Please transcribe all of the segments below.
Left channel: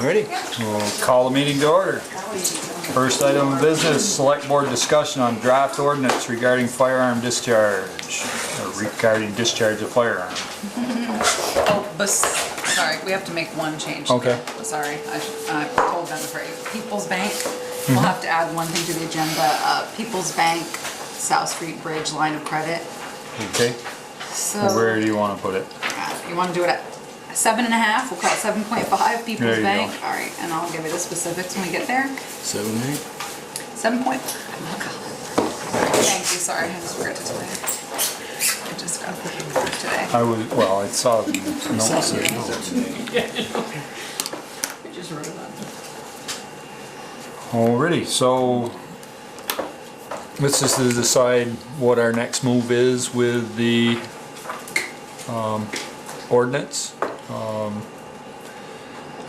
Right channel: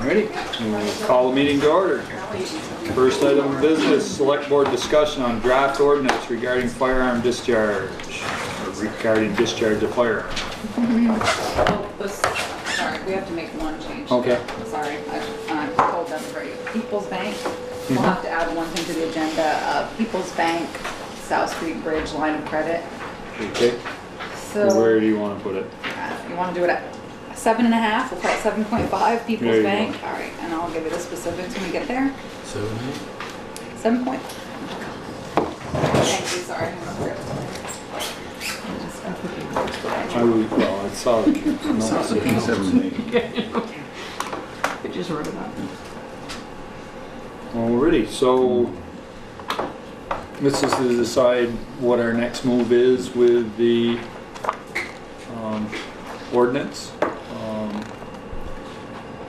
Ready? We'll call the meeting to order. First item of business, select board discussion on draft ordinance regarding firearm discharge, or regarding discharge of firearm. Oh, but, sorry, we have to make one change. Okay. Sorry, I told them right. People's Bank, we'll have to add one thing to the agenda. People's Bank, South Street Bridge line of credit. Okay. So, Where do you want to put it? you want to do it at 7.5? We'll call it 7.5, People's There you Bank. go. All right, and I'll give you the specifics when we get there. 7, 8. 7 point. Thank you, sorry, I just forgot to tell you. I just got the paperwork today. I saw the notes there. I just wrote it up. Alrighty, so this is to decide what our next move is with the ordinance.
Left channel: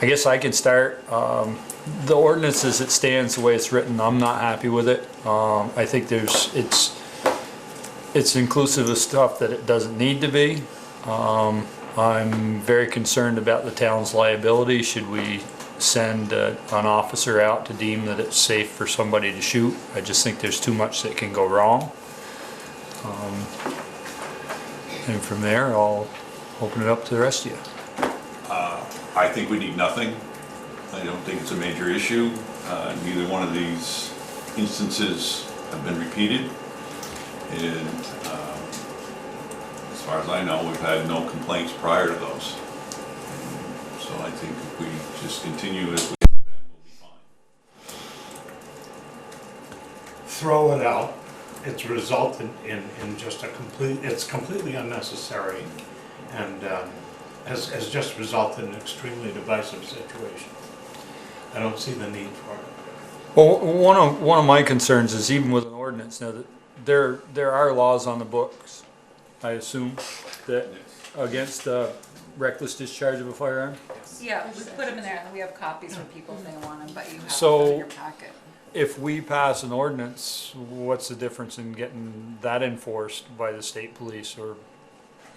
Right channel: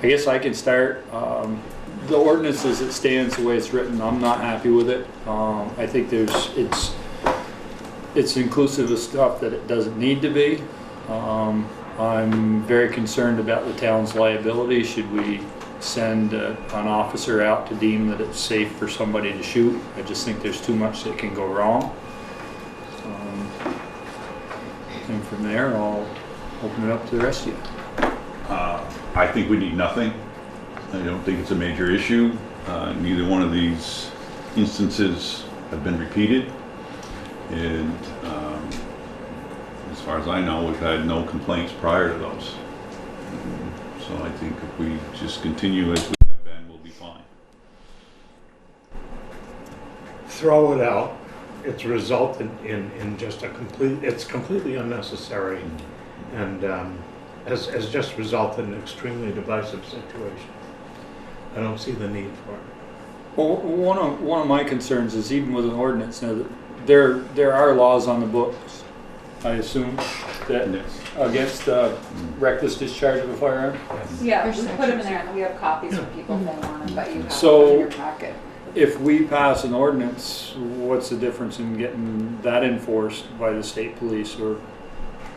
I guess I can start. The ordinance as it stands, the way it's written, I'm not happy with it. I think it's inclusive of stuff that it doesn't need to be. I'm very concerned about the town's liability. Should we send an officer out to deem that it's safe for somebody to shoot? I just think there's too much that can go wrong. And from there, I'll open it up to the rest of you. I think we need nothing. I don't think it's a major issue. Neither one of these instances have been repeated. And as far as I know, we've had no complaints prior to those. So I think if we just continue as we have been, we'll be fine. Throw it out. It's resulted in just it's completely unnecessary and has just resulted in an extremely divisive situation. I don't see the need for it. Well, one of my concerns is even with an ordinance, now, there are laws on the books, I assume, that against reckless discharge of a firearm. Yeah, we put them in there, and then we have copies for people if they want them, but you have So- them in your packet. If we pass an ordinance, what's the difference in getting that enforced by the state police? Or,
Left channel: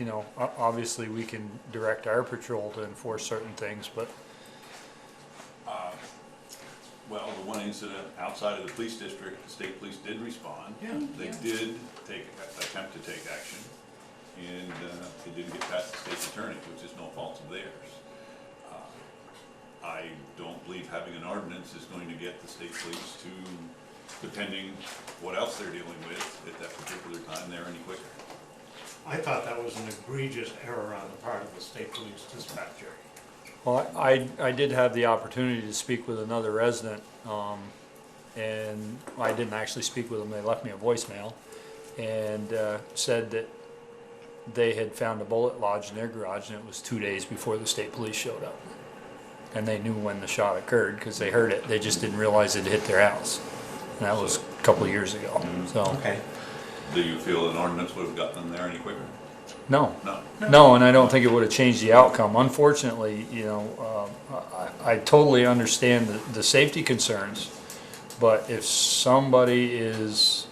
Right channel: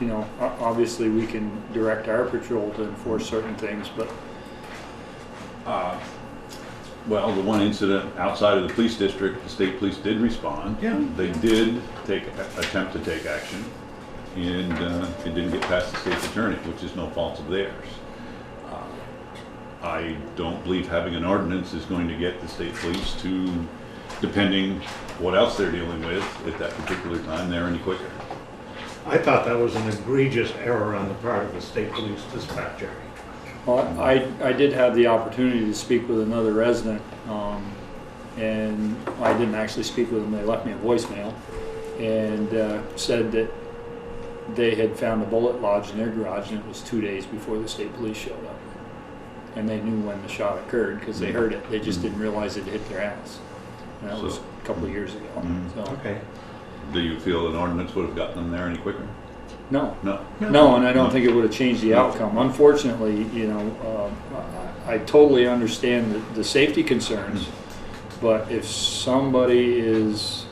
you know, obviously we can direct our patrol to enforce certain things, but Well, the one incident outside of the police district, the state police did respond. Yeah. They did attempt to take action, and it didn't get past the state's attorney, which is no fault of theirs. I don't believe having an ordinance is going to get the state police to, depending what else they're dealing with at that particular time, there any quicker. I thought that was an egregious error on the part of the state police dispatcher. well, I did have the opportunity to speak with another resident, and I didn't actually speak with them. They left me a voicemail and said that they had found a bullet lodged in their garage, and it was 2 days before the state police showed up. And they knew when the shot occurred because they heard it. They just didn't realize it hit their house. And that was a couple of years ago. So Okay. Do you feel an ordinance would have gotten them there any quicker? no, No. and I don't think it would have changed the outcome. Unfortunately, you know, I totally understand the safety concerns, but if somebody is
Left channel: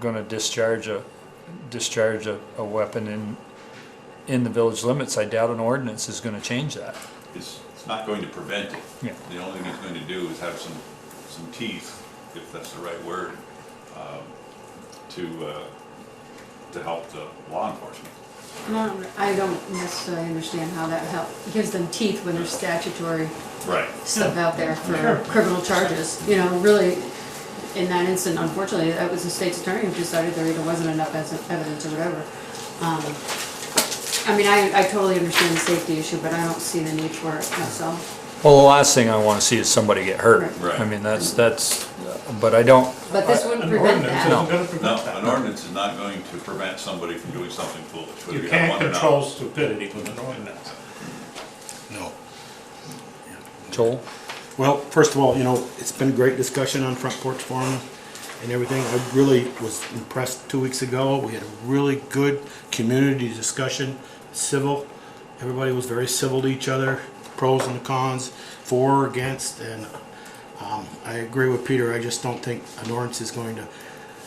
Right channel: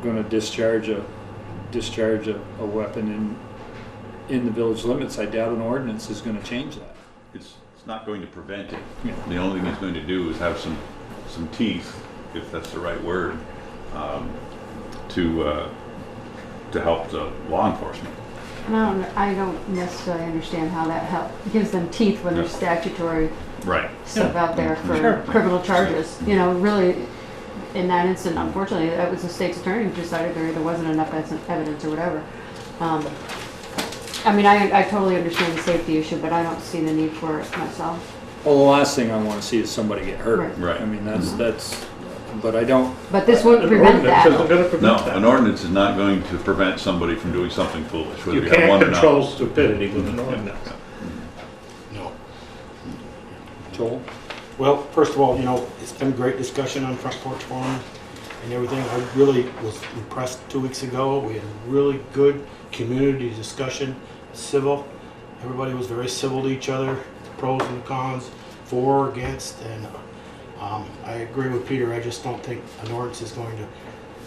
going to discharge a weapon in the village limits, I doubt an ordinance is going to change that. It's not going to prevent it. Yeah. The only thing it's going to do is have some teeth, if that's the right word, to help the law enforcement. I don't necessarily understand how that gives them teeth when there's statutory Right. stuff out there for Sure. criminal charges. You know, really, in that instant, unfortunately, that was the state's attorney who decided there wasn't enough evidence or whatever. I mean, I totally understand the safety issue, but I don't see the need for it myself. Well, the last thing I want to see is somebody get hurt. Right. I mean, that's, but I don't, But this wouldn't An prevent ordinance that. isn't gonna prevent No, that. an ordinance is not going to prevent somebody from doing something foolish, whether You you have can't one or control not. stupidity with an ordinance. No. Joel? Well, first of all, you know, it's been a great discussion on Front Porch Forum and everything. I really was impressed 2 weeks ago. We had a really good community discussion, civil. Everybody was very civil to each other, pros and cons, for, against, and I agree with Peter. I just don't think an ordinance is going to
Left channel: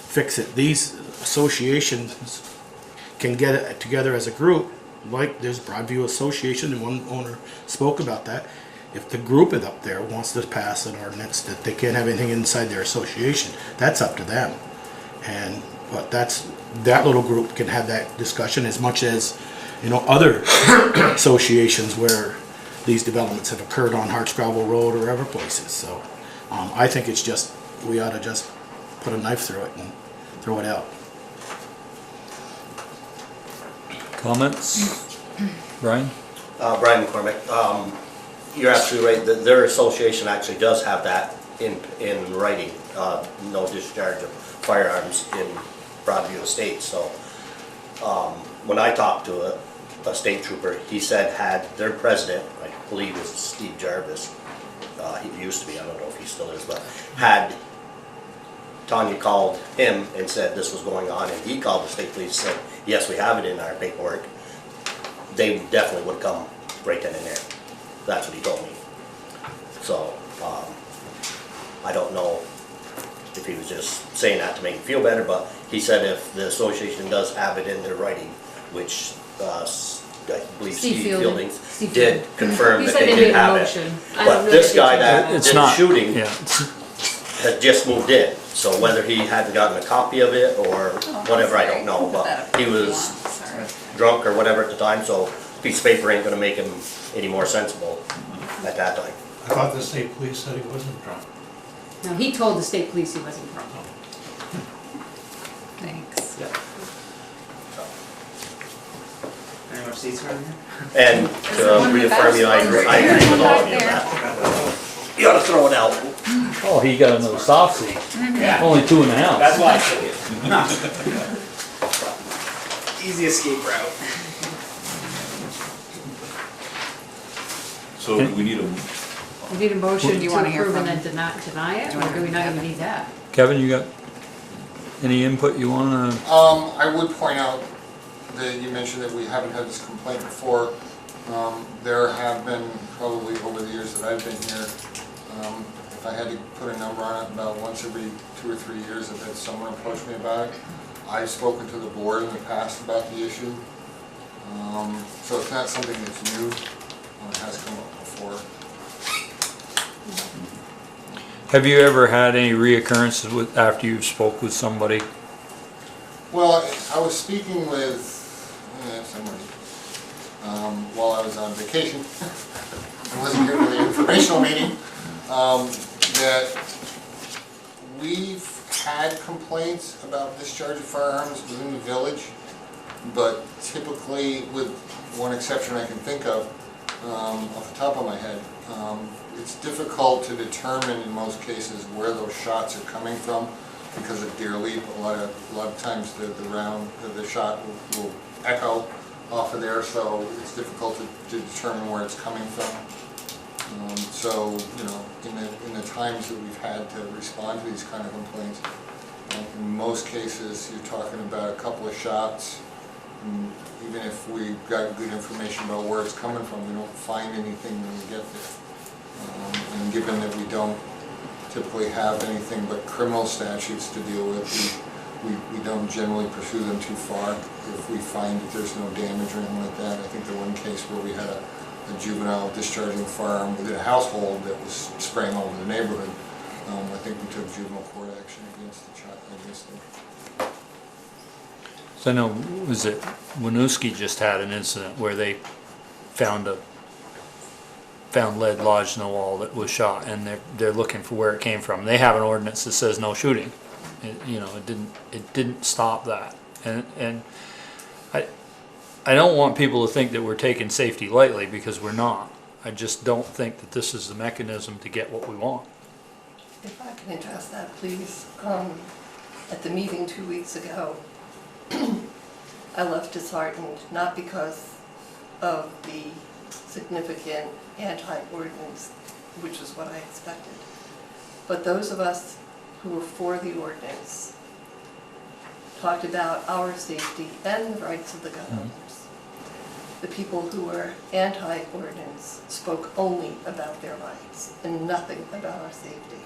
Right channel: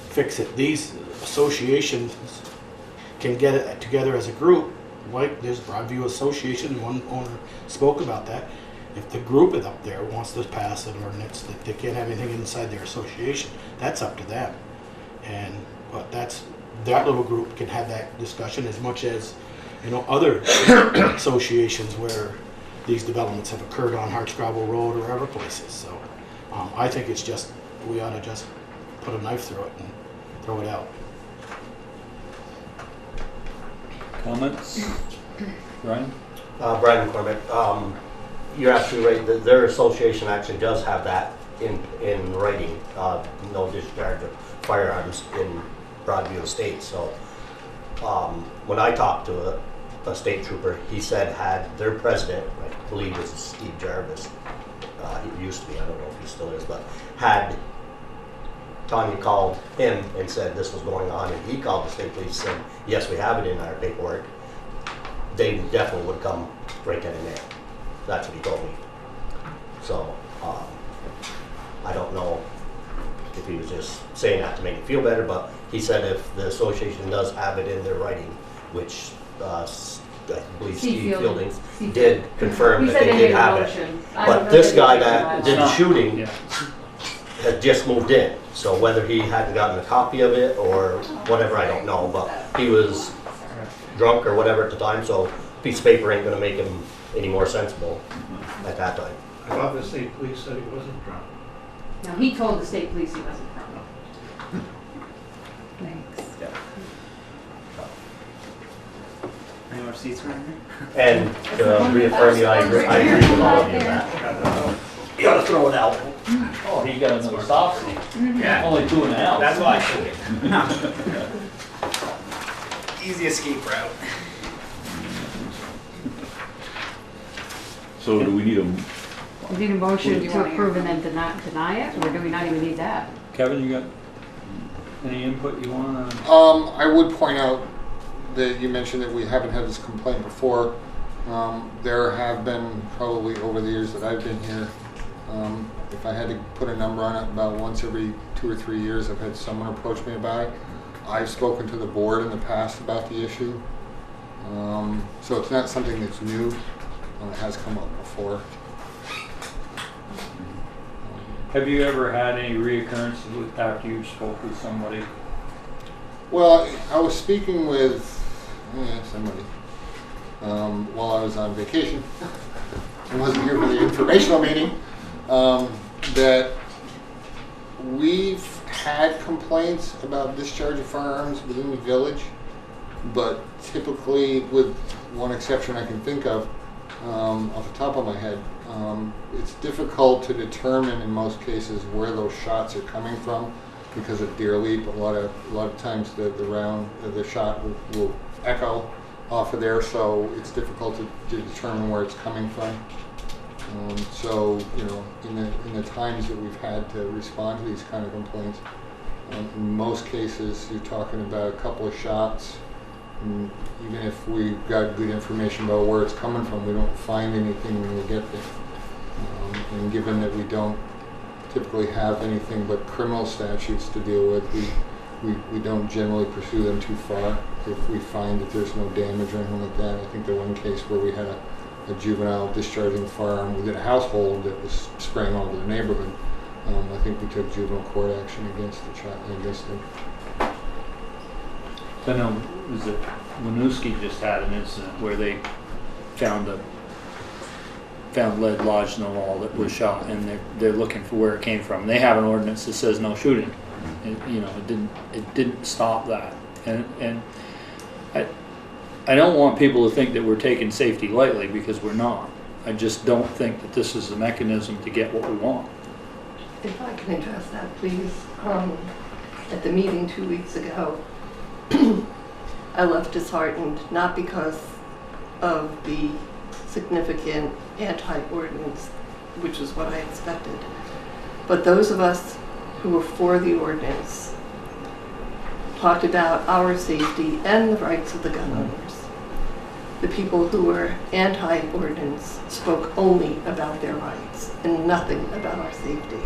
fix it. These associations can get it together as a group, like there's Broadview Association, and one owner spoke about that, If the group is up there wants to pass an ordinance that they can't have anything inside their association, that's up to them. But that little group can have that discussion as much as, other associations where these developments have occurred on Hartscrabble Road or other places. So I think it's just, we ought to just put a knife through it and throw it out. Comments? Brian? Brian McCormick, you're absolutely right, their association actually does have that in writing, no discharge of firearms in Broadview Estates. So when I talked to a state trooper, he said had their president, I believe is Steve Jarvis, he used to be, I don't know if he still is, but had Tanya called him and said this was going on, and he called the state police and said, yes, we have it in our paperwork, they definitely would come break in there. That's what he told me. So, I don't know if he was just saying that to make me feel better, but he said if the association does have it in their writing, which I believe Steve Fielding did confirm that they did have it. But this guy that did the shooting had just moved in, so whether he hadn't gotten a copy of it or whatever, I don't know, but he was drunk or whatever at the time, so a piece of paper ain't gonna make him any more sensible at that time. I thought the state police said he wasn't drunk. No, he told the state police he wasn't from. Thanks. Any more seats right here? And to reaffirm you, I agree with all of you on that. You gotta throw it out. Oh, he got another soft seat. Yeah. Only 2.5. That's why I took it. Easy escape route. So do we need a, We need a motion You to wanna hear approve from and then deny it, or do we not even need that? Kevin, you got any input you wanna? I would point out that you mentioned that we haven't had this complaint before. There have been probably over the years that I've been here, if I had to put a number on it, about once every 2 or 3 years I've had someone approach me about it. I've spoken to the board in the past about the issue. So it's not something that's new, it has come up before. Have you ever had any reoccurrences with, after you spoke with somebody? Well, I was speaking with somebody while I was on vacation. I wasn't here for the informational meeting. That we've had complaints about discharge of firearms within the village, but typically, with one exception I can think of, off the top of my head, it's difficult to determine in most cases where those shots are coming from because of deer leap. A lot of times the shot will echo off of there, so it's difficult to determine where it's coming from. So in the times that we've had to respond to these kind of complaints, in most cases you're talking about a couple of shots. And even if we've got good information about where it's coming from, we don't find anything when we get there. And given that we don't typically have anything but criminal statutes to deal with, we don't generally pursue them too far if we find that there's no damage or anything like that. I think the one case where we had a juvenile discharging a firearm within a household that was spraying all over the neighborhood, I think we took juvenile court action against them. So I know, was it Winooski just had an incident where they found lead lodged in the wall that was shot, and they're looking for where it came from. They have an ordinance that says no shooting. It didn't stop that, and I don't want people to think that we're taking safety lightly, because we're not. I just don't think that this is the mechanism to get what we want. If I can address that, please. At the meeting 2 weeks ago, I left disheartened, not because of the significant anti-ordinance, which is what I expected, but those of us who were for the ordinance talked about our safety and the rights of the gun owners. The people who were anti-ordinance spoke only about their rights and nothing about our safety.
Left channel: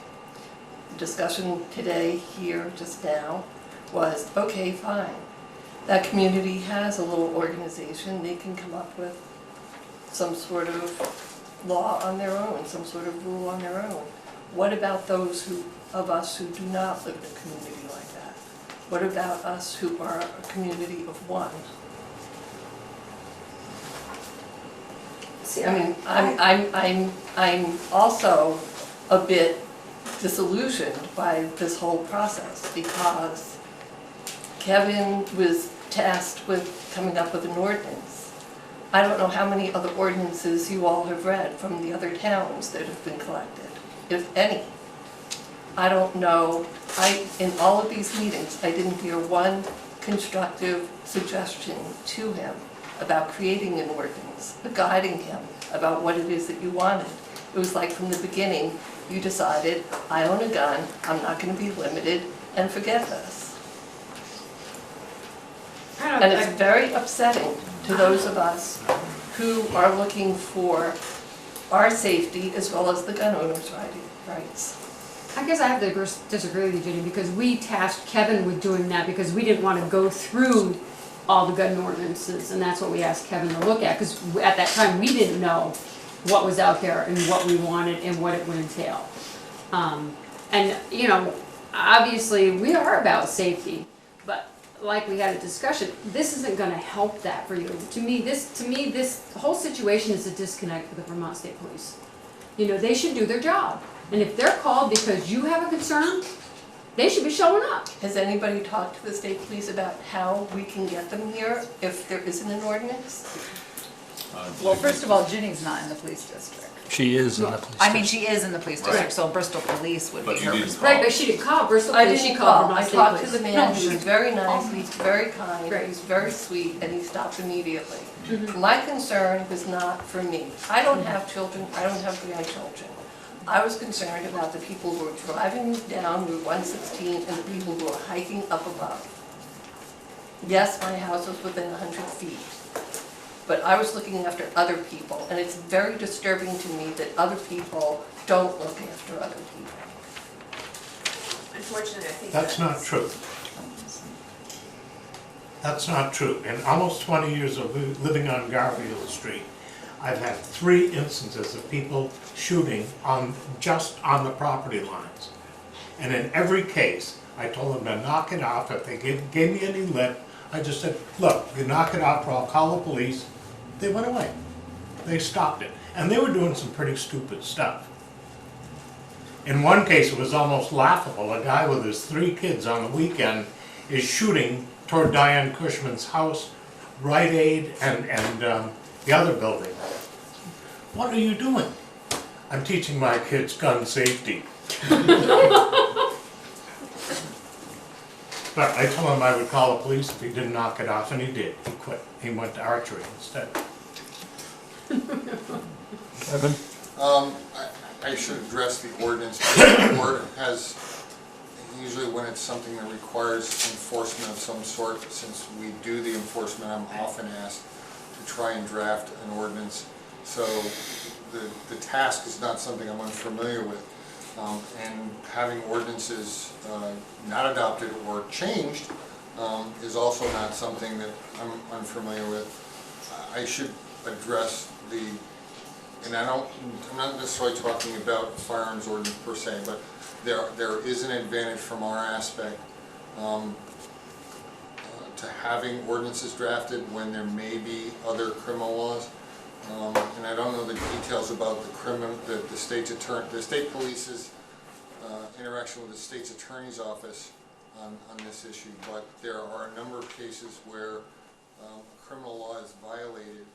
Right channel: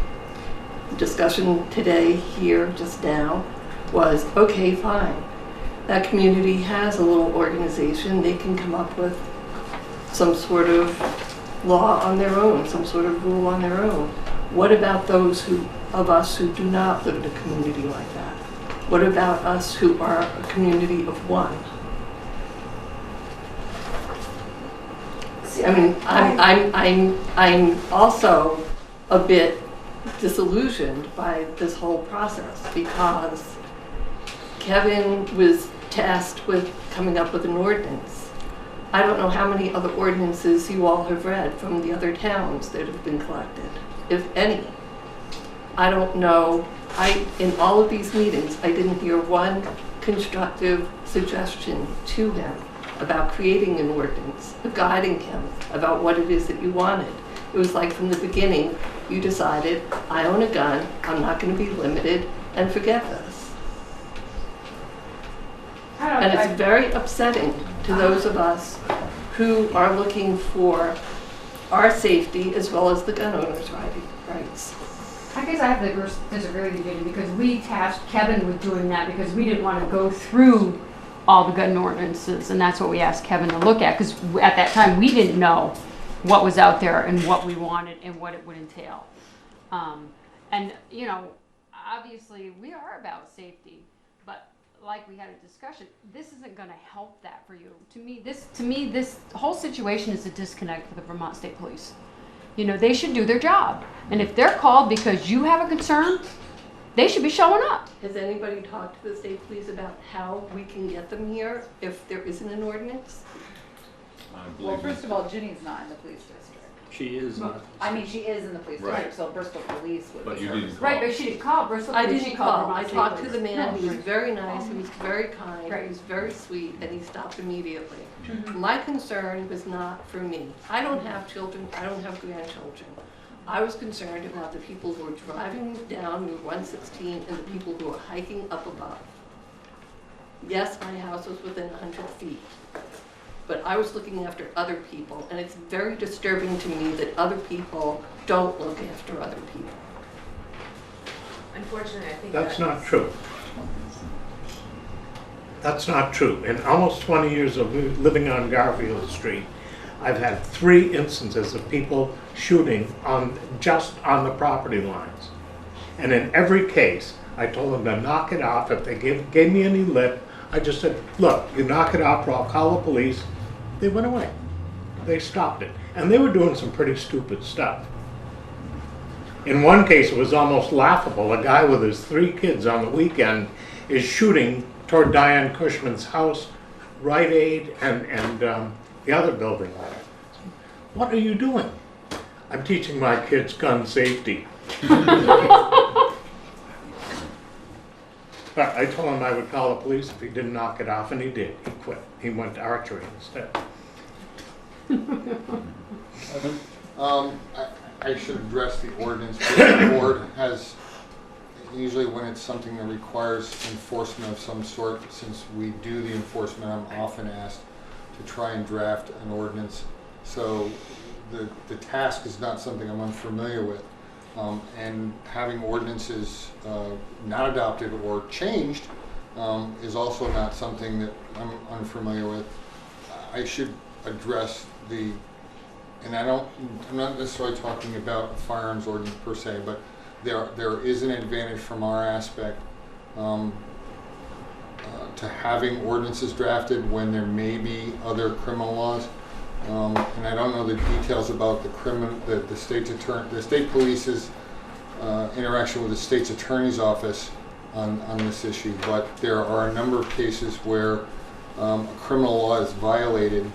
The discussion today here just now was, okay, fine. That community has a little organization. They can come up with some sort of law on their own, some sort of rule on their own. What about those of us who do not live in a community like that? What about us who are a community of one? I mean, I'm also a bit disillusioned by this whole process because Kevin was tasked with coming up with an ordinance. I don't know how many other ordinances you all have read from the other towns that have been collected, if any. I don't know. In all of these meetings, I didn't hear one constructive suggestion to him about creating an ordinance, guiding him about what it is that you wanted. It was like from the beginning, you decided, I own a gun, I'm not going to be limited, and forget this. And it's very upsetting to those of us who are looking for our safety as well as the gun owners' rights. I guess I have to disagree with you, Judy, because we tasked Kevin with doing that because we didn't want to go through all the gun ordinances, and that's what we asked Kevin to look at, because at that time, we didn't know what was out there and what we wanted and what it would entail. And, you know, obviously, we are about safety, but like we had a discussion, this isn't gonna help that for you. To me, this whole situation is a disconnect for the Vermont State Police. You know, they should do their job, and if they're called because you have a concern, they should be showing up. Has anybody talked to the state police about how we can get them here if there isn't an ordinance? Well, first of all, Ginny's not in the police district. She is in the police I mean, station. she is in the police district, so Bristol Police would But be you her didn't responsibility. Right, but she didn't call Bristol I Police, she didn't called call. Vermont I State talked to Police. the man, he was very nice, he's very kind, Great. he was very sweet, and he stopped immediately. Mhm. My concern was not for me. I don't have children, I don't have grandchildren. I was concerned about the people who were driving down Route 116 and the people who were hiking up above. Yes, my house was within 100 feet, but I was looking after other people, and it's very disturbing to me that other people don't look after other people. Unfortunately, I think That's not true. That's not true. In almost 20 years of living on Garfield Street, I've had 3 instances of people shooting just on the property lines. And in every case, I told them to knock it off. If they gave me any lip, I just said, look, you knock it off or I'll call the police. They went away. They stopped it. And they were doing some pretty stupid stuff. In one case, it was almost laughable. A guy with his 3 kids on the weekend is shooting toward Diane Cushman's house, Rite Aid, and the other building. What are you doing? I'm teaching my kids gun safety. But I told him I would call the police if he didn't knock it off, and he did. He quit. He went to archery instead. Evan? I should address the ordinance. The board has, usually when it's something that requires enforcement of some sort, since we do the enforcement, I'm often asked to try and draft an ordinance. So the task is not something I'm unfamiliar with. And having ordinances not adopted or changed is also not something that I'm unfamiliar with. I should address and I'm not necessarily talking about firearms ordinance per se, but there is an advantage from our aspect to having ordinances drafted when there may be other criminal laws. And I don't know the details about the state police's interaction with the state's attorney's office on this issue, but there are a number of cases where a criminal law is violated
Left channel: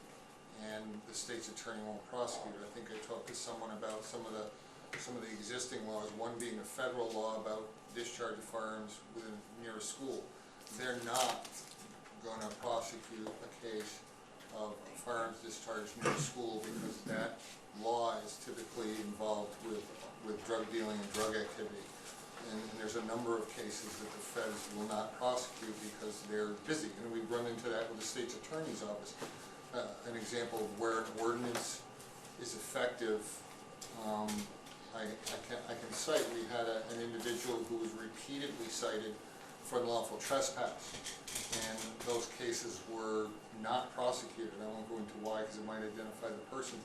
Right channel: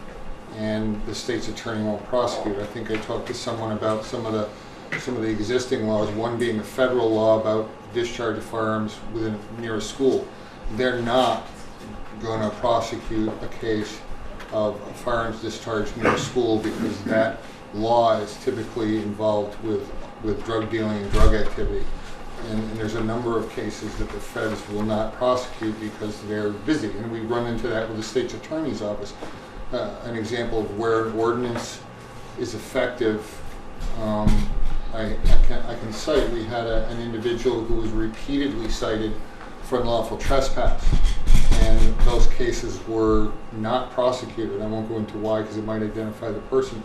and the state's attorney won't prosecute. I think I talked to someone about some of the existing laws, one being a federal law about discharge of firearms near a school. They're not going to prosecute a case of a firearms discharge near a school because that law is typically involved with drug dealing and drug activity. And there's a number of cases that the feds will not prosecute because they're busy. And we run into that with the state's attorney's office. An example of where an ordinance is effective, I can cite, we had an individual who was repeatedly cited for unlawful trespass. And those cases were not prosecuted. I won't go into why because it might identify the person.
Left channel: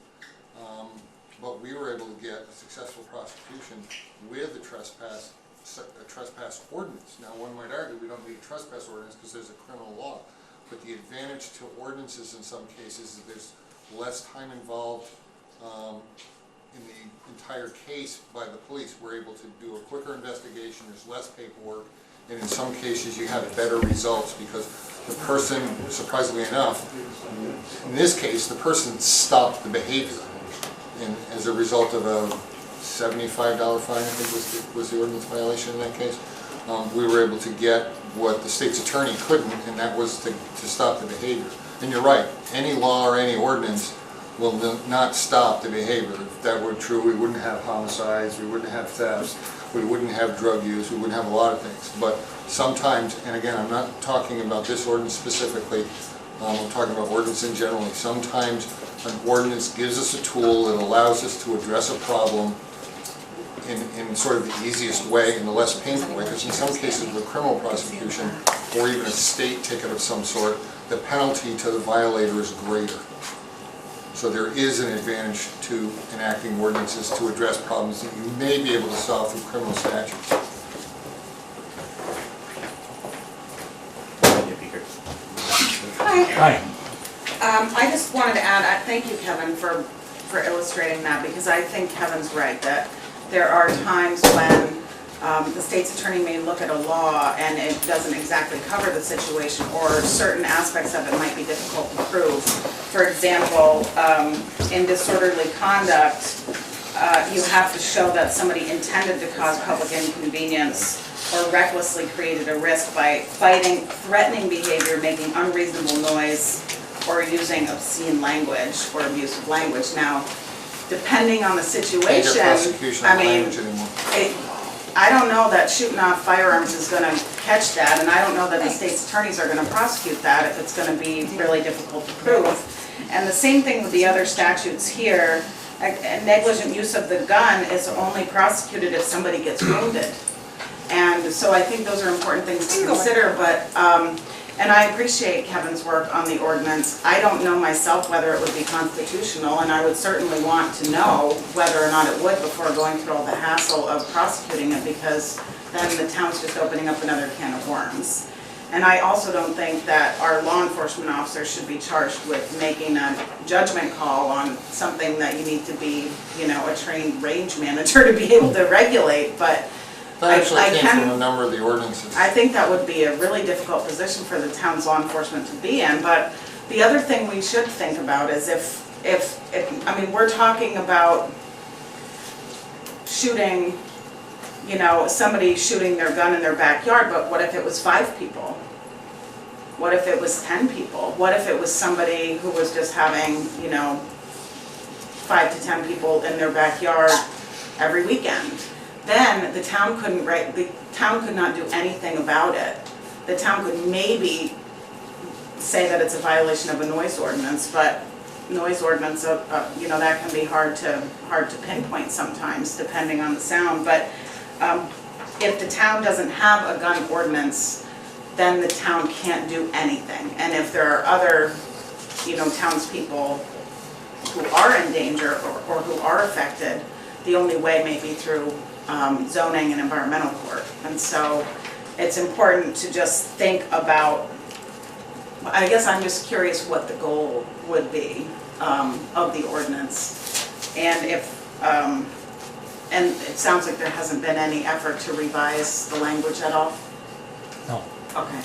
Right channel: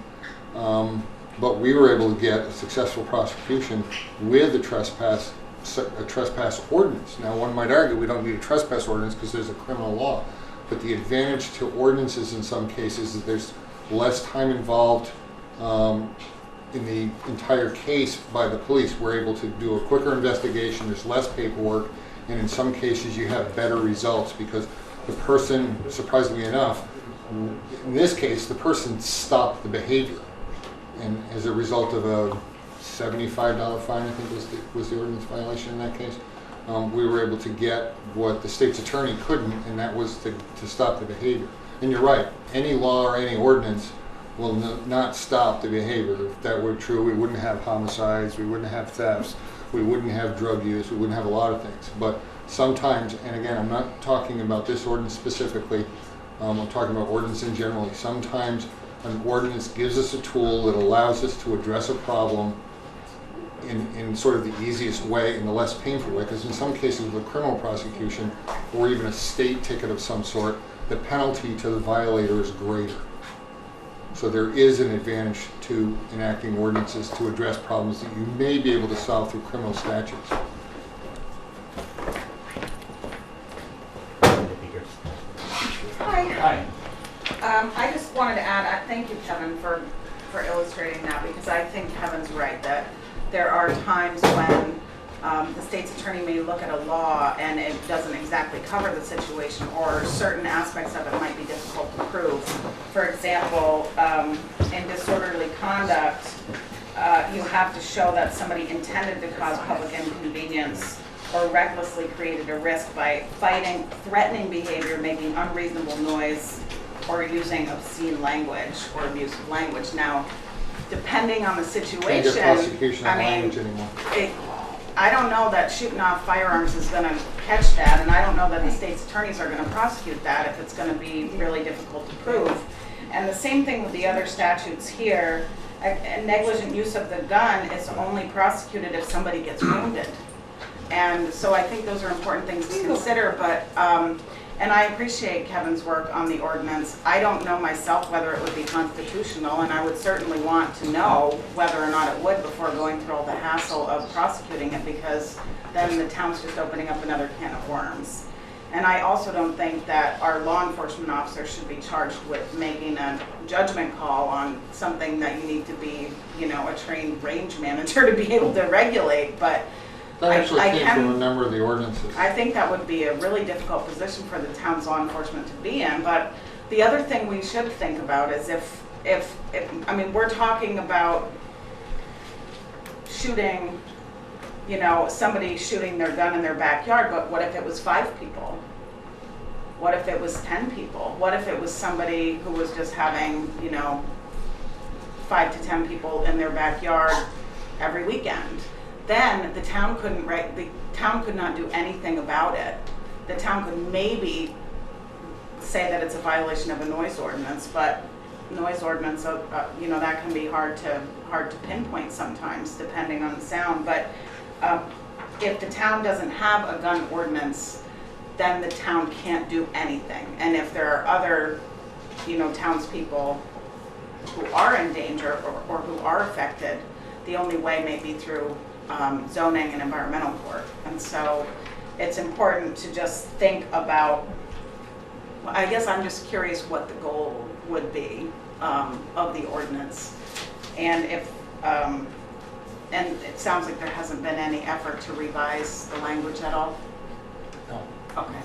but we were able to get a successful prosecution with a trespass ordinance. Now, one might argue we don't need a trespass ordinance because there's a criminal law, but the advantage to ordinances in some cases is there's less time involved in the entire case by the police. We're able to do a quicker investigation, there's less paperwork, and in some cases you have better results because the person, surprisingly enough, in this case, the person stopped the behavior. And as a result of a $75 fine, I think was the ordinance violation in that case, we were able to get what the state's attorney couldn't, and that was to stop the behavior. And you're right, any law or any ordinance will not stop the behavior. If that were true, we wouldn't have homicides, we wouldn't have thefts, we wouldn't have drug use, we wouldn't have a lot of things. But sometimes, and again, I'm not talking about this ordinance specifically, I'm talking about ordinance in general. Sometimes an ordinance gives us a tool that allows us to address a problem in sort of the easiest way and the less painful way, because in some cases with criminal prosecution or even a state ticket of some sort, the penalty to the violator is greater. So there is an advantage to enacting ordinances to address problems that you may be able to solve through criminal statutes. Hi. I just wanted to add, thank you, Kevin, for illustrating that, because I think Kevin's right, that there are times when the state's attorney may look at a law and it doesn't exactly cover the situation, or certain aspects of it might be difficult to prove. For example, in disorderly conduct, you have to show that somebody intended to cause public inconvenience or recklessly created a risk by threatening behavior, making unreasonable noise, or using obscene language or abusive language. Now, depending on the situation, I mean, I don't know that shooting off firearms is going to catch that, and I don't know that the state's attorneys are going to prosecute that if it's going to be really difficult to prove. And the same thing with the other statutes here. A negligent use of the gun is only prosecuted if somebody gets wounded. And so I think those are important things to consider, but, and I appreciate Kevin's work on the ordinance. I don't know myself whether it would be constitutional, and I would certainly want to know whether or not it would before going through all the hassle of prosecuting it, because then the town's just opening up another can of worms. And I also don't think that our law enforcement officers should be charged with making a judgment call on something that you need to be, you know, a trained range manager to be able to regulate, but that actually came from a number of the ordinances. I think that would be a really difficult position for the town's law enforcement to be in. But the other thing we should think about is if I mean, we're talking about shooting, you know, somebody shooting their gun in their backyard, but what if it was 5 people? What if it was 10 people? What if it was somebody who was just having, you know, 5 to 10 people in their backyard every weekend? Then the town could not do anything about it. The town could maybe say that it's a violation of a noise ordinance, but noise ordinance, you know, that can be hard to pinpoint sometimes, depending on the sound. But if the town doesn't have a gun ordinance, then the town can't do anything. And if there are other, you know, townspeople who are in danger or who are affected, the only way may be through zoning and environmental court. And so it's important to just think about, I guess I'm just curious what the goal would be of the ordinance. And if, and it sounds like there hasn't been any effort to revise the language at all? No. Okay.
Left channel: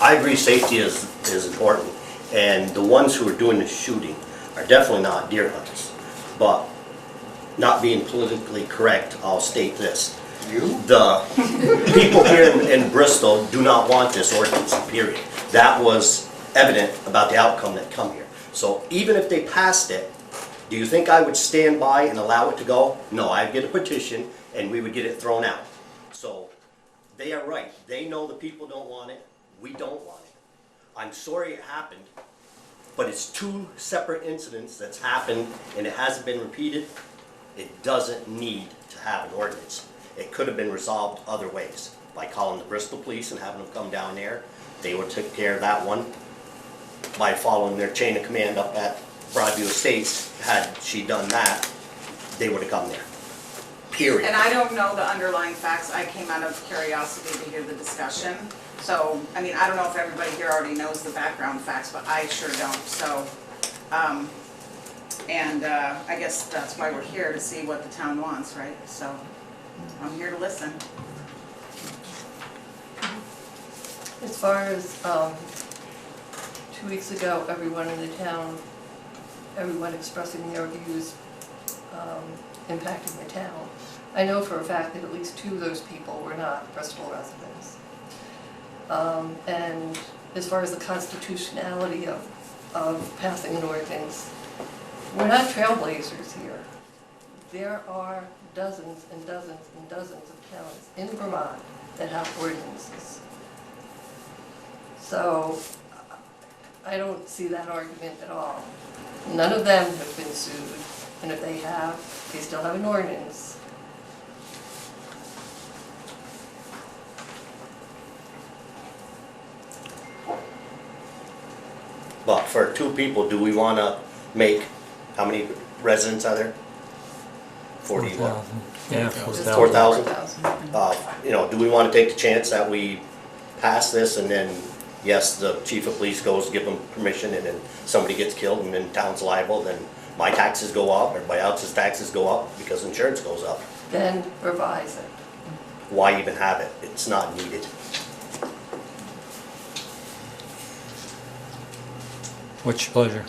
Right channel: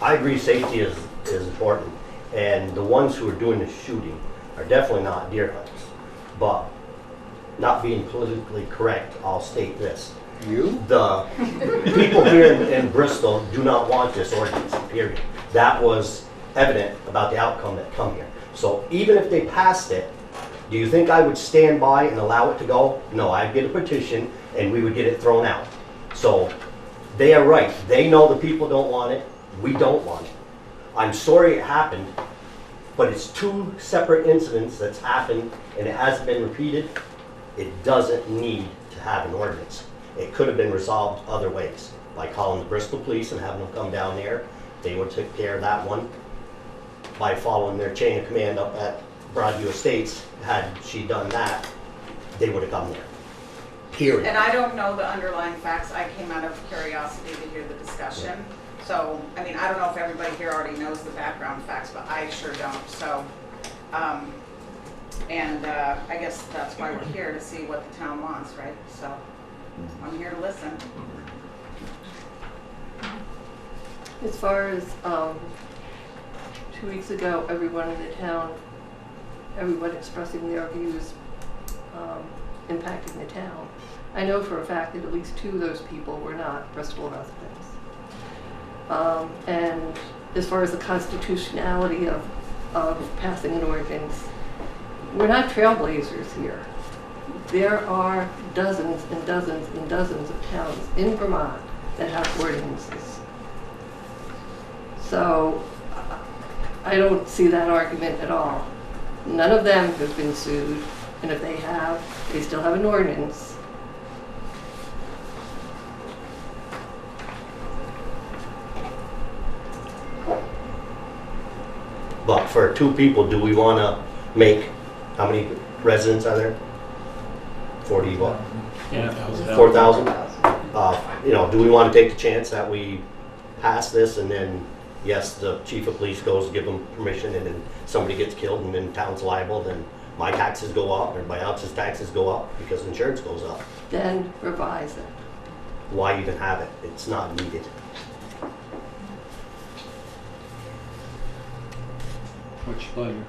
I agree safety is important, and the ones who are doing the shooting are definitely not deer hunters. But not being politically correct, I'll state this. The people here in Bristol do not want this ordinance, period. That was evident about the outcome that come here. So even if they passed it, do you think I would stand by and allow it to go? No, I'd get a petition and we would get it thrown out. So they are right. They know the people don't want it. We don't want it. I'm sorry it happened, but it's 2 separate incidents that's happened and it hasn't been repeated. It doesn't need to have an ordinance. It could have been resolved other ways, by calling the Bristol police and having them come down there. They would take care of that one. by following their chain of command up at Broadview Estates, had she done that, they would have come there. Period. And I don't know the underlying facts, I came out of curiosity to hear the discussion. So, I mean, I don't know if everybody here already knows the background facts, but I sure don't, so. I guess that's why we're here, to see what the town wants, right? So, I'm here to listen. As far as 2 weeks ago, everyone in the town, everyone expressing their views impacting the town. I know for a fact that at least 2 of those people were not Bristol residents. And as far as the constitutionality of passing an ordinance, we're not trailblazers here. There are dozens and dozens and dozens of towns in Vermont that have ordinances. So I don't see that argument at all. None of them have been sued, and if they have, they still have an ordinance. But for 2 people, do we want to make, how many residents are there? 40, what? Yeah. 4,000? You know, do we want to take the chance that we pass this and then, yes, the chief of police goes, give them permission, and then somebody gets killed and then town's liable, then my taxes go up, everybody else's taxes go up because insurance goes up. Then revise it. Why even have it? It's not needed. What's your pleasure?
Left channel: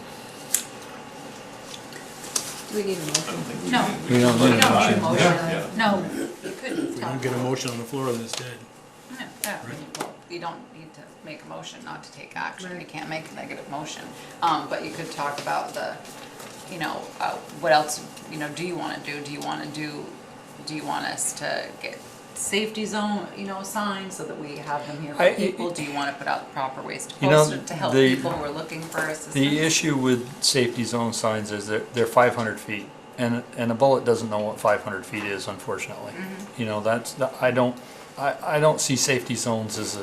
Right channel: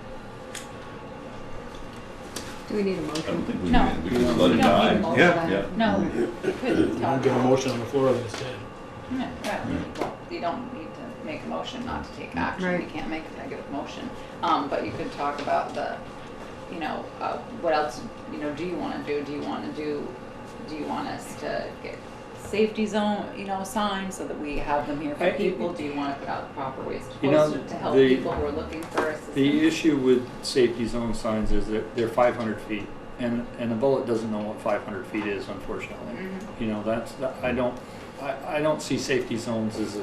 Do we need a I don't motion? think we No. did. We don't We need don't need a to. motion. Yeah. No, we couldn't You talk don't get a about motion on the floor and it's dead. it. No, you don't need to make a motion not to take action. Right. You can't make a negative motion. But you could talk about the, what else, do you wanna do? Do you want us to get safety zone, signs so that we have them here for people? Do you wanna put out the proper ways to post it to help people who are looking for assistance? The issue with safety zone signs is that they're 500 feet, and a bullet doesn't know what 500 feet is, unfortunately. I don't see safety zones as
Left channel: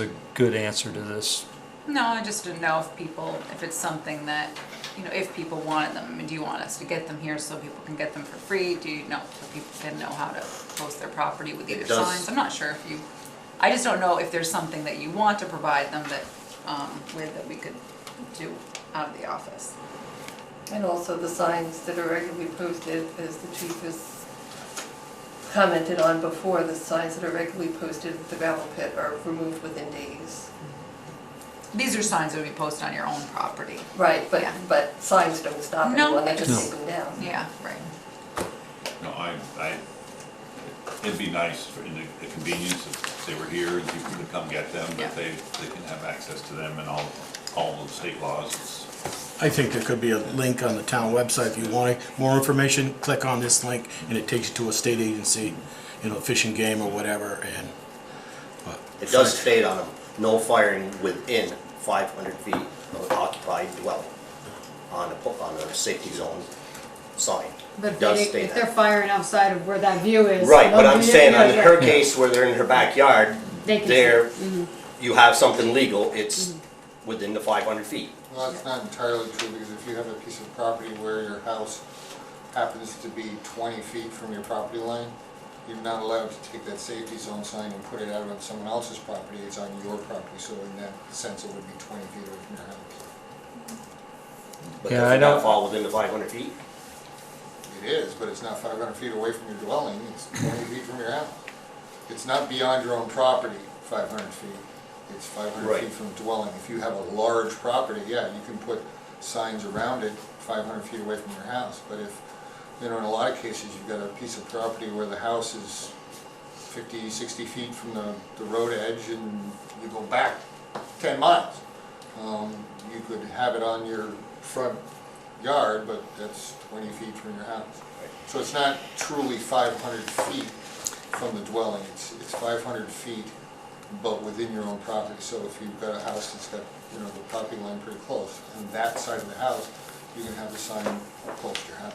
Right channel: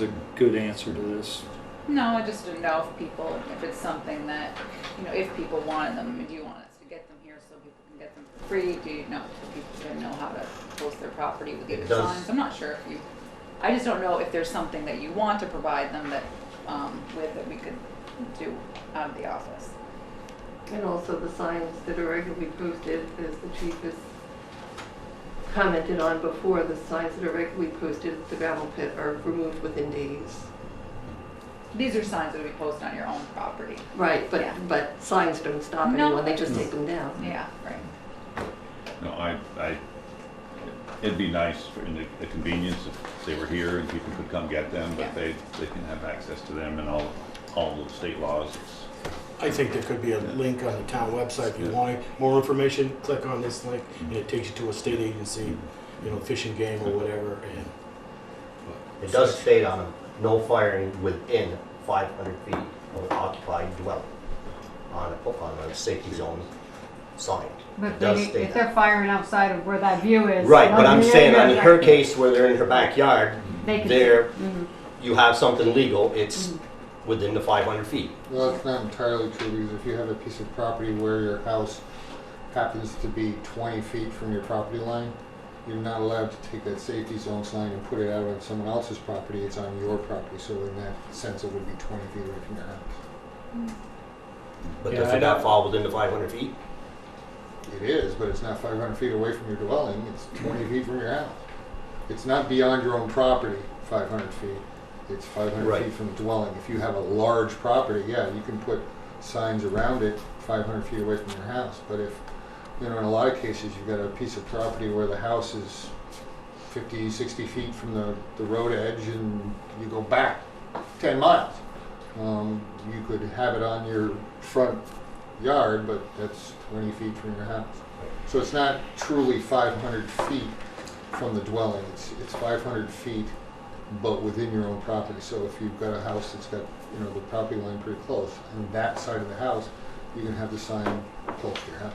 a good answer to this. No, I just didn't know if it's something that, if people wanted them, do you want us to get them here so people can get them for free? Do you know, so people can know how to post their property with either signs? I'm not sure I just don't know if there's something that you want to provide them that we could do out of the office. And also the signs that are regularly posted, as the chief has commented on before, the signs that are regularly posted at the gravel pit are removed within days. These are signs that would be posted on your own property. Right, Yeah. but signs don't stop No. anyone, they just No. take them down. Yeah, right. No, it'd be nice for a convenience if they were here and people could come get them, Yeah. but they can have access to them and all of the state laws. I think there could be a link on the town website. If you want more information, click on this link and it takes you to a state agency, Fish and Game or whatever. But It does state on them, no firing within 500 feet of an occupied dwelling on a safety zone sign. But It does if state they're that. firing outside of where that view is. Right, but I'm okay, saying yeah, on yeah. her case where they're in her backyard, They can- there, Mhm. you have something legal, it's within the 500 feet. Well, it's not entirely true, because if you have a piece of property where your house happens to be 20 feet from your property line, you're not allowed to take that safety zone sign and put it out on someone else's property, it's on your property, so in that sense, it would be 20 feet away from your house. But Yeah, does I it don't- not fall within the 500 feet? It is, but it's not 500 feet away from your dwelling, it's 20 feet from your house. It's not beyond your own property, 500 feet. It's 500 Right. feet from the dwelling. If you have a large property, yeah, you can put signs around it 500 feet away from your house. But if, in a lot of cases, you've got a piece of property where the house is 50, 60 feet from the road edge and you go back 10 miles. You could have it on your front yard, but that's 20 feet from your house. So it's not truly 500 feet from the dwelling. It's 500 feet, but within your own property. So if you've got a house that's got, the property line pretty close, and that side of the house, you can have the sign close to your house.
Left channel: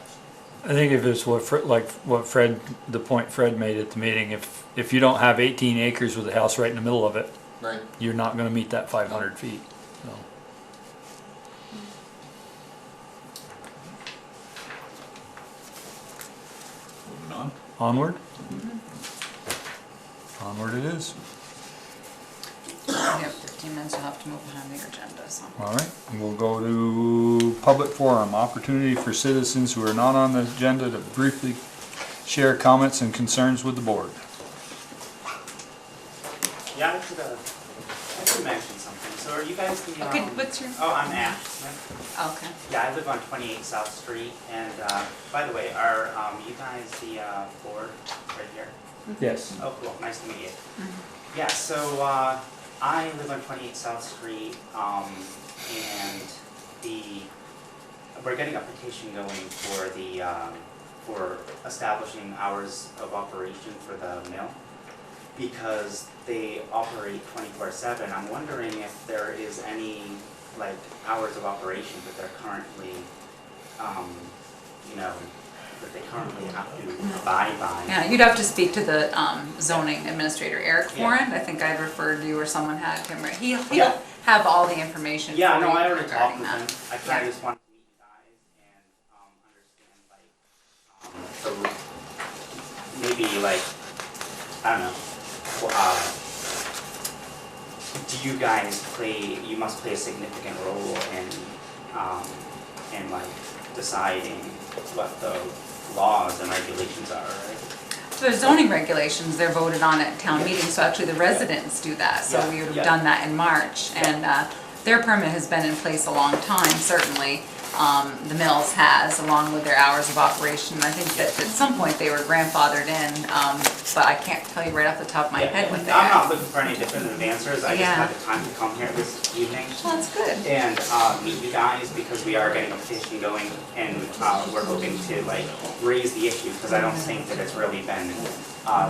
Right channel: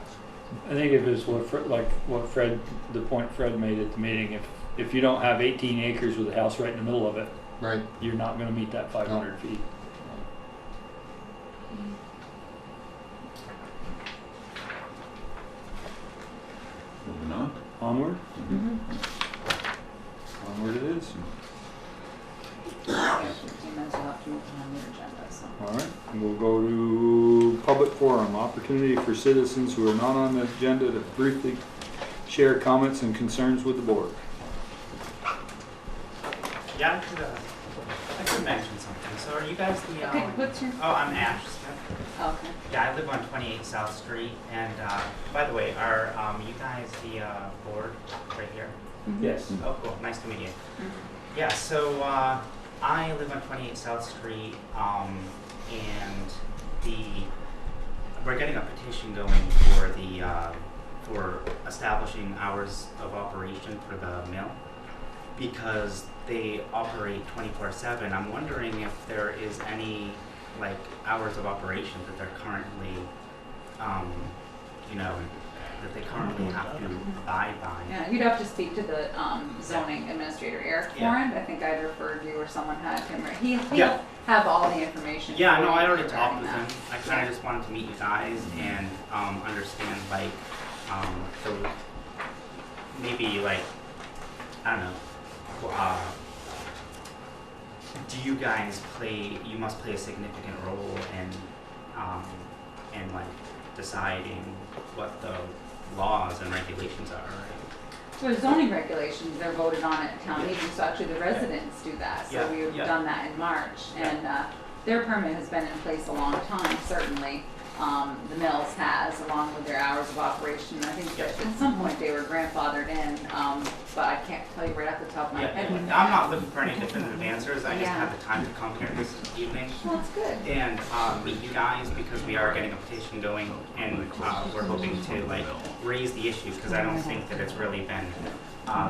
I think if it's the point Fred made at the meeting, if you don't have 18 acres with a house right in the middle of it, Right. you're not gonna meet that 500 feet. So. Moving on. Onward? Onward it is. You have 15 minutes, you'll have to move on your agenda, so. All right, and we'll go to public forum, opportunity for citizens who are not on the agenda to briefly share comments and concerns with the board. Yeah, I could mention something. So are you guys the, Okay, what's your? oh, I'm Ash Smith. Okay. Yeah, I live on 28 South Street, and by the way, are you guys the board right here? Yes. Oh, cool, nice to meet you. Mhm. Yeah, so I live on 28 South Street, and we're getting a petition going for the for establishing hours of operation for the mill, because they operate 24/7. I'm wondering if there is any like hours of operation that they're currently, you know, that they currently have to abide by. Yeah, you'd have to speak to the zoning administrator, Eric Yeah. Foran. I think I'd referred you or someone had him. He'll Yeah. have all the information. Yeah, for no, you I already talked regarding with him. that. I kind of just wanted to meet you guys and understand, like, so maybe, like, I don't know, do you guys you must play a significant role in like, deciding what the laws and regulations are, right? So there's zoning regulations, they're voted on at town meetings, so actually the residents do that. So Yeah, we would have yeah. done that in March, and their permit has been in place a long time, certainly. The mills has, along with their hours of operation. I think that at some point they were grandfathered in, but I can't tell you right off the top of my head when they I'm are. not looking for any definitive answers. I just Yeah. had the time to come here this evening Well, that's good. and meet you guys, because we are getting a petition going, and we're hoping to like raise the issue, because I don't think that it's really been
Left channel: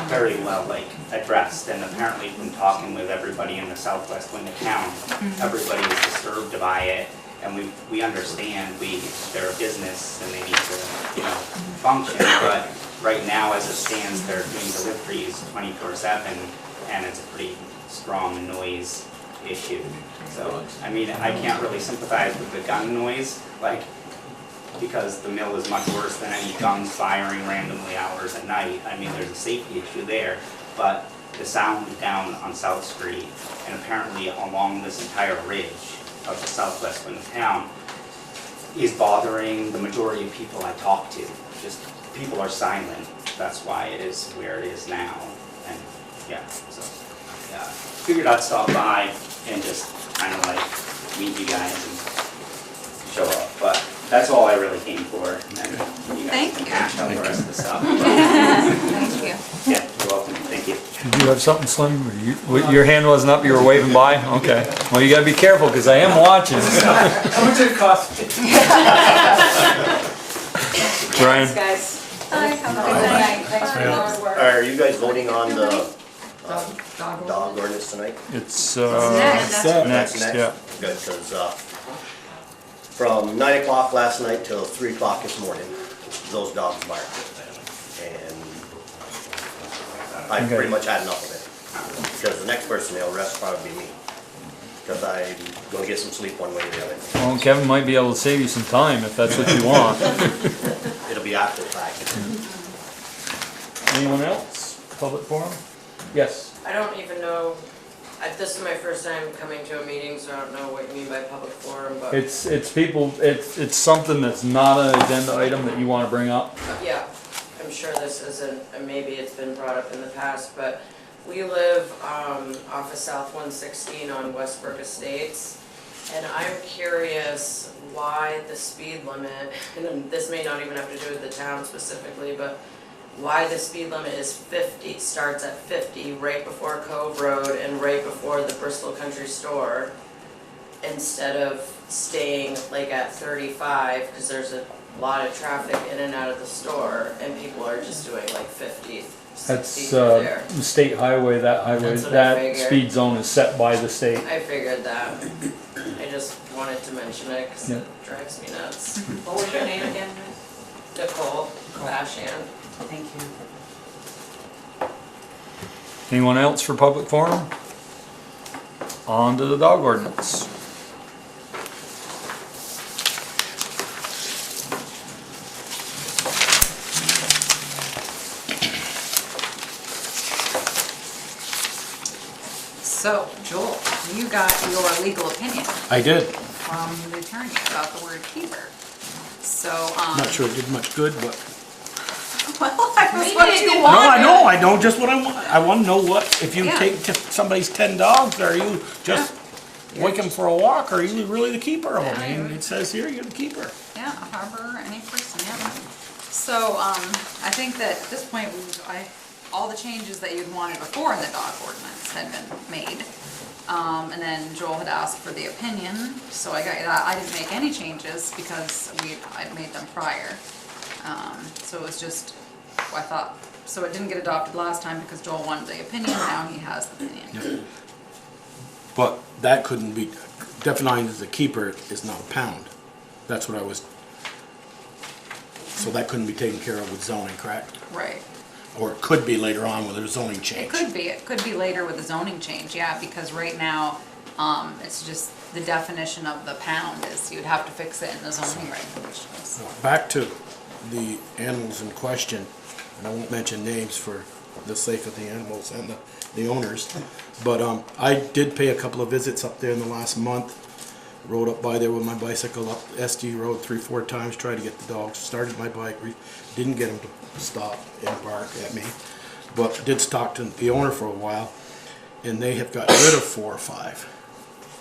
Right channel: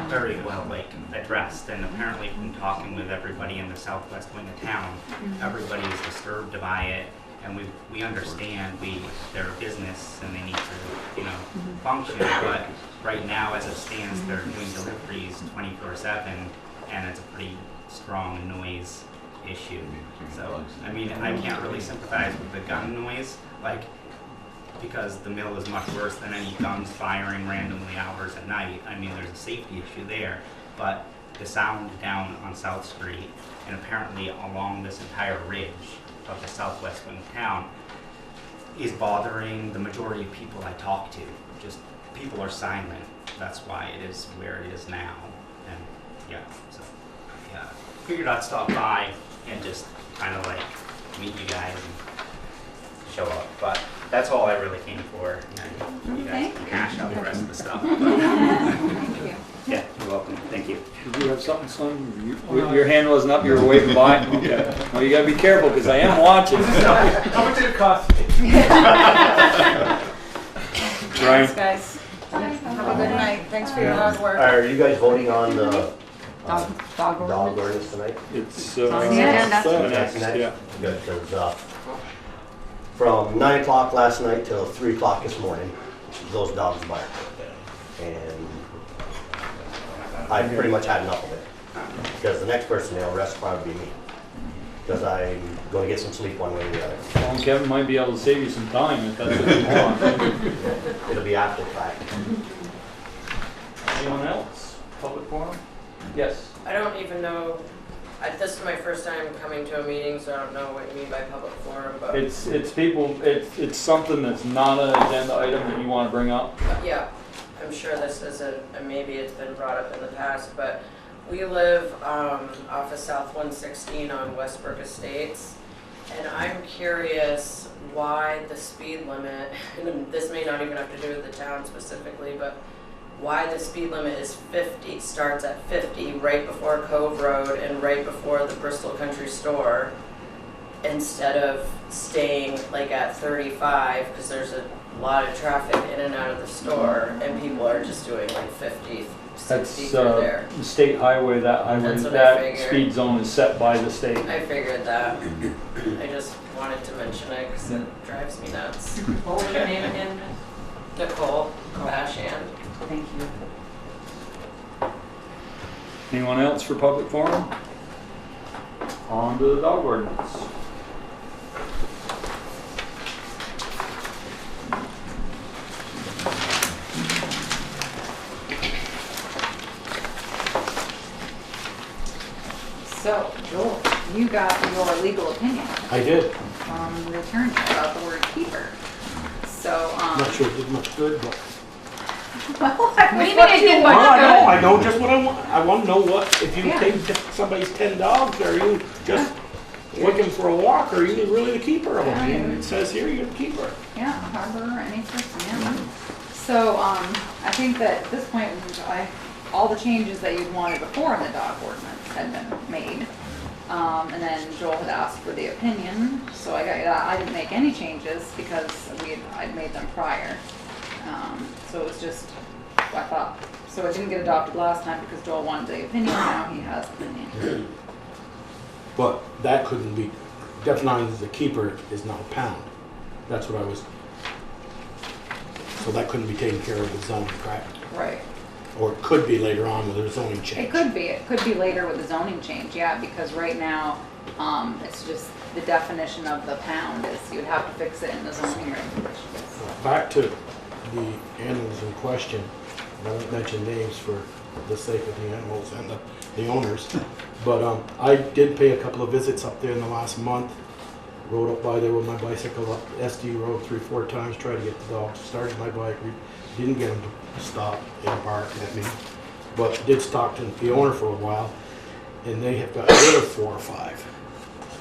very well like addressed. And apparently from talking with everybody in the southwest wing of town, everybody is disturbed by it, and we understand they're a business and they need to, you know, function, but right now as it stands, they're doing deliveries 24/7, and it's a pretty strong noise issue. So, I mean, I can't really sympathize with the gun noise, like, because the mill is much worse than any guns firing randomly hours at night. I mean, there's a safety issue there, but the sound down on South Street, and apparently along this entire ridge of the southwest wing of town, is bothering the majority of people I talk to. Just, people are silent. That's why it is where it is now. And yeah, so yeah, figured I'd stop by and just kind of like meet you guys and show up. But that's all I really came for. And then you guys Thank can you. hash out the rest of the stuff. Thank you. Yeah, you're welcome. Thank you. Did you have something, Slim? Your hand wasn't up, you were waving by? Okay. Well, you gotta be careful, because I am watching. How much did it cost? Brian? Thanks, guys. Bye. Have a Good good night. night. Thanks for your hard work. Are you guys voting on the Dog dog ordinance tonight? It's, Yeah, that's next, yeah. Good, because from 9 o'clock last night till 3 o'clock this morning, those dogs barked. And I Okay. pretty much had enough of it. Because the next person they'll arrest will probably be me. Because I'm gonna get some sleep one way or the other. Well, Kevin might be able to save you some time if that's what you want. It'll be after the fact. Anyone else? Public forum? Yes. I don't even know, this is my first time coming to a meeting, so I don't know what you mean by public forum, but It's people, it's something that's not an agenda item that you wanna bring up. yeah, I'm sure this isn't, and maybe it's been brought up in the past, but we live off of South 116 on Westbrook Estates, and I'm curious why the speed limit, and this may not even have to do with the town specifically, but why the speed limit is 50, starts at 50 right before Cove Road and right before the Bristol Country Store, instead of staying like at 35, because there's a lot of traffic in and out of the store, and people are just doing like 50, 60 That's, through there. the state highway, That's what I that figured. speed zone is set by the state. I figured that. I just wanted to mention it because it drives me nuts. What was your name again? Nicole Bashand. Thank you. Anyone else for public forum? On to the dog ordinance. So, Joel, you got your legal opinion I did. from the attorney about the word keeper. So, I'm not sure it did much good, but. well, I was Maybe what they you didn't No, want. I know just what I want. I want to know what, if you Yeah. take somebody's 10 dogs, are you just wake them for a walk, or are you really the keeper of them? I mean, it says here, you're the keeper. Yeah, harbor, any person, yeah. So, I think that at this point, all the changes that you'd wanted before in the dog ordinance had been made. And then Joel had asked for the opinion, so I got that. I didn't make any changes because I'd made them prior. So it was just, I thought, so it didn't get adopted last time because Joel wanted the opinion, now he has the opinion. But that couldn't be, defined as a keeper is now a pound. That's what I was, so that couldn't be taken care of with zoning, correct? Right. Or it could be later on with a zoning change. It could be later with the zoning change, yeah, because right now, it's just the definition of the pound is, you'd have to fix it in the zoning regulations. Back to the animals in question, and I won't mention names for the sake of the animals and the owners, but I did pay a couple of visits up there in the last month. Rode up by there with my bicycle up SD Road 3-4 times, tried to get the dogs, started my bike, didn't get them to stop and bark at me, but did talk to the owner for a while, and they have got rid of 4 or 5.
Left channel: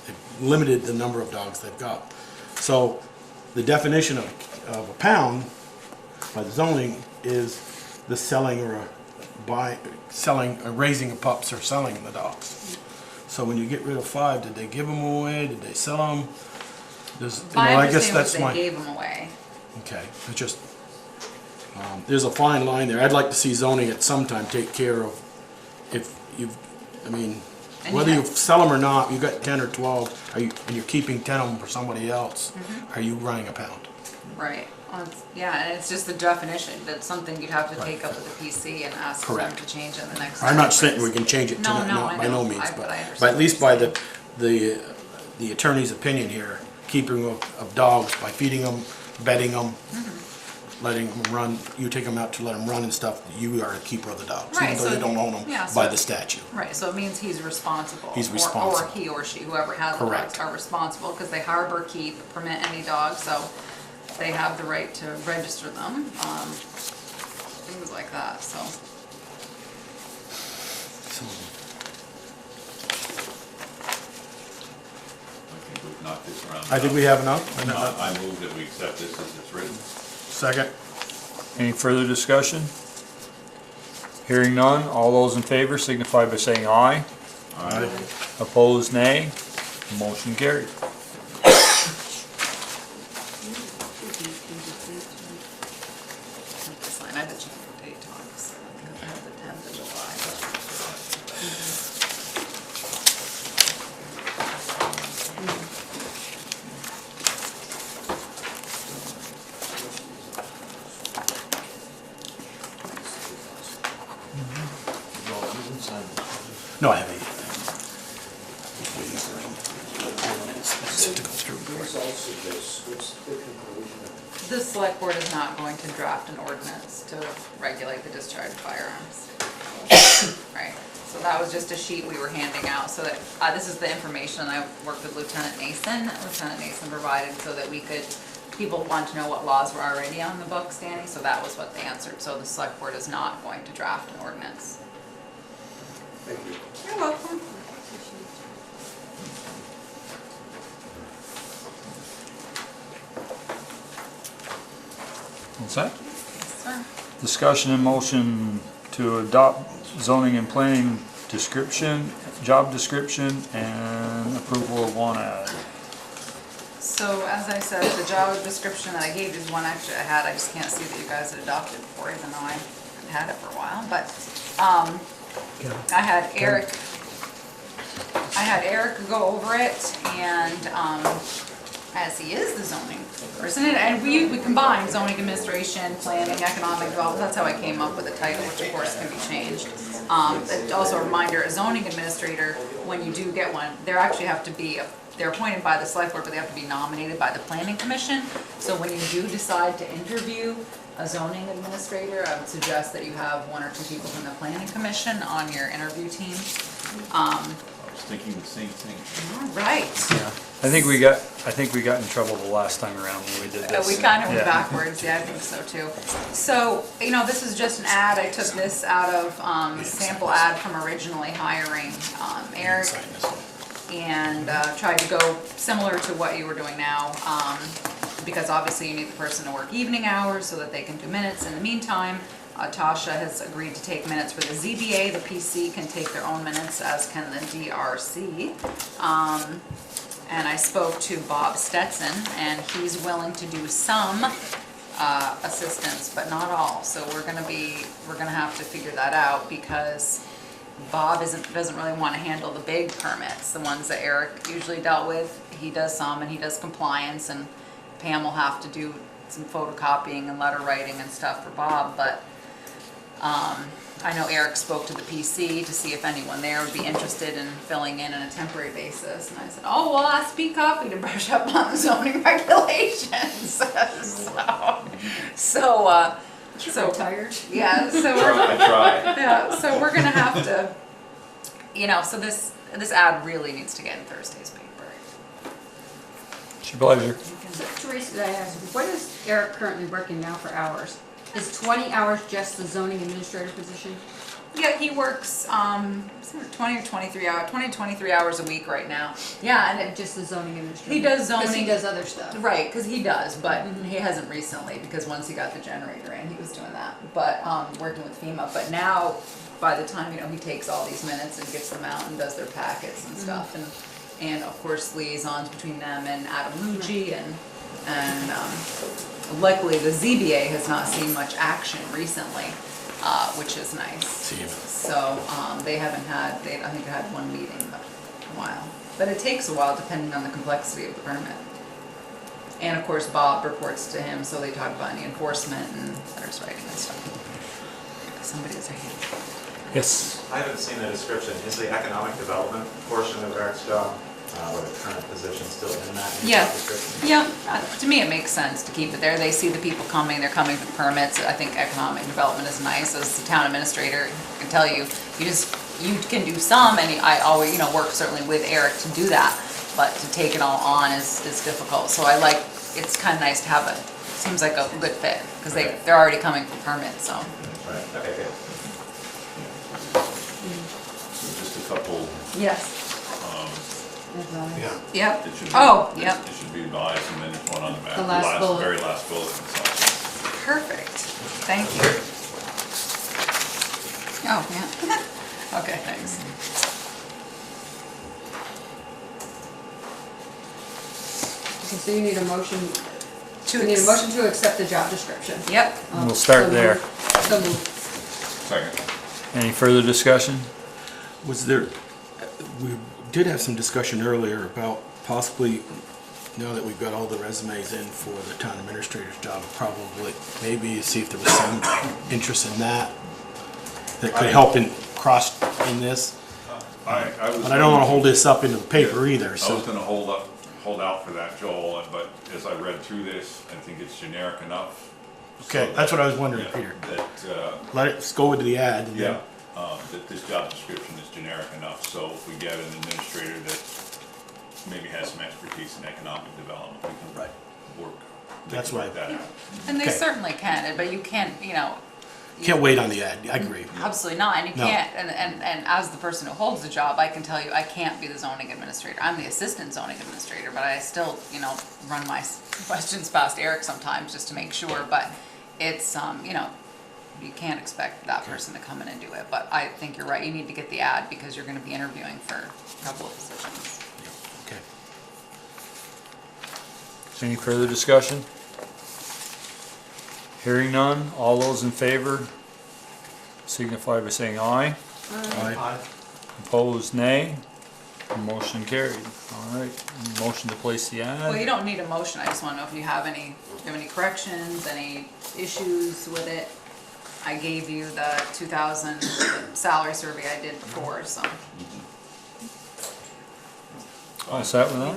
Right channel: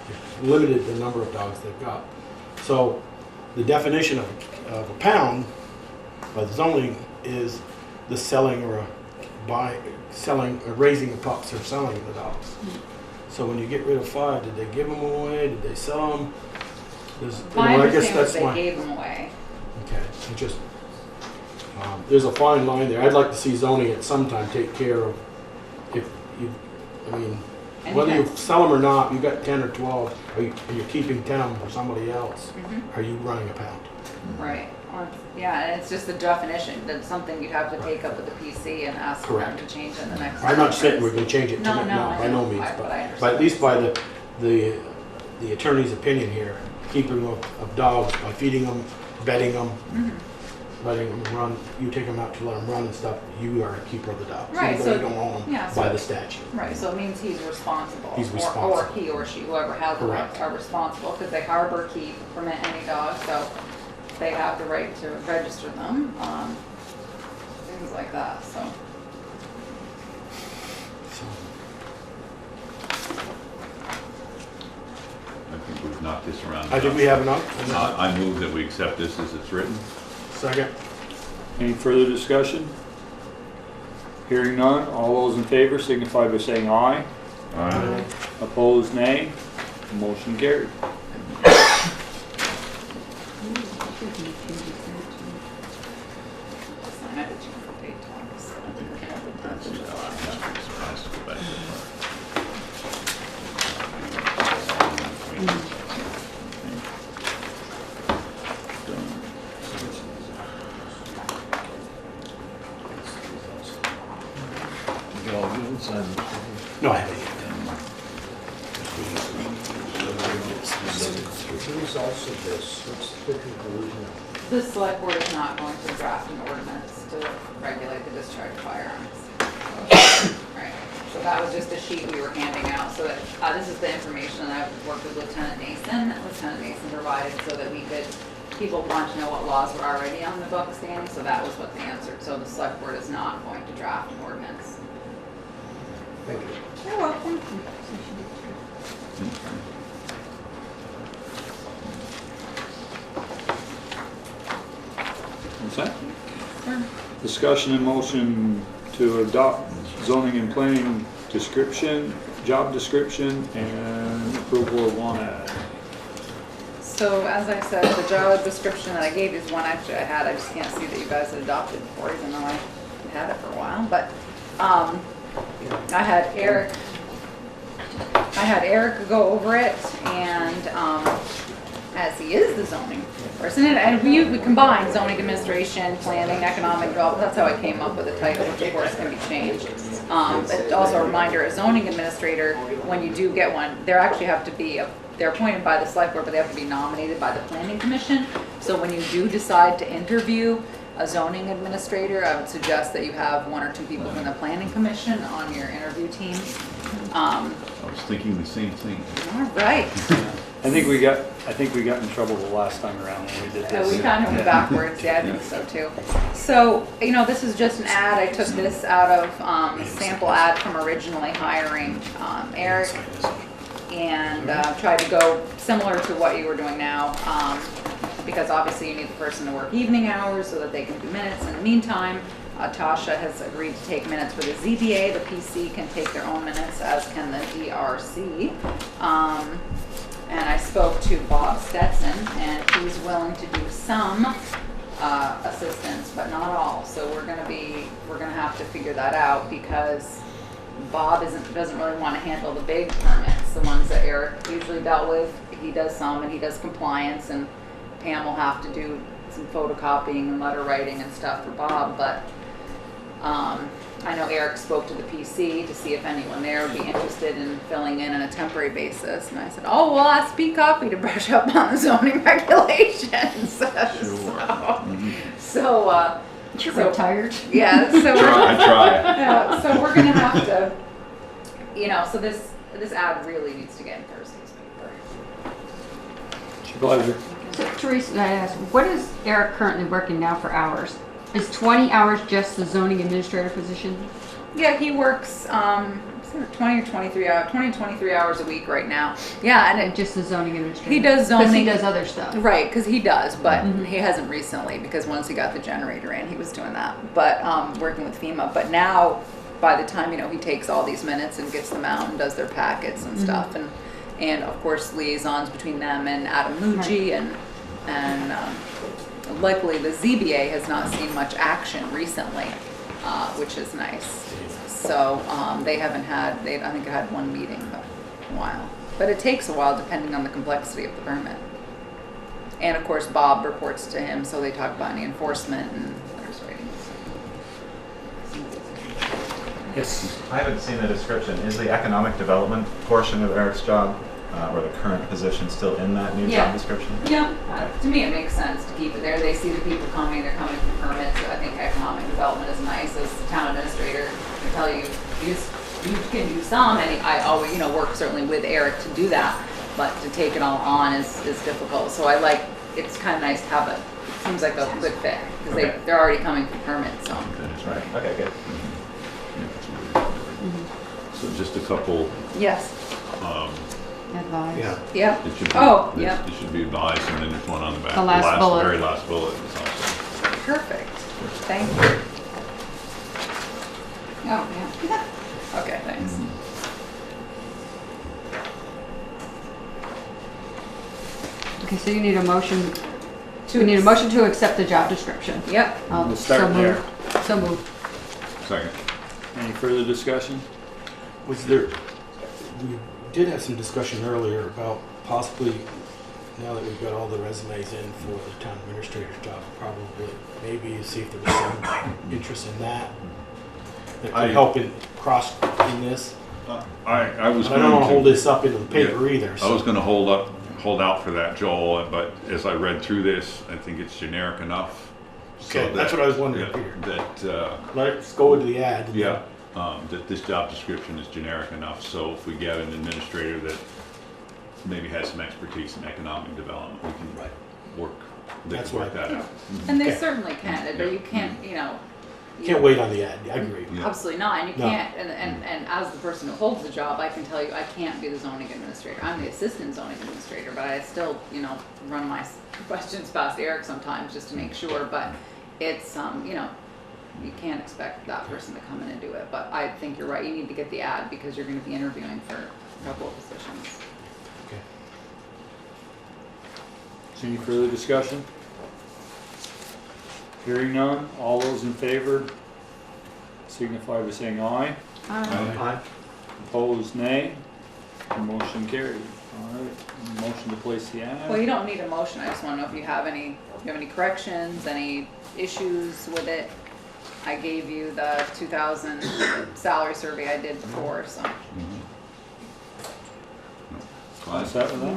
They've limited the number of dogs they've got. So the definition of a pound by the zoning is the selling or raising of pups or selling the dogs. So when you get rid of 5, did they give them away? Did they sell them? My I guess understanding was that's they my. gave them away. Okay, it just there's a fine line there. I'd like to see zoning at some time take care of if you've, I mean, And whether you you got- sell them or not, you've got 10 or 12, and you're keeping 10 of them for somebody else. Are you running a pound? Right. Well, yeah, and it's just the definition. That's something you'd have to take up with the PC and ask them Correct. to change in the next. I'm not saying we can change it No, tonight, no, no, I by know. no means, But I understand but at least what by you're the attorney's opinion here, keeping of dogs, by feeding them, bedding them, letting them run, you take them out to let them run and stuff, you are a keeper of the dogs, Right, even though so- you don't own them yeah, by so- the statute. Right, so it means he's responsible. He's responsible. Or he or she, whoever has the Correct. dogs, are responsible, because they harbor, keep, permit any dog, so they have the right to register them, things like that, so. So, I think we've knocked this around. I think we have enough. I move that we accept this as it's written. Second. Any further discussion? Hearing none, all those in favor signify by saying aye. Aye. Opposed, nay. Motion carried. Sign, I had to change the date, Tom, 'cause I think I have the 10th of July, so. No, I haven't. The select board is not going to draft an ordinance to regulate the discharge of firearms. Right, so that was just a sheet we were handing out, so that, this is the information I worked with Lieutenant Nason. Lieutenant Nason provided so that we could, people want to know what laws were already on the books, Danny, so that was what they answered. So the select board is not going to draft an ordinance. Thank you. You're welcome. What's that? Sir. Discussion and motion to adopt zoning and planning description, job description, and approval of one ad. So as I said, the job description that I gave is one actually I had, I just can't see that you guys had adopted before, even though I had it for a while, but, I had Eric go over it, and, as he is is the zoning person, and we combine zoning administration, planning, economic development, that's how I came up with the title, which of course can be changed. It's also a reminder, a zoning administrator, when you do get one, they actually have to be, they're appointed by the select board, but they have to be nominated by the planning commission. So when you do decide to interview a zoning administrator, I would suggest that you have 1 or 2 people from the planning commission on your interview team. I was thinking the same thing. All right. I think we got in trouble the last time around when we did this. We kind of went Yeah. backwards, yeah, I think so too. So, this is just an ad, I took this out of a sample ad from originally hiring Eric, and tried to go similar to what you were doing now, because obviously you need the person to work evening hours so that they can do minutes. In the meantime, Tasha has agreed to take minutes for the ZBA. The PC can take their own minutes, as can the DRC. And I spoke to Bob Stetson, and he's willing to do some assistance, but not all. So we're gonna have to figure that out, because Bob doesn't really want to handle the big permits, the ones that Eric usually dealt with. He does some, and he does compliance, and Pam will have to do some photocopying and letter writing and stuff for Bob, but I know Eric spoke to the PC to see if anyone there would be interested in filling in on a temporary basis, and I said, oh, well, ask Pete Coffey to brush up on the zoning regulations. So retired. yeah, so I try. yeah, so we're gonna have to, so this ad really needs to get in Thursday's paper. It's your pleasure. So, Teresa, I asked, what is Eric currently working now for hours? Is 20 hours just the zoning administrator position? Yeah, he works 20 or 23 hours, 23 hours a week right now. Yeah, and Just the zoning administrator? he does zoning. Because he does other stuff. Right, because he does, but he hasn't recently, because once he got the generator in, he was doing that. But working with FEMA. But now, by the time he takes all these minutes and gets them out and does their packets and stuff, and of course liaisons between them and Adam Muji, and luckily the ZBA has not seen much action recently, which is nice. So they haven't had, I think they had one meeting in a while. But it takes a while depending on the complexity of the permit. And of course Bob reports to him, so they talk about any enforcement and letters writing and stuff. Somebody's saying. Yes. I haven't seen the description. Is the economic development portion of Eric's job, or the current position, still in that new job description? Yeah, to me it makes sense to keep it there. They see the people coming, they're coming for permits. I think economic development is nice. As the town administrator, I can tell you, you can do some, and I always, work certainly with Eric to do that, but to take it all on is difficult. So it's kind of nice to have it. It seems like a good fit, because they're already coming for permits, so. That's right. Okay, good. So just a couple, Yes. Yeah. Yep. it should be, Oh, yep. it should be advised, and then there's one on the back. The last bullet. Very last bullet. It's also- Perfect. Thank you. Oh, yeah. Okay, thanks. Okay, so you need a motion, To we need a motion to accept the job description. Yep. We'll start So there. moved. So moved. Second. Any further discussion? Was there, we did have some discussion earlier about possibly, now that we've got all the resumes in for the town administrator's job, probably maybe see if there was some interest in that that could help in this. I was. But I don't want to hold this up into the paper either, I was so. gonna hold out for that, Joel, but as I read through this, I think it's generic enough. Okay, so that's that- what I was wondering, yeah, Peter. That, Let's go into the ad. and then- that this job description is generic enough, so if we get an administrator that maybe has some expertise in economic development, we can work, they That's can work right. that out. And they Okay. certainly can, but you can't, Can't wait on the ad, I agree. Yeah. absolutely not, and you No. can't, and as the person who holds the job, I can tell you, I can't be the zoning administrator. I'm the assistant zoning administrator, but I still, run my questions past Eric sometimes just to make sure, but it's, you can't expect that person to come in and do it. But I think you're right, you need to get the ad because you're gonna be interviewing for a couple of positions. Okay. Any further discussion? Hearing none, all those in favor signify by saying aye. Aye. Opposed, nay. Motion carried. All right, motion to place the ad? Well, you don't need a motion, I just wanna know if you have any corrections, any issues with it. I gave you the 2000 salary survey I did before, so. All set with that?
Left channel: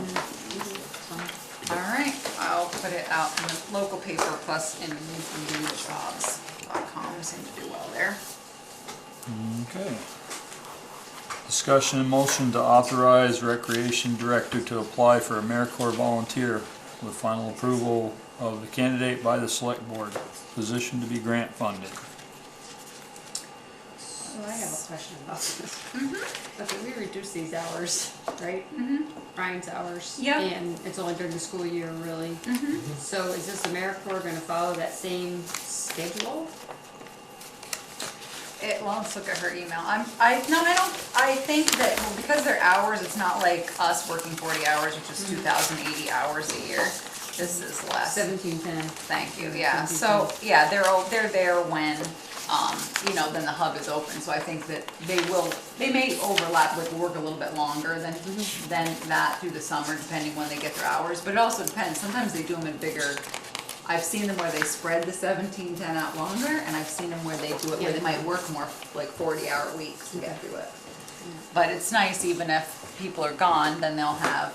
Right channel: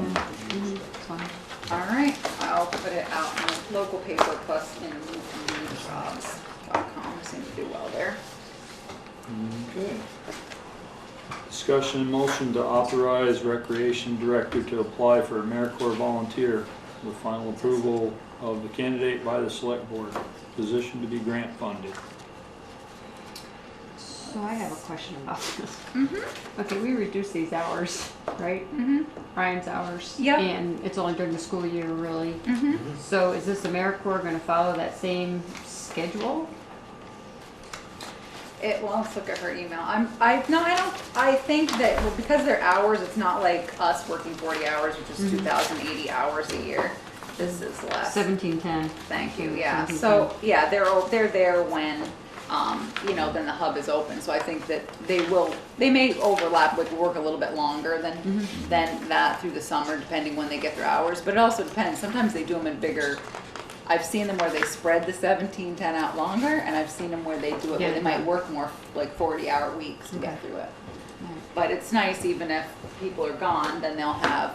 All right, I'll put it out in the local paper plus in newsjobs.com, seem to do well there. Okay. Discussion and motion to authorize Recreation Director to apply for AmeriCorps volunteer with final approval of the candidate by the Select Board. Position to be grant funded. So I have a question about this. Okay, we reduced these hours, right? Ryan's hours. Yeah. And it's only during the school year, really. So is this AmeriCorps gonna follow that same schedule? Well, let's look at her email. I think that, well, because they're hours, it's not like us working 40 hours, which is 2,080 hours a year. This is less. 1710. Thank you, yeah. So, yeah, they're there when, then the hub is open. So I think that they may overlap with work a little bit longer than that through the summer, depending when they get their hours. But it also depends. Sometimes they do them in bigger. I've seen them where they spread the 1710 out longer, and I've seen them where they do it where they might work more, like 40-hour weeks to get through it. But it's nice, even if people are gone, then they'll have,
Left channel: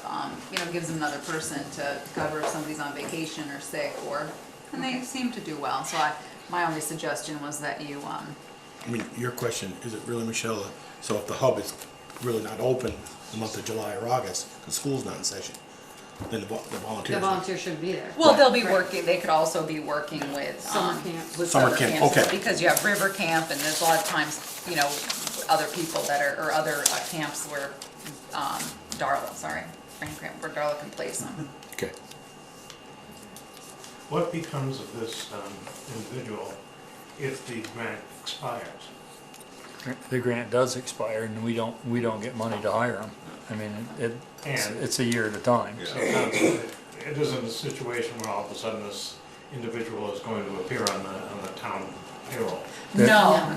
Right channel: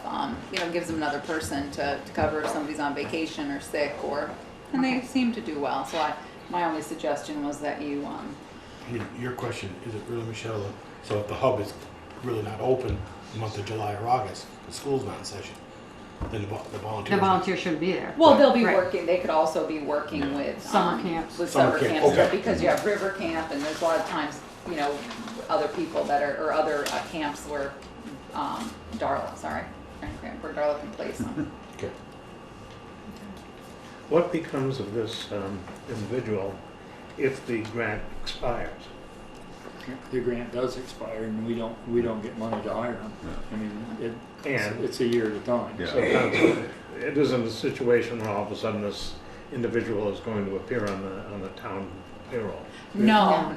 gives them another person to cover if somebody's on vacation or sick, and they seem to do well. So my only suggestion was that you, I mean, your question, is it really, Michelle, so if the hub is really not open the month of July or August, because school's not in session, then the volunteers. The volunteers shouldn't be there. well, they'll be working, they could also be working with, Summer camps. with Summer summer camp, camps, okay. because you have river camp, and there's a lot of times, other people that are, or other camps where, Darla can place them. Okay. What becomes of this individual if the grant expires? The grant does expire, and we don't get money to hire them. I mean, it's a year at a time. Yeah. So it isn't a situation where all of a sudden this individual is going to appear on the town payroll. No,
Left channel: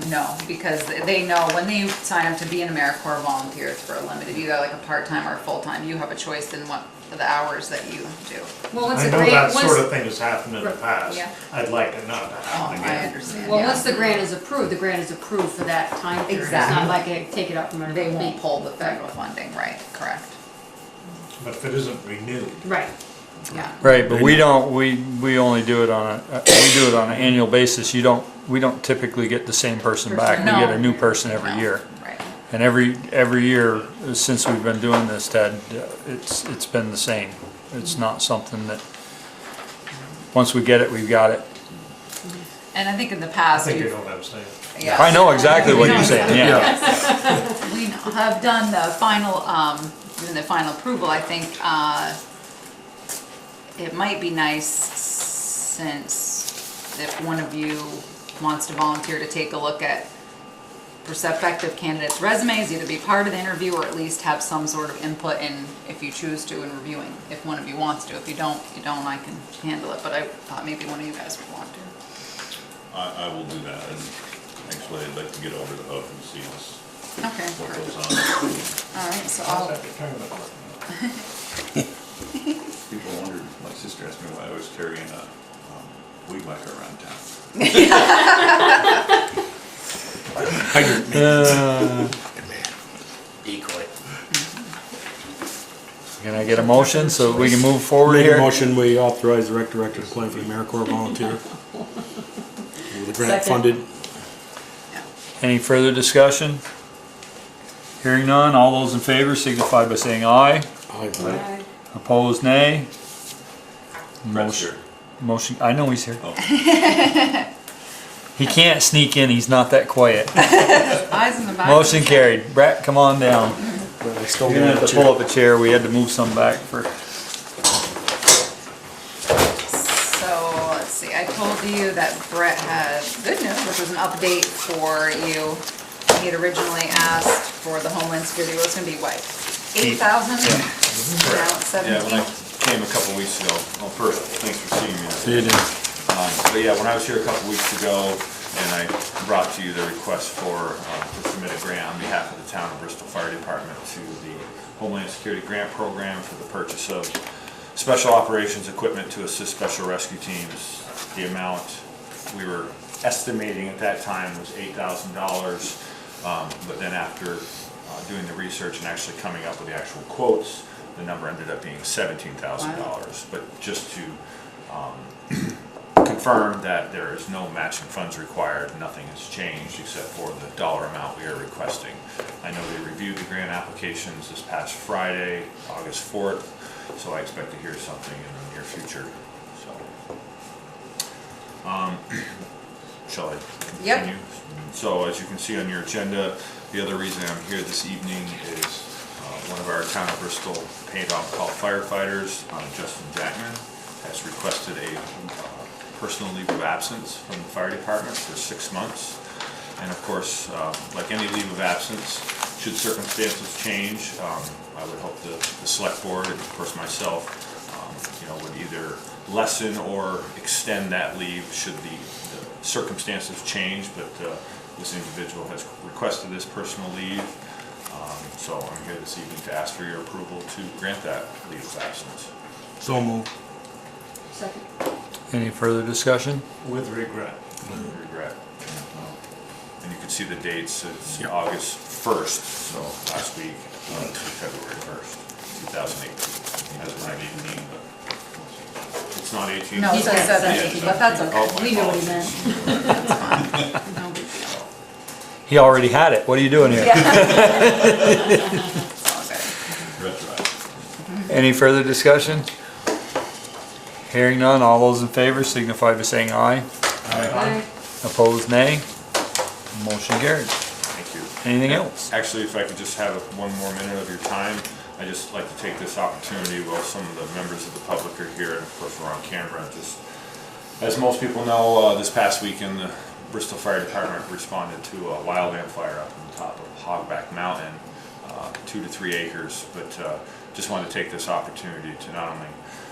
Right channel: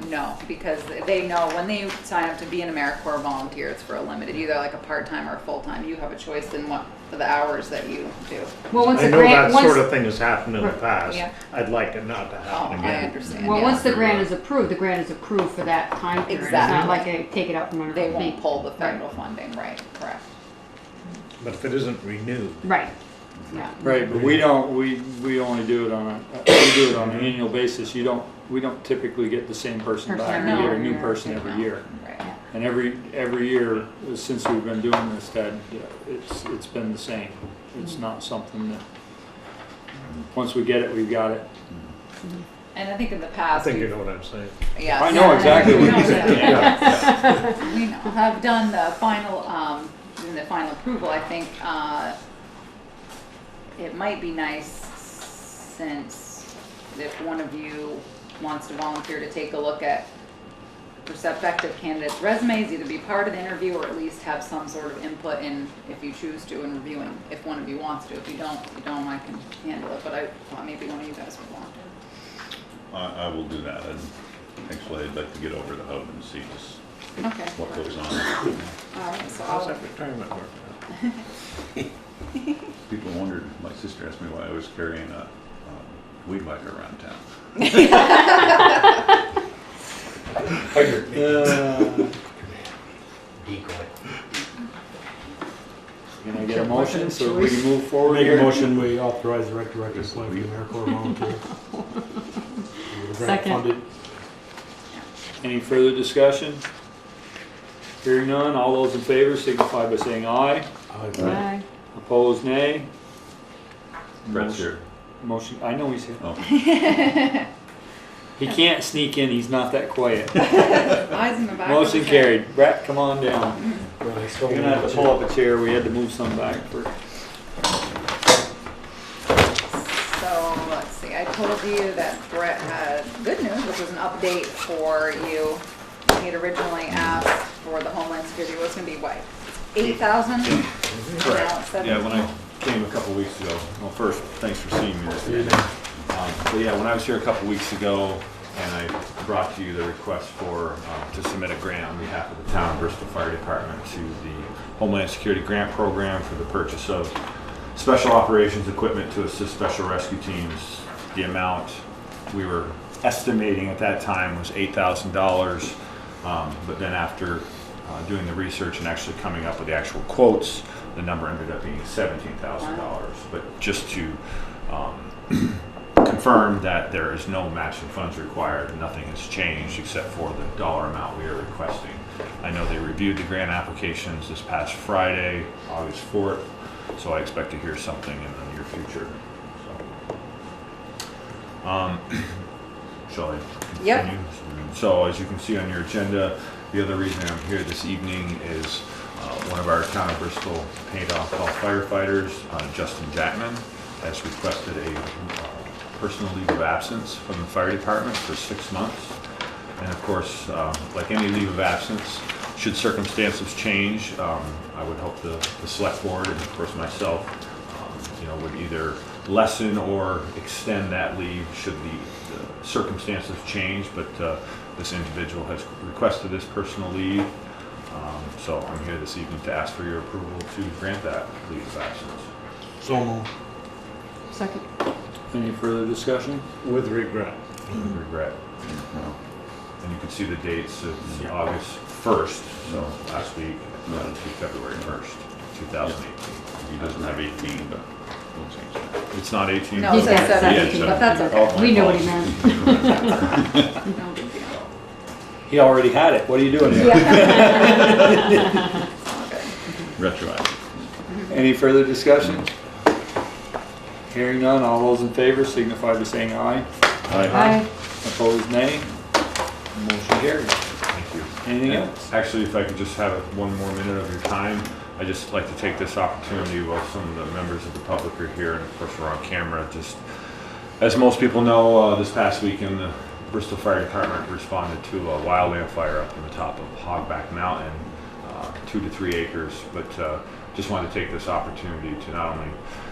because they know when they sign up to be an AmeriCorps volunteer, it's for a limited, either like a part-time or full-time. You have a choice in what the hours that you do. Well, once I the know grant, that sort of thing has happened in the past. Yeah. I'd like it not to Oh, happen I again. understand. well, yeah. once the grant is approved, the grant is approved for that time period. It's not Exactly. like they take it out from under They the won't fee. pull the federal funding, right, correct. But if it isn't renewed, Right. Yeah. Right, but we only do it on an annual basis. We don't typically get the same person back. We get a new person every year. Right. And every year since we've been doing this, Ted, it's been the same. It's not something that, once we get it, we've got it. And I think in the I past, think you know what I'm saying. yeah. I know exactly what you're saying, yeah. We have done the final, approval. I think it might be nice, since if one of you wants to volunteer to take a look at prospective candidates' resumes, either be part of the interview or at least have some sort of input in, if you choose to, in reviewing. If one of you wants to. If you don't, I can handle it. But I thought maybe one of you guys would want to. I will do that, and actually I'd like to get over to the hub and see Okay. what goes on. All right, so I'll. People wondered, my sister asked me why I was carrying a weed whacker around town. Hydrant me. Decoy. Can I get a motion so we can move forward Make a here? motion, we authorize the rec director to apply for the AmeriCorps volunteer. With the grant Second. funded. Any further discussion? Hearing none, all those in favor signify by saying aye. Right. Opposed, nay. Brett's here. Motion, I know he's here. Oh, He can't sneak in, he's not that quiet. Eyes in the back. Motion carried. Brett, come on down. But I stole You're gonna have to pull up a chair, we had to move some back for. So, let's see, I told you that Brett had good news, which was an update for you. He had originally asked for the Homeland Security, it was gonna be what, 8,000? Now it's yeah, when I 17. came a couple weeks ago, well, first, thanks for seeing me. See you then. But yeah, when I was here a couple weeks ago, and I brought to you the request for, to submit a grant on behalf of the town of Bristol Fire Department to the Homeland Security Grant Program for the purchase of special operations equipment to assist special rescue teams. The amount we were estimating at that time was $8,000, but then after doing the research and actually coming up with the actual quotes, the number ended up being $17,000. Wow. But just to confirm that there is no matching funds required, nothing has changed except for the dollar amount we are requesting. I know they reviewed the grant applications this past Friday, August 4th, so I expect to hear something in the near future. So, shall I continue? Yep. So as you can see on your agenda, the other reason I'm here this evening is one of our town of Bristol paid on-call firefighters, Justin Jackman, has requested a personal leave of absence from the fire department for 6 months. And of course, like any leave of absence, should circumstances change, I would hope the select board and of course myself, would either lessen or extend that leave should the circumstances change. But this individual has requested this personal leave, so I'm here this evening to ask for your approval to grant that leave of absence. So moved. Second. Any further discussion? With regret. With regret. And you can see the dates, it's August 1st, so last week, to February 1st, 2018. He doesn't have 18, but It's not 18? No, it's said 17, but that's Oh, okay. my We know what he apologies. meant. No big deal. He already had it. What are you doing here? It's all good. retroactive. Any further discussion? Hearing none, all those in favor signify by saying aye. Aye. Opposed, nay. Motion carried. Thank you. Anything Yeah. else? Actually, if I could just have 1 more minute of your time, I'd just like to take this opportunity while some of the members of the public are here, and of course we're on camera, just, as most people know, this past weekend, the Bristol Fire Department responded to a wildland fire up on the top of Hogback Mountain, 2 to 3 acres, but just want to take this opportunity to not only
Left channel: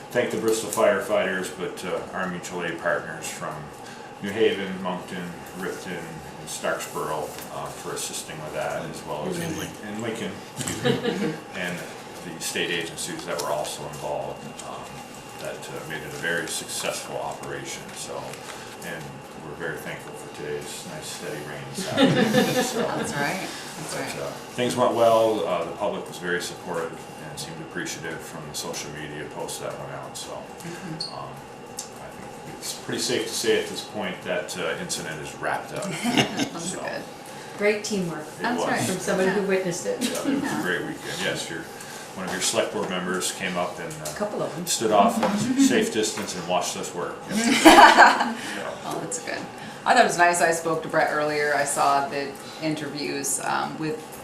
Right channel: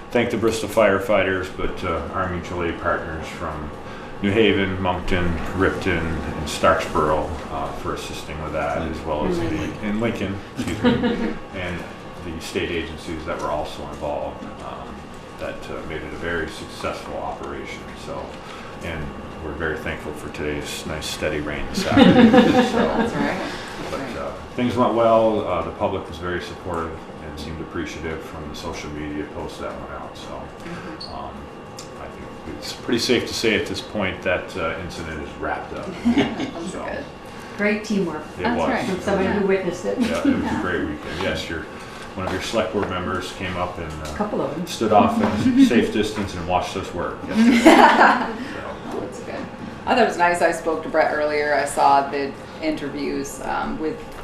thank the Bristol firefighters, but our mutual aid partners from New Haven, Moncton, Ripton, and Starksboro for assisting with that, as well as in Lincoln, excuse me, and the state agencies that were also involved that made it a very successful operation. So, and we're very thankful for today's nice steady rain this afternoon. So, That's right. That's right. things went well. The public was very supportive and seemed appreciative from the social media posts that went out. So. I think it's pretty safe to say at this point that incident is wrapped up. That's So, good. Great teamwork It That's was. right. from somebody who witnessed it. Yeah, it was a great weekend. Yes, one of your select board members came up and A couple of them. stood off at a safe distance and watched us work. Oh, that's good. I thought it was nice. I spoke to Brett earlier. I saw the interviews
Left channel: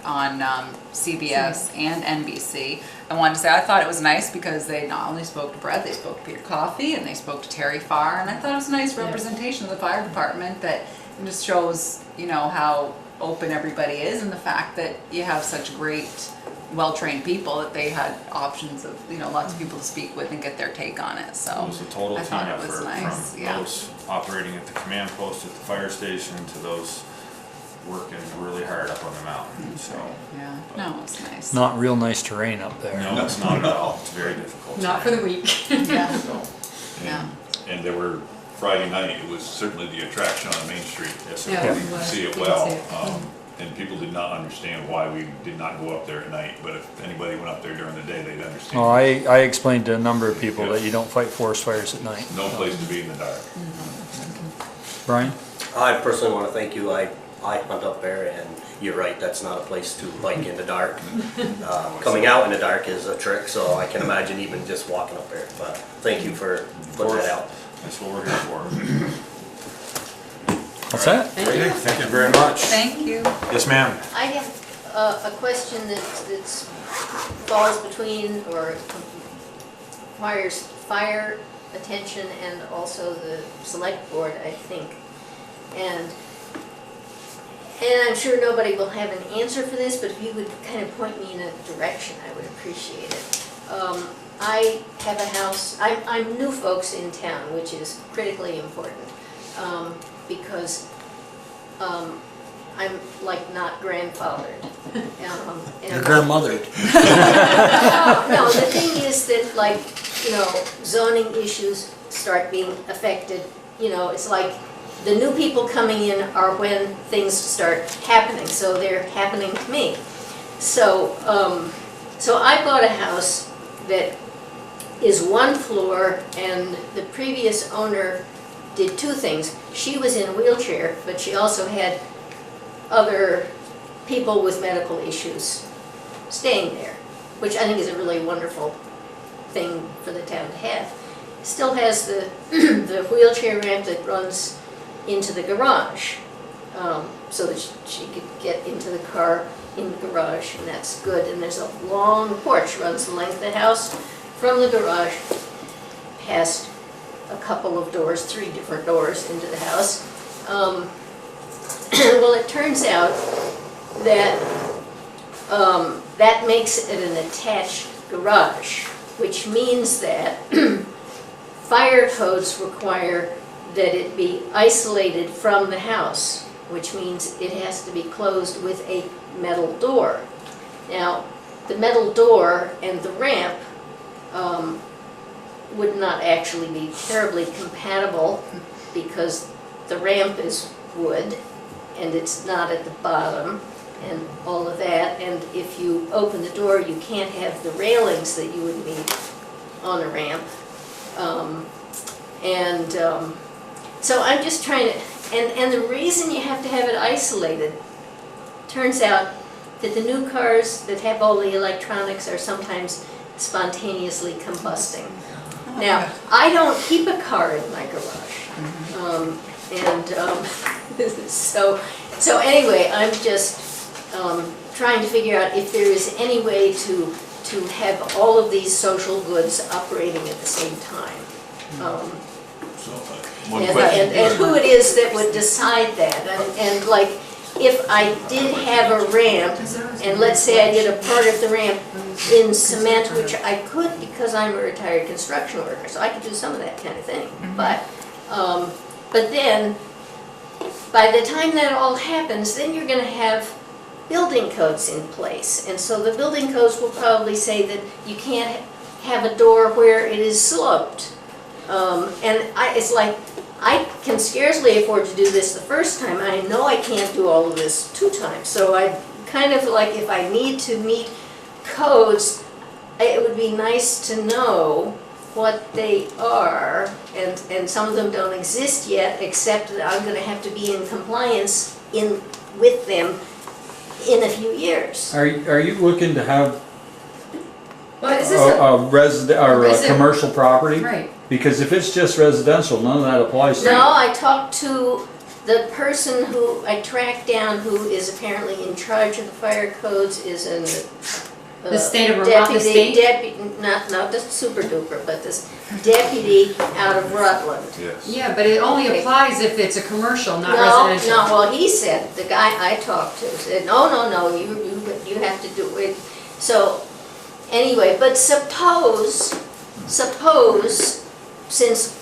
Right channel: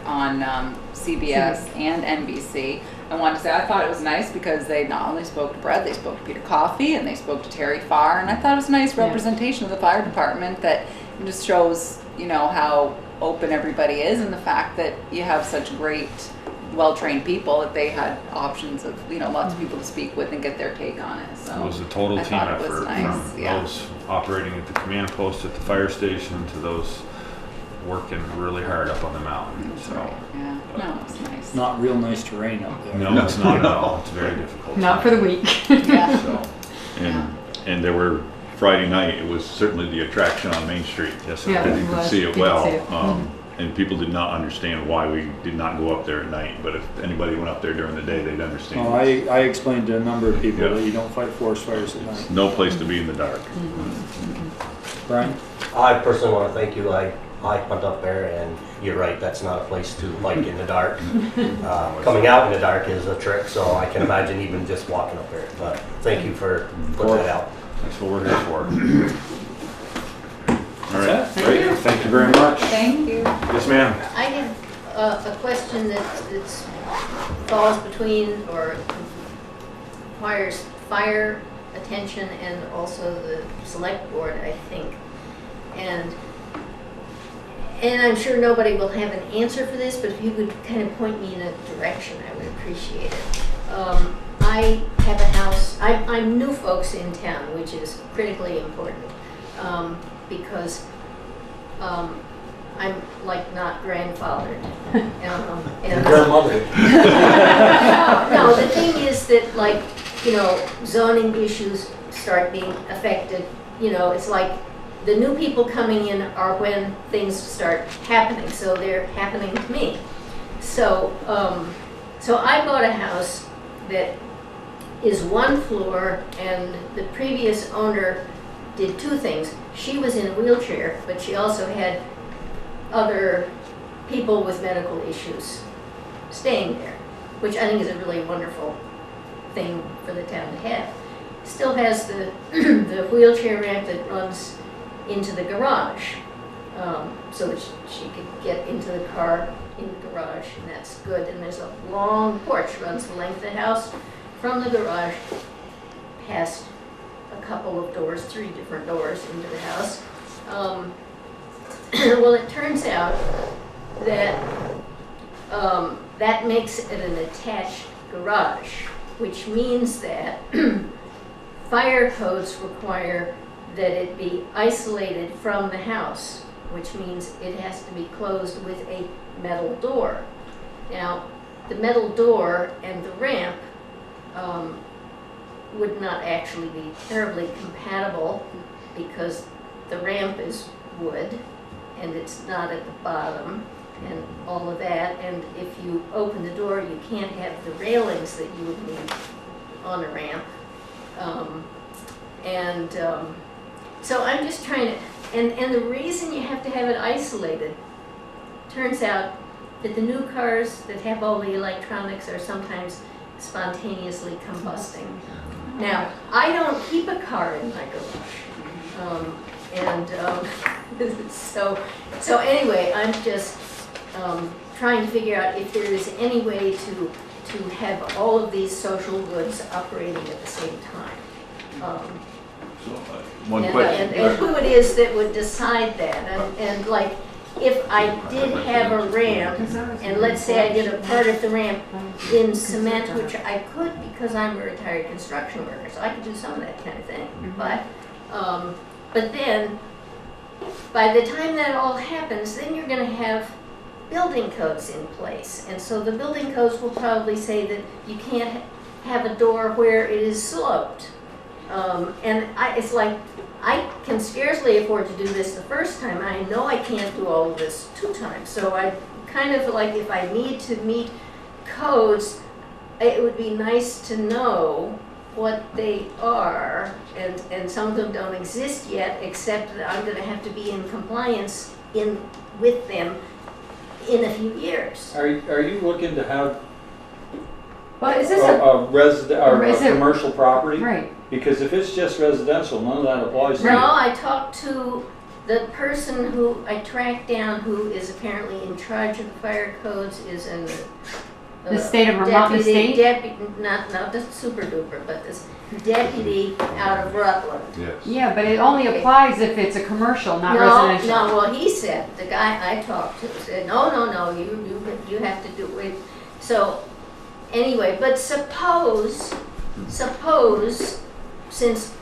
on CBS and NBC. I wanted to say I thought it was nice because they not only spoke to Brett, they spoke to Peter Coffey and they spoke to Terry Farr, and I thought it was a nice representation of the fire department that just shows, how open everybody is, and the fact that you have such great, well-trained people that they had options of, lots of people to speak with and get their take on it. So It was a total I team thought it was effort nice, from yeah. those operating at the command post at the fire station to those working really hard up on the mountain. That's So. right. Yeah. No, it's nice. Not real nice terrain up there. No, it's not at all. It's very difficult. Not for the weak. Yeah. So, And there were, Friday night, it was certainly the attraction on Main Street. yes, Yeah. okay. You could see it You well, could see it. and people did not understand why we did not go up there at night, but if anybody went up there during the day, they'd understand. Oh, I explained to a number of people Yeah. that you don't fight forest fires at night. No place to be in the dark. Brian? I personally want to thank you. I hunt up there, and you're right, that's not a place to bike in the dark. Coming out in the dark is a trick, so I can imagine even just walking up there. But thank you for putting it out. That's what we're here for. What's that? Great, thank you very much. Thank you. Yes, ma'am. I have a question that falls between or requires fire attention and also the select board, I think. And I'm sure nobody will have an answer for this, but if you would kind of point me in a direction, I would appreciate it. I have a house, I'm new folks in town, which is critically important, because I'm like not grandfathered. Your grandmother. No, the thing is that, like, you know, zoning issues start being affected, you know, it's like the new people coming in are when things start happening, so they're happening to me. So, so I bought a house that is one floor, and the previous owner did two things. She was in a wheelchair, but she also had other people with medical issues staying there, which I think is a really wonderful thing for the town to have. Still has the the wheelchair ramp that runs into the garage, so that she could get into the car in the garage, and that's good. And there's a long porch, runs the length of the house from the garage past a couple of doors, 3 different doors into the house. Well, it turns out that that makes it an attached garage, which means that fire codes require that it be isolated from the house, which means it has to be closed with a metal door. Now, the metal door and the ramp would not actually be terribly compatible, because the ramp is wood and it's not at the bottom and all of that, and if you open the door you can't have the railings that you would need on a ramp. So I'm just trying to, and the reason you have to have it isolated, turns out that the new cars that have all the electronics are sometimes spontaneously combusting. Now, I don't keep a car in my garage. So anyway, I'm just trying to figure out if there is any way to have all of these social goods operating at the same time. One question. And who it is that would decide that, and like, if I did have a ramp, and let's say I did a part of the ramp in cement, which I could because I'm a retired construction worker, so I could do some of that kind of thing. But then, by the time that all happens, then you're going to have building codes in place, and so the building codes will probably say that you can't have a door where it is sloped. It's like, I can scarcely afford to do this the first time. I know I can't do all of this 2 times. So I kind of like, if I need to meet codes, it would be nice to know what they are. And some of them don't exist yet, except that I'm going to have to be in compliance with them in a few years. Are you looking to have But is this a resident or a resident- commercial property? right? Because if it's just residential, none of that applies to No, you. I talked to the person who I tracked down, who is apparently in charge of the fire codes, is an The state of Vermont, the state? Not the super duper, but this deputy out of Rutland. Yes. Yeah, but it only applies if it's a commercial, not No, residential. well, he said, the guy I talked to said, no, you have to do it. So, anyway, but suppose, since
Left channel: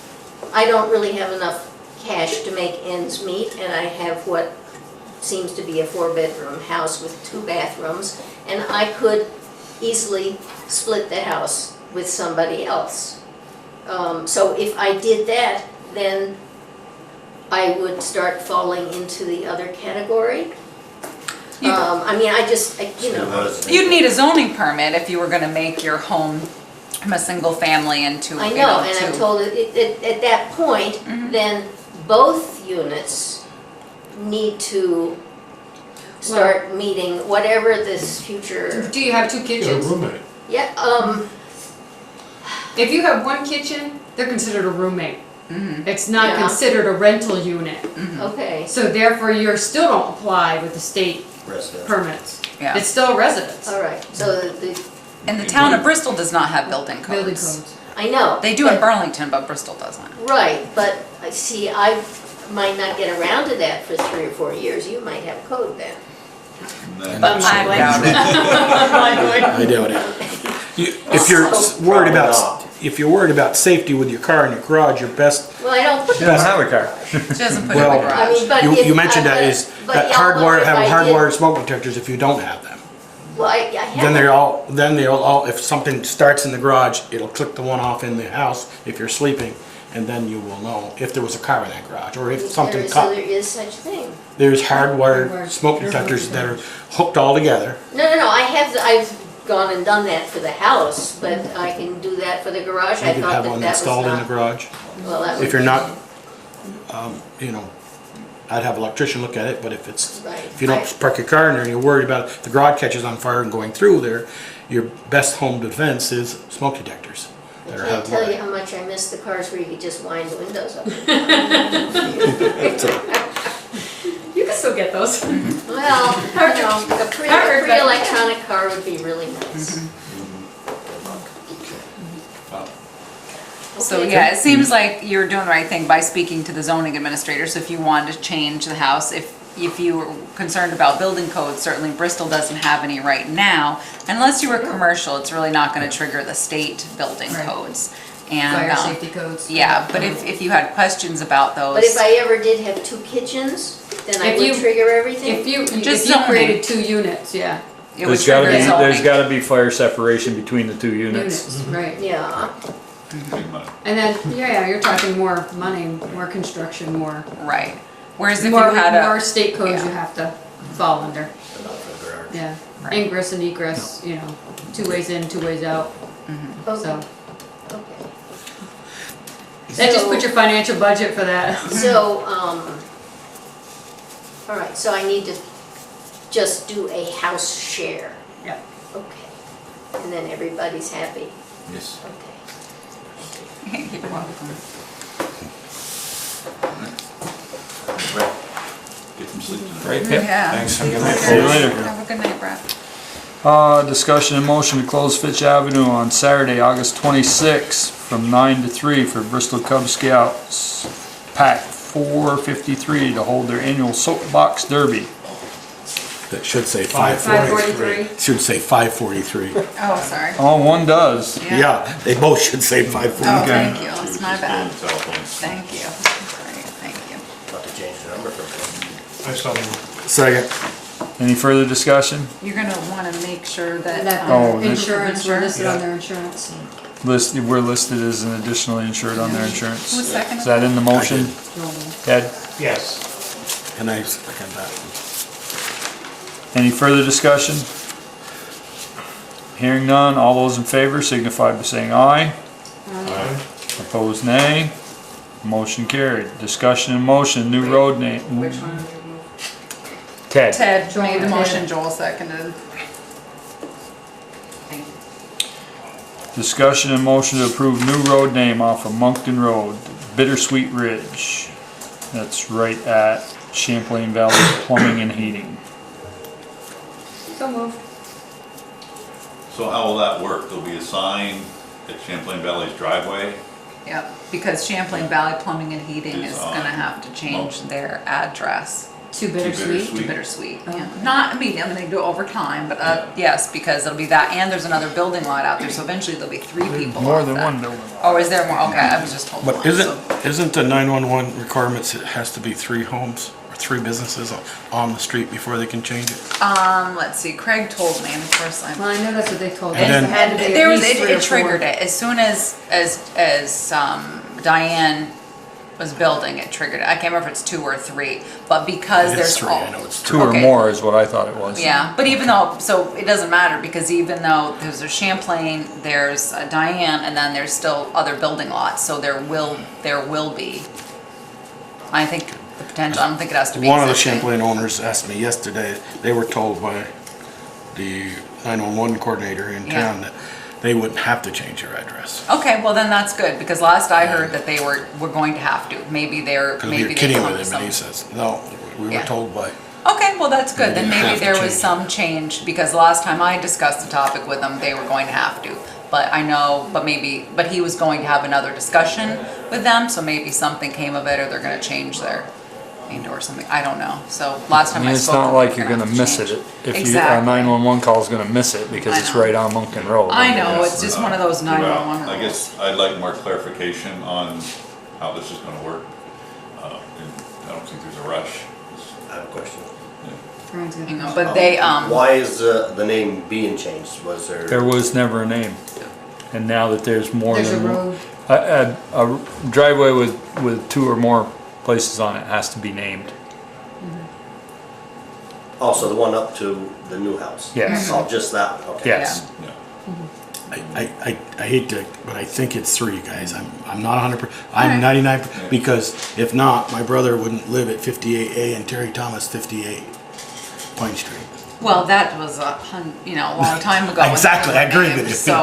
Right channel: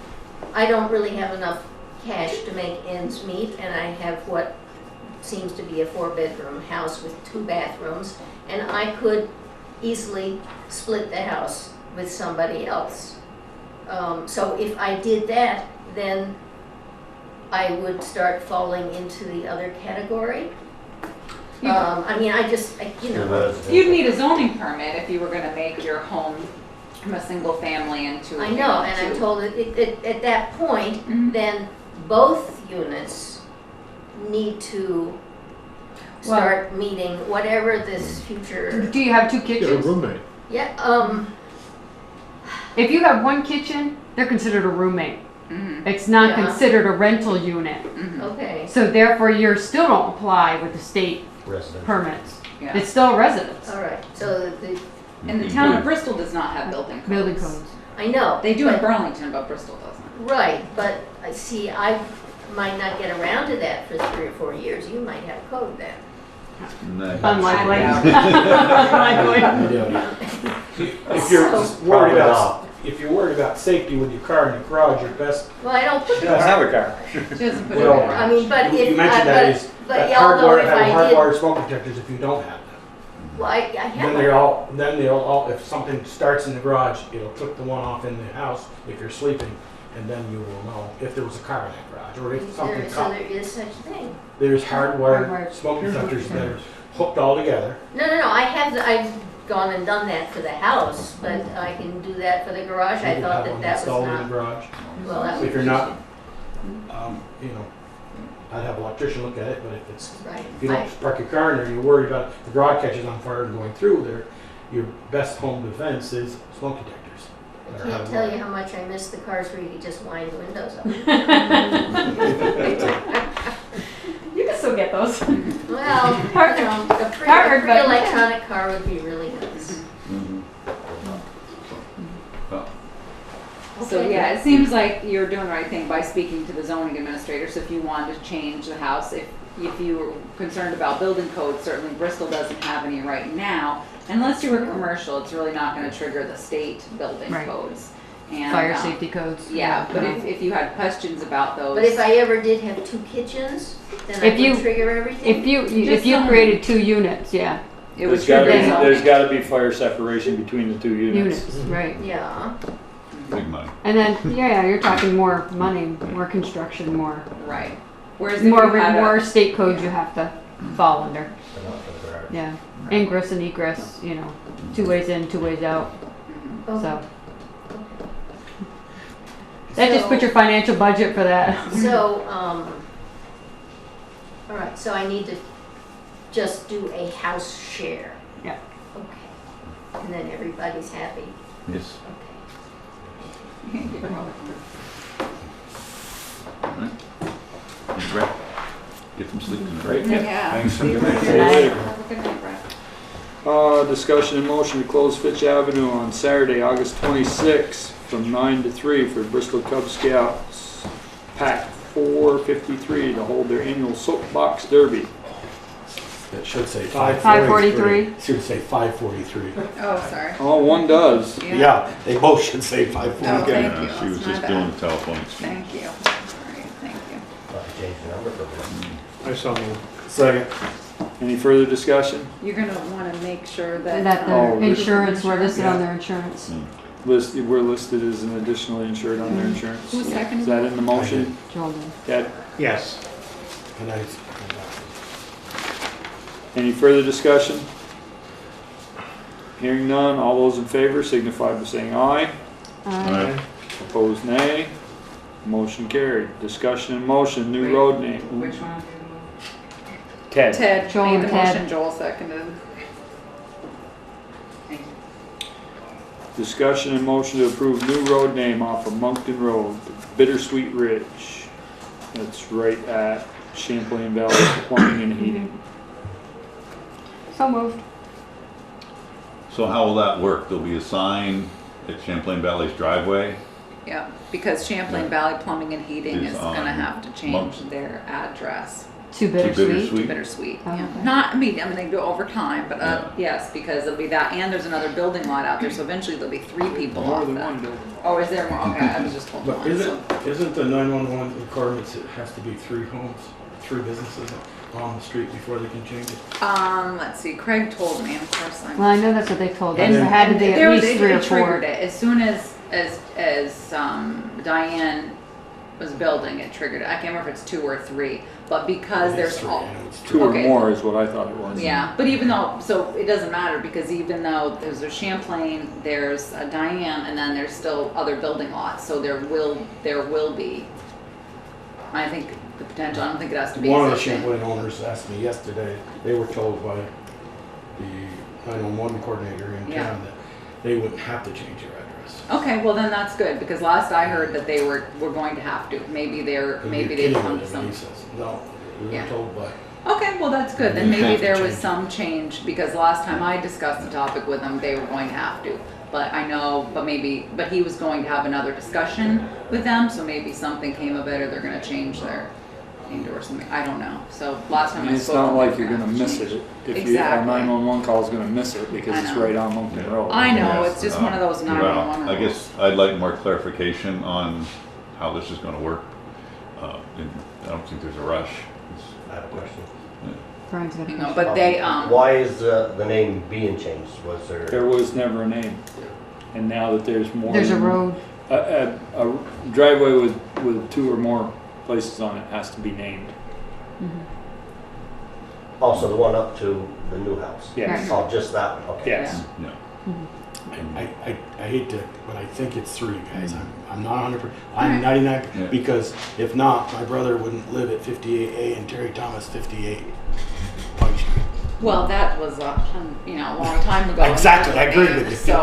I don't really have enough cash to make ends meet, and I have what seems to be a 4-bedroom house with 2 bathrooms, and I could easily split the house with somebody else. So if I did that, then I would start falling into the other category. You'd need a zoning permit if you were gonna make your home from a single family into, I you know, know, and I'm to- told that at that point, then both units need to start meeting whatever this future, Do you have 2 Get a kitchens? roommate. yeah, If you have 1 kitchen, they're considered a roommate. Mhm. It's not Yeah. considered a rental unit. okay, So therefore, you still don't apply with the state Residential. permits. Yeah. It's still a residence. all right, so And the town of Bristol does not have building codes. Building codes. I know. They do in but- Burlington, but Bristol doesn't. Right, but I see, I might not get around to that for 3 or 4 years, you might have code then. Unlikely. I doubt it. If you're worried about if you're worried about safety with your car in your garage, your best, Well, I don't put She the doesn't have a car. She doesn't put it in Well, the I garage. mean, but you, if, you mentioned that is, but that y'all know if have I hardwired did- smoke detectors if you don't have them. Well, I Then have, they'll all, if something starts in the garage, it'll click the one off in the house if you're sleeping, and then you will know if there was a car in that garage, or if something so caught. there is such a thing. There's hardwired Hardwired smoke detectors that are hooked all together. No, I've gone and done that for the house, but I can do that for the garage. You I could thought have that one that was installed in the not, garage. well, that would If you're be- not, you know, I'd have an electrician look at it, but if it's, Right. if you don't park your car in there and you're worried about the garage catches on fire and going through there, your best home defense is smoke detectors. I that are can't tell you hardwired. how much I miss the cars where you could just wind the windows up. You can still get those. Well, you know, a pretty electronic car would be really nice. So Okay. yeah, it seems like you're doing the right thing by speaking to the zoning administrator. So if you wanted to change the house, if you were concerned about building codes, certainly Bristol doesn't have any right now. Unless you were commercial, it's really not gonna trigger the state building Right. codes. And, Fire safety codes. yeah, but if you had questions about those. But if I ever did have 2 kitchens, then I If you- would trigger everything? If you Just created zoning. 2 units, yeah, It would There's gotta trigger be, zoning. there's gotta be fire separation between the 2 units. units, right. Yeah, Big money. And then, yeah, you're talking more money, more construction, more, Right. Whereas if you more, had more a, state codes yeah. you have to fall under. But not for the garage. Yeah, Right. ingress and egress, you know, 2 ways in, 2 ways out, Mhm. okay, so. okay. That just So- put your financial budget for that. So, all right, so I need to just do a house share. Yep. Okay, and then everybody's happy, Yes. okay. You're welcome. Right. Get some sleep tonight. Great. Yeah. Thanks. See you See you later. Have a good night, Brett. Discussion and motion to close Fitch Avenue on Saturday, August 26th from 9 to 3 for Bristol Cub Scouts Pack 453 to hold their annual soapbox derby. That should say 543. Should say 543. Oh, sorry. Oh, one does. Yeah, they both should say Oh, 543. thank you. She That's was my just bad. doing telephones. Thank you. Sorry, thank you. Have to change the number from I saw you. Second. Any further discussion? You're gonna wanna make sure that. That Oh, their this- insurance, we're listed on their insurance. We're listed as an additionally insured on their insurance. Who seconded Is that in the motion? Ted? Yes. And I second that. Any further discussion? Hearing none, all those in favor signify by saying aye. Aye. Opposed, nay. Motion carried. Discussion and motion, new road name. Which one? Ted. Ted Joel, made the Ted. motion, Joel seconded. Discussion and motion to approve new road name off of Moncton Road, Bittersweet Ridge. That's right at Champlain Valley Plumbing and Heating. So moved. So how will that work? There'll be a sign at Champlain Valley's driveway? Yeah, because Champlain Valley Plumbing and Heating Is is gonna on have to change Moncton. their address Too bittersweet. Bittersweet. to Bittersweet. Yeah. Not, I mean, they do it over time, but yes, because it'll be that, and there's another building lot out there, so eventually there'll be 3 people More off than that. one building. Oh, is there more? Okay, I was just told But one, isn't, so- isn't the 911 requirements, it has to be 3 homes or 3 businesses on the street before they can change it? Let's see, Craig told me, of course I'm. Well, I know that's what they told, And it then- had to be There at was, least 3 or 4. it triggered it, as soon as Diane was building, it triggered it. I can't remember if it's 2 or 3, but because It there's. is 3, I know it's 2 or Okay. more is what I thought it was. Yeah, but even though, so it doesn't matter, because even though there's a Champlain, there's a Diane, and then there's still other building lots, so there will be, I think, the potential, I don't think it has to be One of the existing. Champlain owners asked me yesterday, they were told by the 911 coordinator in Yeah. town that they wouldn't have to change their address. Okay, well then that's good, because last I heard that they were going to have to, maybe Because we maybe were they kidding come with to him and he some. says, no, we were Yeah. told by. Okay, well that's good, then You maybe have to there was change it. some change, because last time I discussed the topic with them, they were going to have to. But I know, but he was going to have another discussion with them, so maybe something came of it, or they're gonna change their, named or something, I don't know. So last I time mean, I it's spoke. not with them, like we're you're gonna gonna have to miss change. it. If you, a Exactly. 911 call is gonna miss it because I it's know. right on Moncton Road. I know, Yes, it's just one of those 911 well, I rules. guess I'd like more clarification on how this is gonna work. And I don't think there's a rush. I have a question. Brian's gonna You know, push but it. they, Why is the name being changed? Was There there, was never a name. And now that there's more There's a than road, a driveway with 2 or more places on it has to be named. also the one up to the new house? Yes. Oh, just that one, okay. Yes. Yeah. I hate to, but I think it's 3, guys. I'm not 100%, I'm Alright. 99, Yeah. because if not, my brother wouldn't live at 58A and Terry Thomas 58 Pine Street. well, that was a long time ago. Exactly, I agree with you. So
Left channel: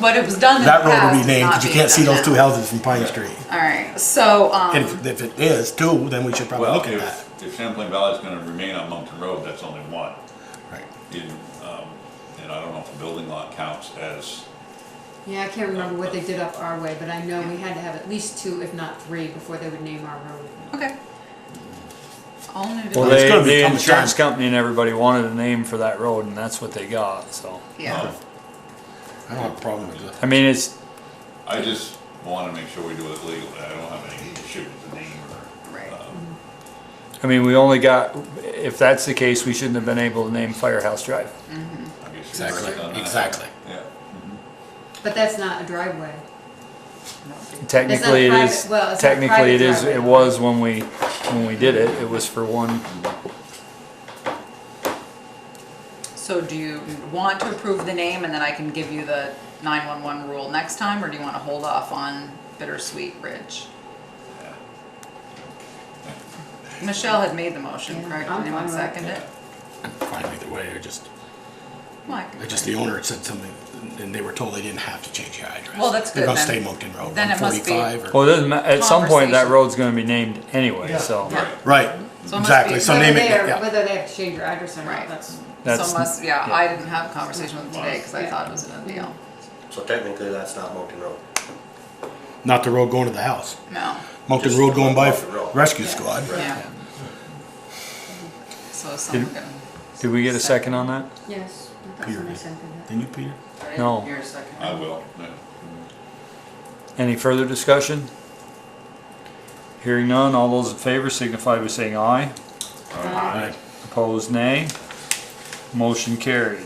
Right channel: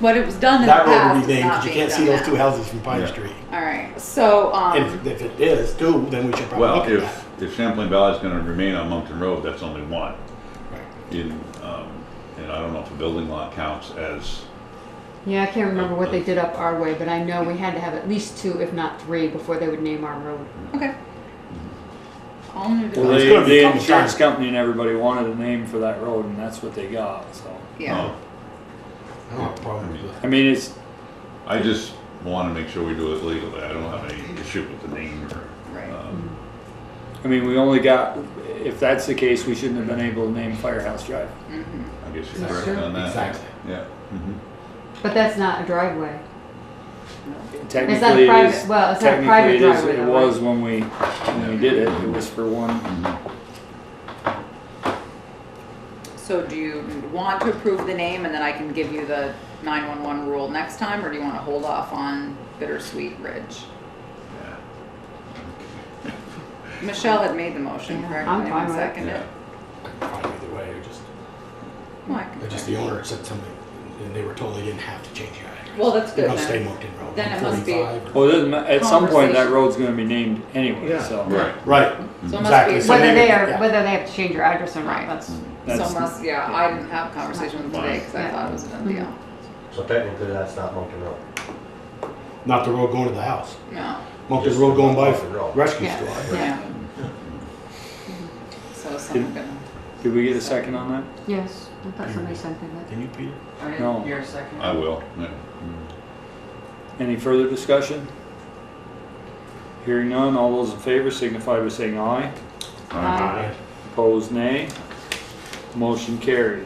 but it was done in the That past. road would be it's named, not because you being can't see done those now. 2 houses from Pine Yeah. Street. All right, so, And if it is 2, then we should probably Well, look at that. if Champlain Valley is gonna remain on Moncton Road, that's only one. Right. And I don't know if a building lot counts as, yeah, I can't remember what they did up our way, but I know we had to have at least 2, if not 3, before they would name our road. okay. All new Well, It's they, gonna the become a insurance time. company and everybody wanted a name for that road, and that's what they got. So Yeah. I don't have a problem with it. I mean, it's I just wanna make sure we do it legally. I don't have any issue with the name or, Right. I mean, we only got. If that's the case, we shouldn't have been able to name Firehouse Drive. I guess you're Exactly. correct on that. Exactly. Yeah. Mhm. But that's not a driveway. Technically, it private- is. well, it's not Technically, private it is. driveway, It though, was when we did it. It was for one. So do you want to approve the name and then I can give you the 911 rule next time, or do you want to hold off on Bittersweet Ridge? Michelle had made the motion, Yeah, correct? I'm Anyone fine with it. second it? I'm fine either way, Well, the owner had said something, and they were told they didn't have to change the address. Well, that's good They're gonna then. stay Moncton Road, Then it must be- 145 or. Well, it doesn't, at some point that Conversation. road's going to be named anyway. Yeah. So Right. Right, So it must exactly, be- so Whether name it, they yeah. whether they have to change your address or not, Right. that's, that's I didn't have a conversation with them today because I Yeah. thought it was a big deal. So technically, that's not Moncton Road. Not the road going to the house. No, Moncton Just Road going by Moncton Road. Rescue Yeah. Squad. yeah. So someone gonna. Did we get a second on that? yes, I thought somebody sent me that. Didn't you, Peter? No. You're a second. I will, yeah. Any further discussion? Hearing none, all those in favor signify by saying aye. Aye. Opposed, nay. Motion carried.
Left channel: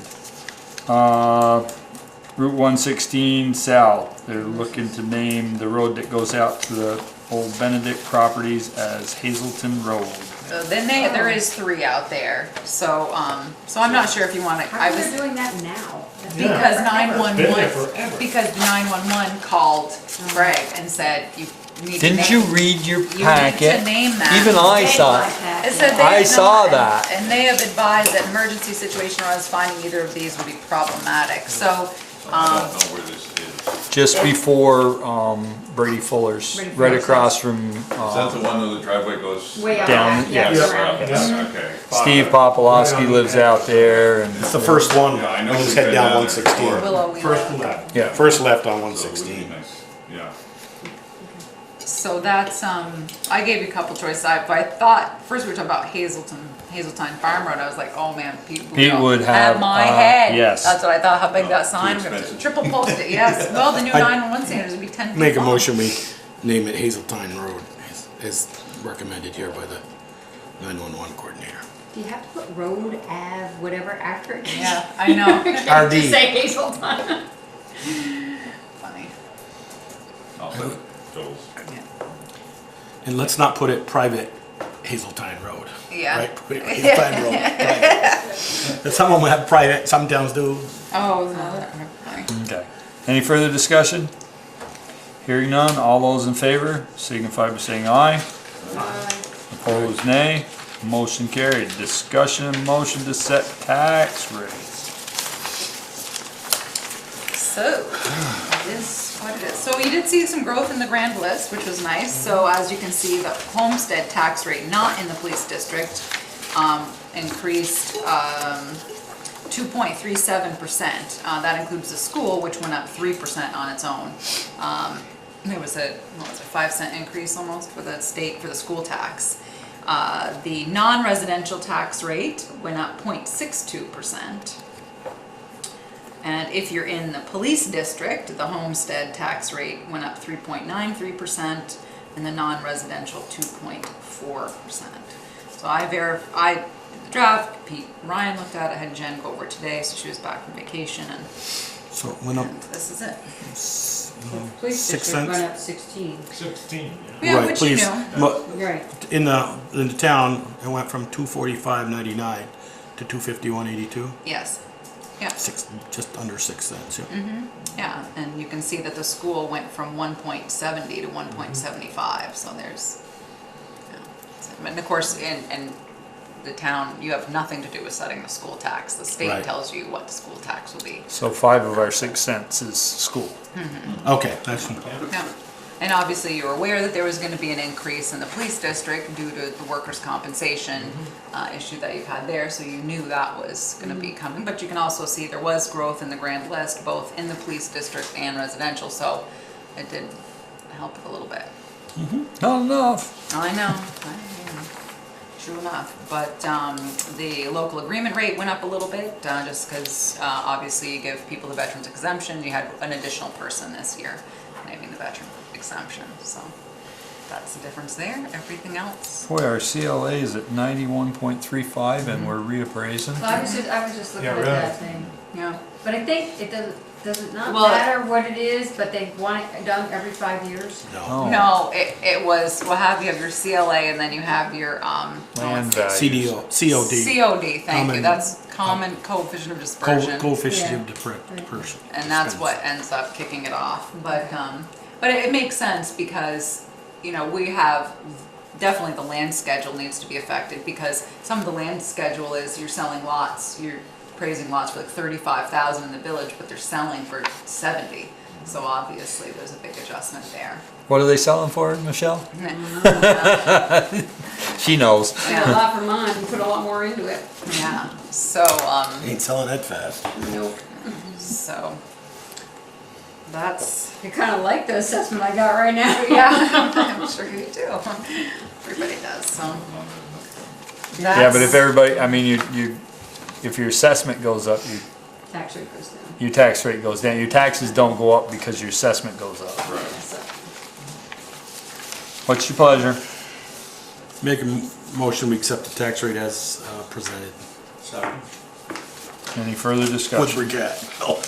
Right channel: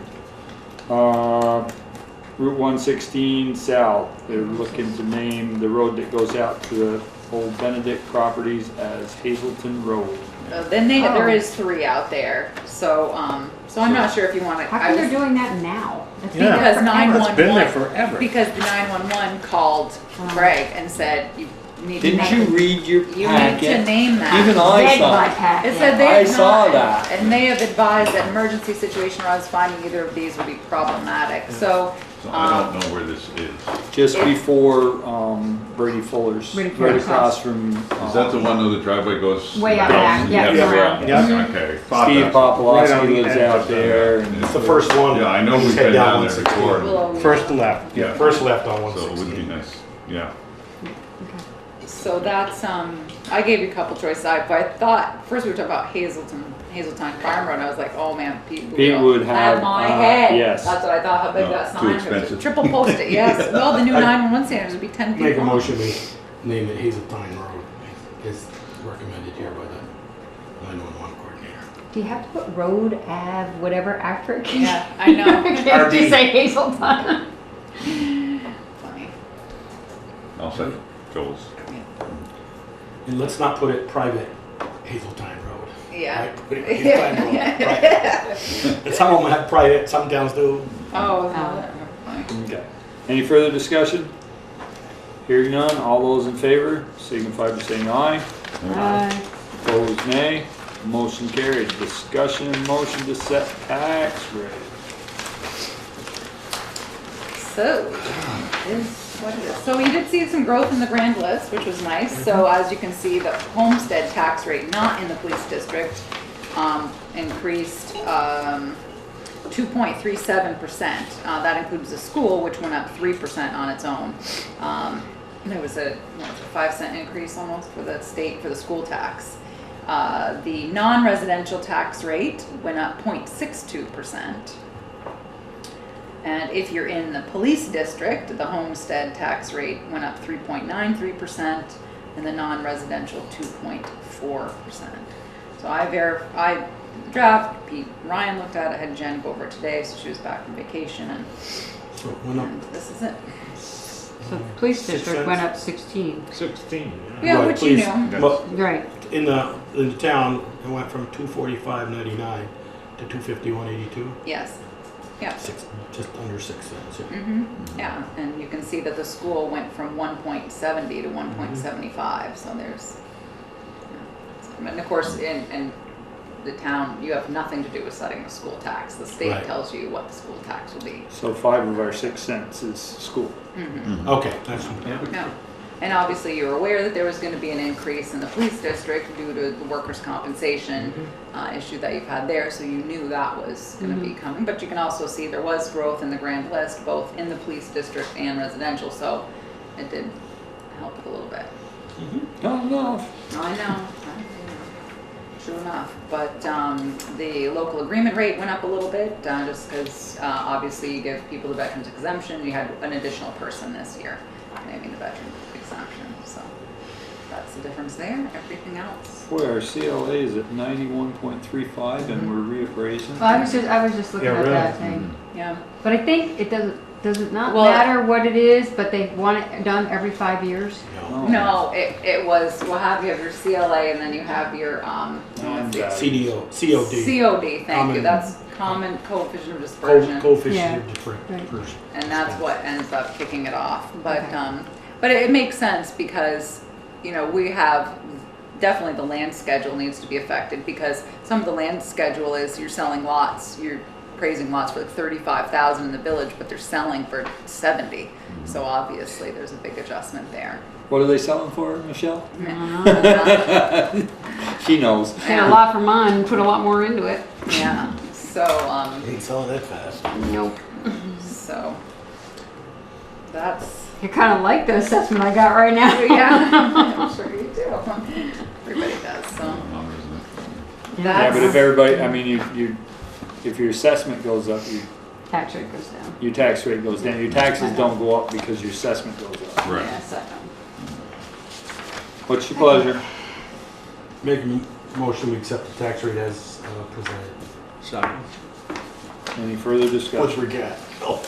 Route 116 South, they're looking to name the road that goes out to the old Benedict properties as Hazelton Road. Then there is 3 out there, so I'm not sure if you want to. How come they're doing that now? Yeah. Because It's been there 911, forever. because the 911 called Greg and said, you need to Didn't name. you read your You need to packet? name that. Even I Dead saw my it. pack. It said they I had saw not- that. And they have advised that emergency situation or us finding either of these would be problematic, so, So I don't know where this is. Just It's- before Brady Fuller's, Brady right Fuller's across from Is that the one where the driveway goes? Way out Down. back, yeah. Yes, right. Yeah. Okay. Steve Popolowski lives out there. And It's the first one. Yeah, I know when you we've head been down down there 116. before. Willow. First left. Yeah. First left on So it would be 116. nice, yeah. So that's, I gave you a couple choices. I thought, first we were talking about Hazeltine Farm Road. I was like, oh man, Pete Pete will would have, my head. yes. That's what I thought, how big No, that too sign, expensive. triple post it, yes. Well, the new I- 911 standards would be 10 feet Make a long. motion, we name it Hazeltine Road, as recommended here by the 911 coordinator. Do you have to put road, Ave, whatever after it? Yeah, I know. You can't RD. just say Hazeltine. Funny. I'll second Joel's. And let's not put it private Hazeltine Road. Yeah. Right? Put it Hazeltine Road. Right. And some of them have private, some towns do. Oh, no, funny. Okay. Any further discussion? Hearing none, all those in favor signify by saying aye. Opposed, nay. Motion carried. Discussion, motion to set tax rates. So, this, what it is. So you did see some growth in the grand list, which was nice. So as you can see, the Homestead Tax Rate, not in the police district, increased 2.37%. That includes the school, which went up 3% on its own. There was a, what was it, 5-cent increase almost for the state, for the school tax. The non-residential tax rate went up 0.62%. And if you're in the police district, the homestead tax rate went up 3.93%, and the non-residential 2.4%. So I verified the draft. Ryan looked at it. I had Jen go over it today, so she was back from vacation, and So it went up this is it. So the police 6 district went cents. up 16. 16, Yeah, Right, which please. you know. But Right. in the town, it went from 245.99 to 251.82. Yes. Yeah. Just under 6 cents. Yeah. Yeah, and you can see that the school went from 1.70 to 1.75, so there's, and of course, in the town, you have nothing to do with setting the school tax. The state Right. tells you what the school tax will be. So 5 of our 6 cents is school. Okay, that's Yeah. And obviously, you're aware that there was going to be an increase in the police district due to the workers' compensation issue that you've had there, so you knew that was going to be coming. But you can also see there was growth in the grand list, both in the police district and residential, so it did help a little bit. Not enough. I know. True enough. But the local agreement rate went up a little bit, just because obviously you give people the veterans exemption. You had an additional person this year naming the veteran exemption. So that's the difference there. Everything else. Boy, our CLA is at 91.35 and we're reappraising. Well, I was just looking Yeah, at really. that thing. Yeah. But I think it does it not Well, matter what it is, but they want it done every 5 years? no. No, it was, you have your CLA and then you have your, Land value. CDO, COD. COD, thank you, Common- that's common coefficient of dispersion. Coefficient Yeah. of person. And that's what ends up kicking it off, but it makes sense because, we have, definitely the land schedule needs to be affected because some of the land schedule is you're selling lots, you're appraising lots for like 35,000 in the village, but they're selling for 70. So obviously there's a big adjustment there. What are they selling for, Michelle? She knows. And a lot for mine, and put a lot more into it. Yeah, so, Ain't selling that fast. Nope. so that's, I kind of like the assessment I got right now. yeah, I'm sure you do. Everybody does, so. Yeah, but if That's- everybody, I mean, you, if your assessment goes up, Tax rate goes down. your tax rate goes down. Your taxes don't go up because your assessment goes up. Right. Yeah, so. What's your pleasure? Make a motion, we accept the tax rate as presented. Any further With discussion? regret. Oh.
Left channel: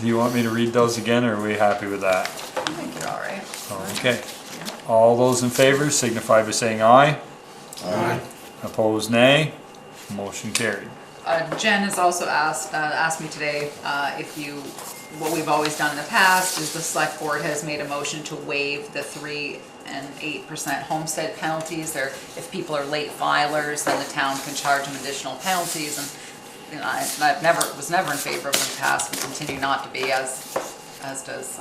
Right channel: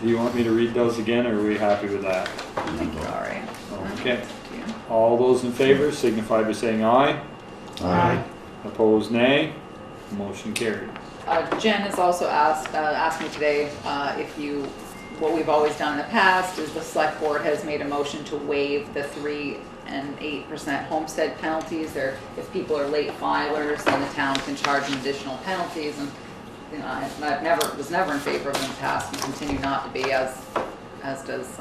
Do you want me to read those again, or are we happy with that? I think you're all right. Okay. Yeah. All those in favor signify by saying aye. Aye. Opposed, nay. Motion carried. Jen has also asked me today what we've always done in the past is the select board has made a motion to waive the 3% and 8% homestead penalties. If people are late filers, then the town can charge them additional penalties. And I was never in favor of them in the past, and continue not to be, as does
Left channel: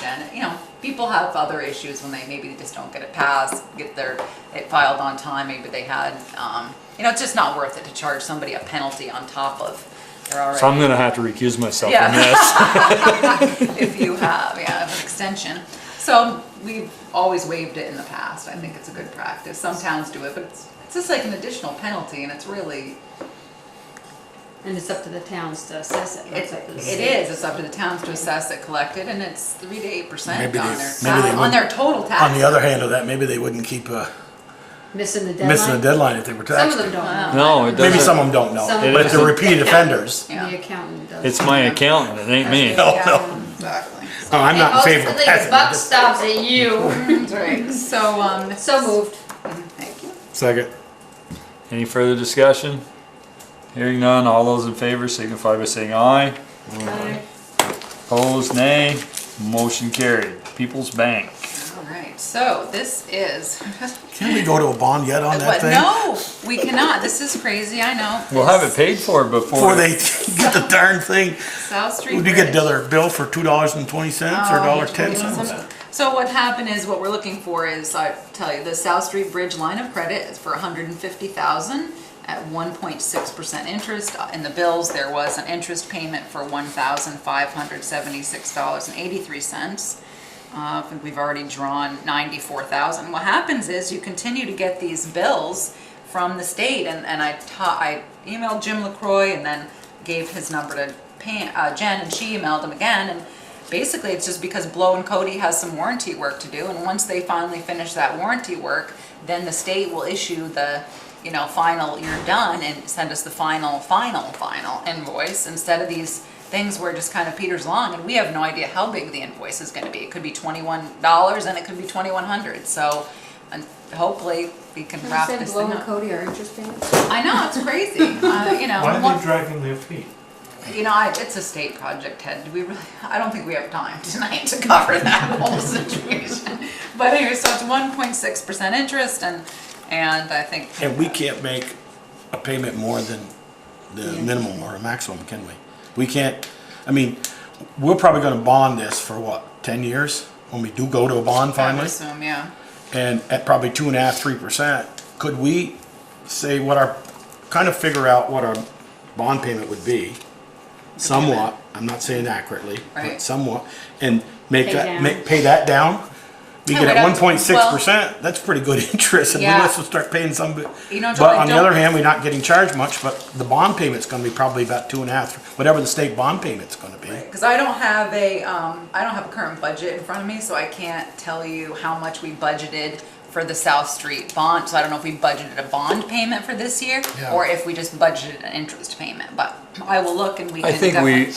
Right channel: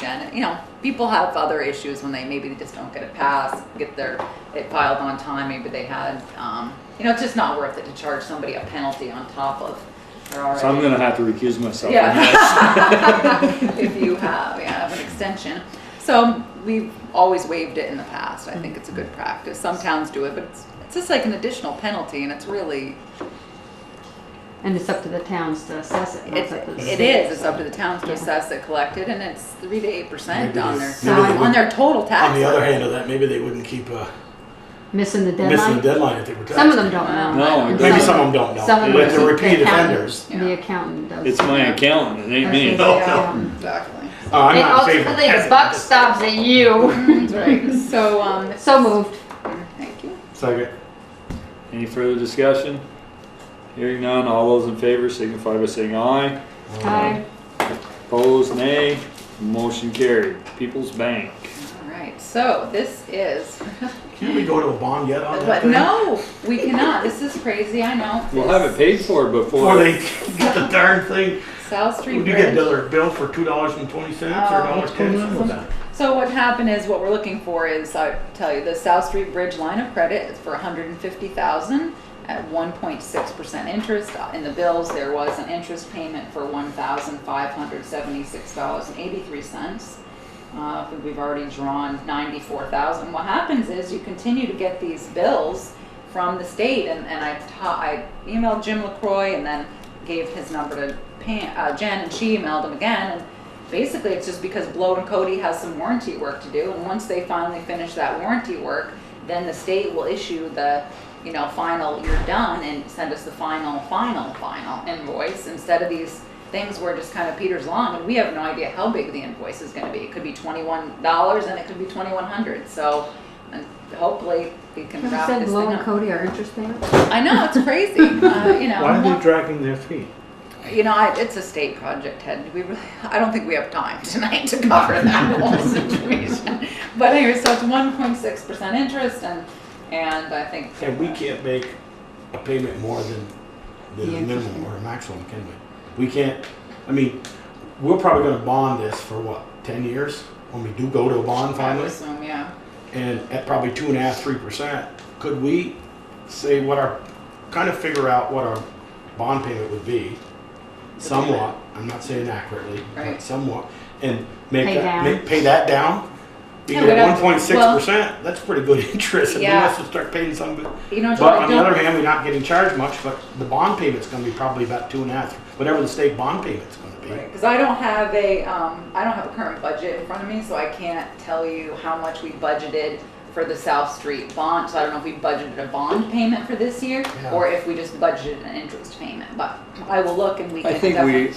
Jen. People have other issues when maybe they just don't get it passed, get it filed on time. Maybe they had, it's just not worth it to charge somebody a penalty on top of their already. So I'm gonna have to recuse myself Yeah. from this. If you have an extension. So we've always waived it in the past. I think it's a good practice. Some towns do it, but it's just like an additional penalty, and it's really, And it's up to the towns to assess it. not it's up to the it state. is. It's up to the towns to assess it, collect it, and it's 3 to 8% Maybe on they- their maybe they on their total tax. On the other hand of that, maybe they wouldn't keep Missing the deadline. missing the deadline if they were taxed. Some of them don't know. No, it Maybe doesn't. some of them don't know, Some of but them if they're don't. repeat The accountant- offenders. Yeah. The accountant does. It's my accountant, it ain't me. No, no. Exactly. Oh, I'm not in favor of Ultimately, the passing. buck stops at you. That's right. So So moved. thank you. Second. Any further discussion? Hearing none, all those in favor signify by saying aye. Aye. Opposed, nay. Motion carried. People's Bank. All right. So this is. Can we go to a bond yet on that But thing? no, we cannot. This is crazy. I know. We'll have it paid for before. Before they get the darn thing. South Street Would you get Bridge. another bill for $2.20 or $1.10? So what happened is, what we're looking for is, I tell you, the South Street Bridge line of credit is for $150,000, at 1.6% interest. In the bills, there was an interest payment for $1,576.83. I think we've already drawn $94,000. What happens is you continue to get these bills from the state, and I emailed Jim LaCroix and then gave his number to Jen, and she emailed him again, and basically it's just because Blow and Cody has some warranty work to do, and once they finally finish that warranty work, then the state will issue the final you're done and send us the final invoice, instead of these things where it just kind of peters along and we have no idea how big the invoice is going to be. It could be $21 and it could be $2,100. So and hopefully we can wrap this thing up. Cody our interest payments? I know, it's crazy. Why are they dragging their feet? It's a state project, Ted. I don't think we have time tonight to cover that whole situation. But anyway, so it's 1.6% interest, and I think. And we can't make a payment more than the minimum or maximum, can we? We can't. I mean, we're probably going to bond this for what, 10 years when we do go to a bond I finally. would assume, yeah. And at probably 2.5%, 3%, could we say kind of figure out what our bond payment would be? Somewhat, I'm not saying accurately, Right. but somewhat, and pay Pay that down. Because Yeah, at we'd have to- 1.6%, that's pretty good interest, and we Yeah. have to start paying some. But Joel, on the other hand, we're not getting charged much, but the bond payment's gonna be probably about 2.5, whatever the state bond payment's gonna be. Because I don't have a current budget in front of me, so I can't tell you how much we budgeted for the South Street bond. So I don't know if we budgeted a bond payment for this year, Yeah. or if we just budgeted an interest payment. But I will look and we can. I think definitely- we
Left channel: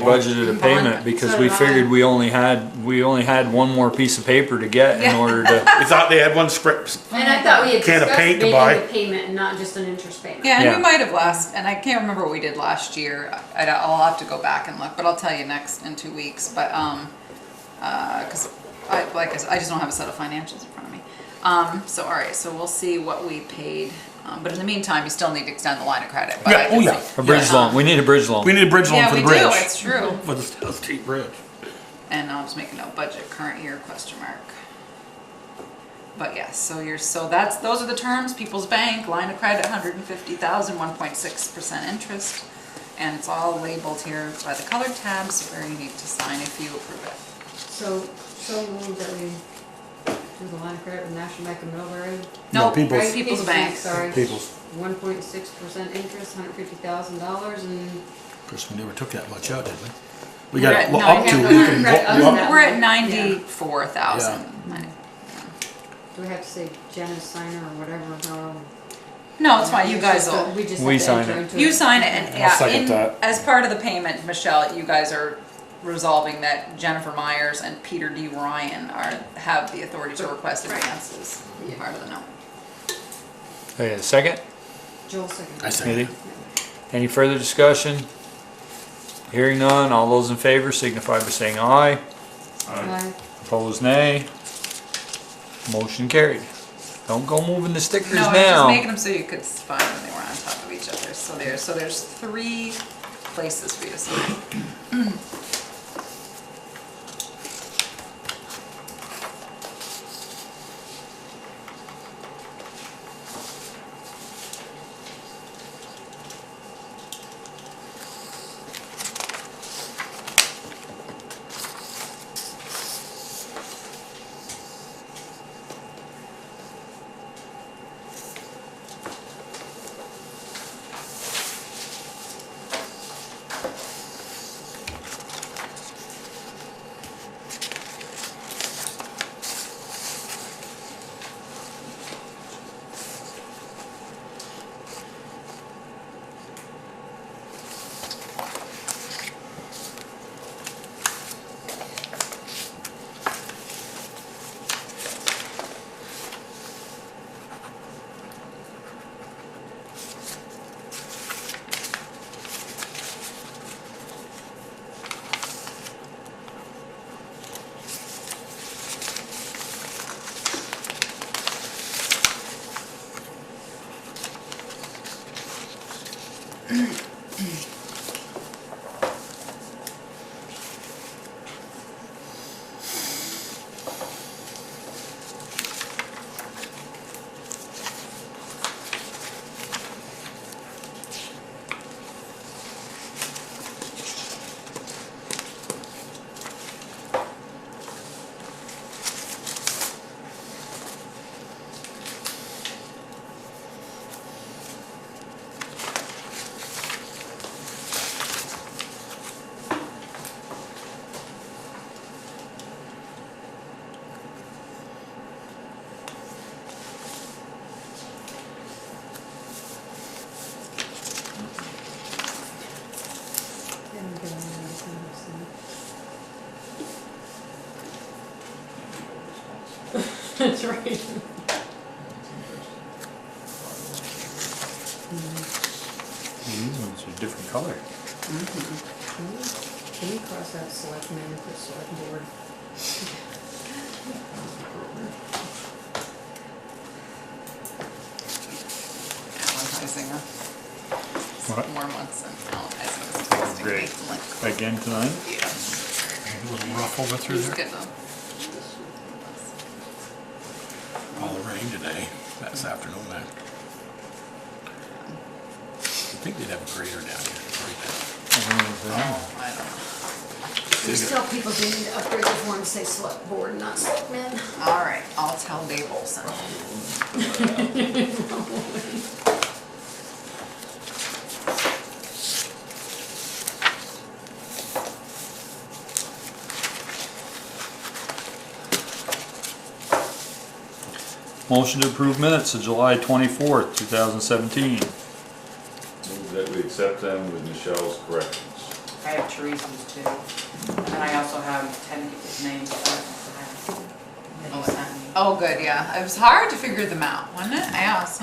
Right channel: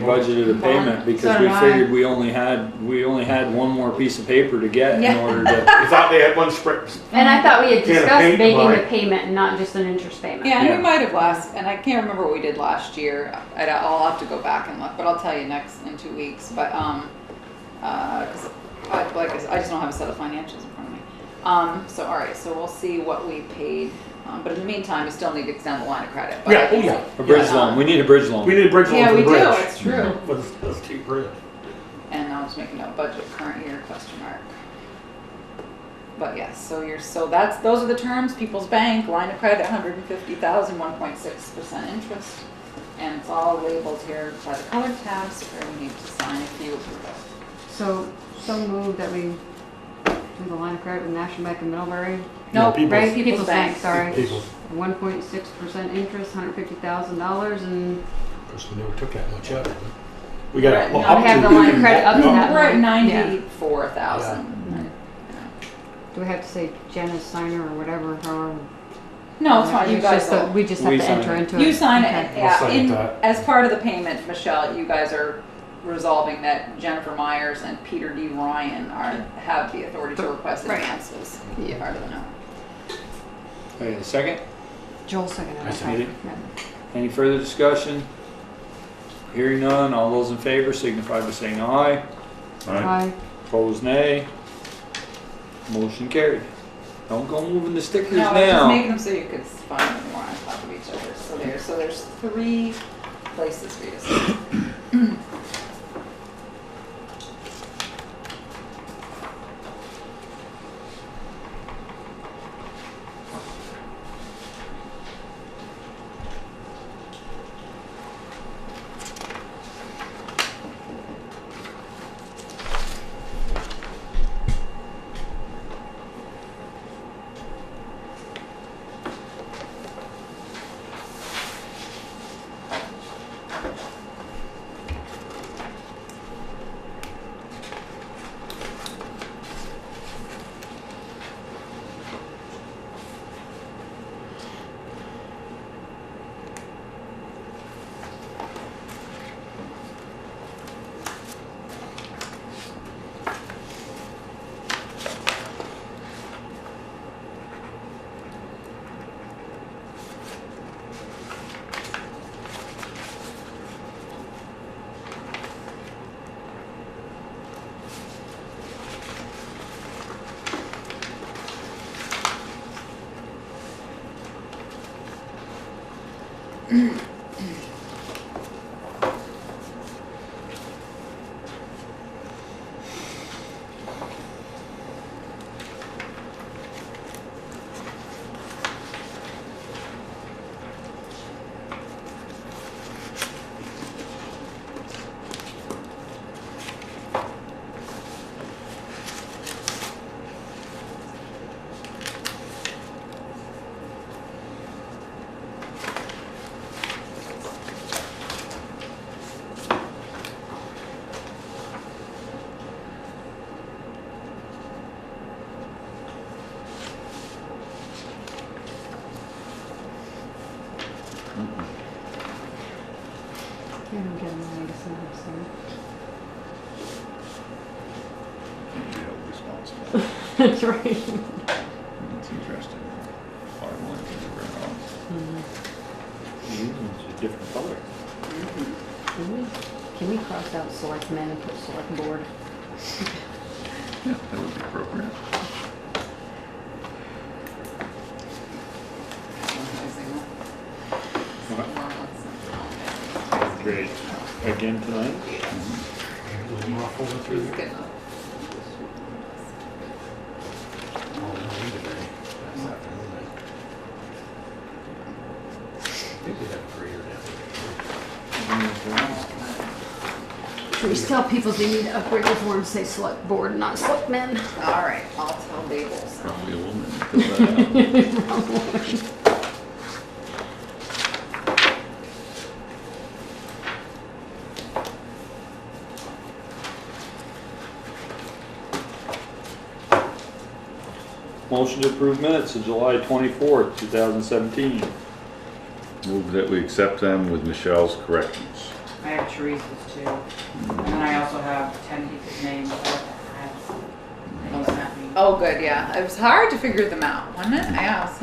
budgeted budgeted a payment because So we did I. figured we only had one more piece of paper to get in Yeah. order to. We thought they had one script. And I thought we had Can of discussed paint to making buy. the payment and not just an interest payment. Yeah, and Yeah. we might have and I can't remember what we did last year. I'll have to go back and look, but I'll tell you in 2 weeks. But because I just don't have a set of financials in front of me. So all right, so we'll see what we paid. But in the meantime, you still need to extend the line of credit. But I Yeah, can yeah. see- A bridge loan. We need a bridge loan. We need a bridge loan Yeah, for the we bridge. do. It's true. For the state bridge. And I'll just make a note, budget current year ? But yes, those are the terms. People's Bank, line of credit, 150,000, 1.6% interest. And it's all labeled here by the color tabs where you need to sign if you approve it. So moved that we do the line of credit with National Bank of Middlebury. No, Nope, People's- right, People's Bank. Sorry. People's, 1.6% interest, $150,000, and of course, we never took that much out, did we? We We're got at up nine- to. I have the line of credit other than that. We're at Yeah. 94,000. Do we have to say Janice signer or whatever? Or No, it's fine. You guys just, will. we just We have to sign enter it. into it. You sign it, and I'll second that. as part of the payment, Michelle, you guys are resolving that Jennifer Myers and Peter D. Ryan have the authority to request Right. advances. Yeah. Part of the note. Wait a second. Joel second. I second. Anything? Any further discussion? Hearing none. All those in favor signify by saying aye. Aye. Opposed, nay. Motion carried. Don't go moving the stickers No, I was just now. making them so you could find them. They were on top of each other. So there's 3 places for you to sign. That's right. That's interesting. These ones are different color. Can we cross out selectmen and put select board? Yeah, that would be appropriate. Advertising, What? 4 months and advertising. Great. Again tonight? Yeah. A little rough over through Who's there. getting them? All rain today, this afternoon. I think they'd have a grader down Just tell people they need to upgrade their form, say select board, not selectmen. All right, I'll tell Dave Olson. Probably will then put that out. Motion to approve minutes of July 24th, 2017. Move that we accept them with Michelle's corrections. I have Teresa's too. And then I also have 10 people's names that I have. Oh, oh, good, yeah. It was hard to figure them out, wasn't it? Yeah, it was,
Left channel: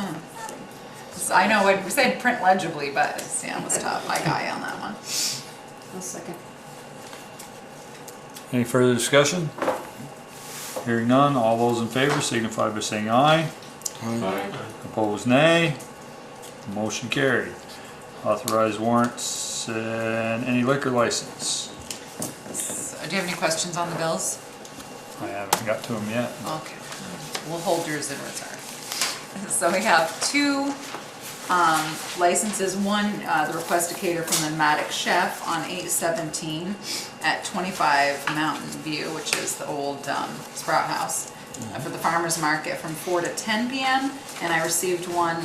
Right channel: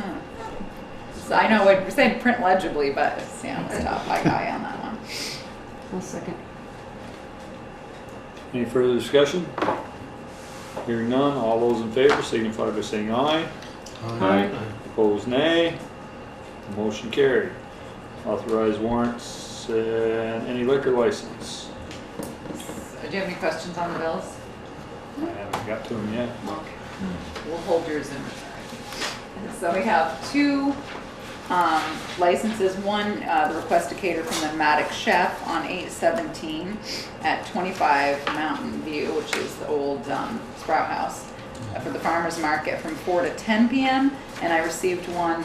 'cause I know we said print legibly, but yeah, it was tough. I got you on that one. I'll second. Any further discussion? Hearing none, all those in favor signify by saying aye. Aye. Opposed, nay. Motion carried. Authorized warrants and any liquor license. Do you have any questions on the bills? I haven't got to them yet. Okay. We'll hold yours in reserve. So we have 2 licenses. One, the request to cater from the Maddox Chef on 8/17 at 25 Mountain View, which is the old Sprout House, for the farmer's market from 4 to 10 p.m. And I received one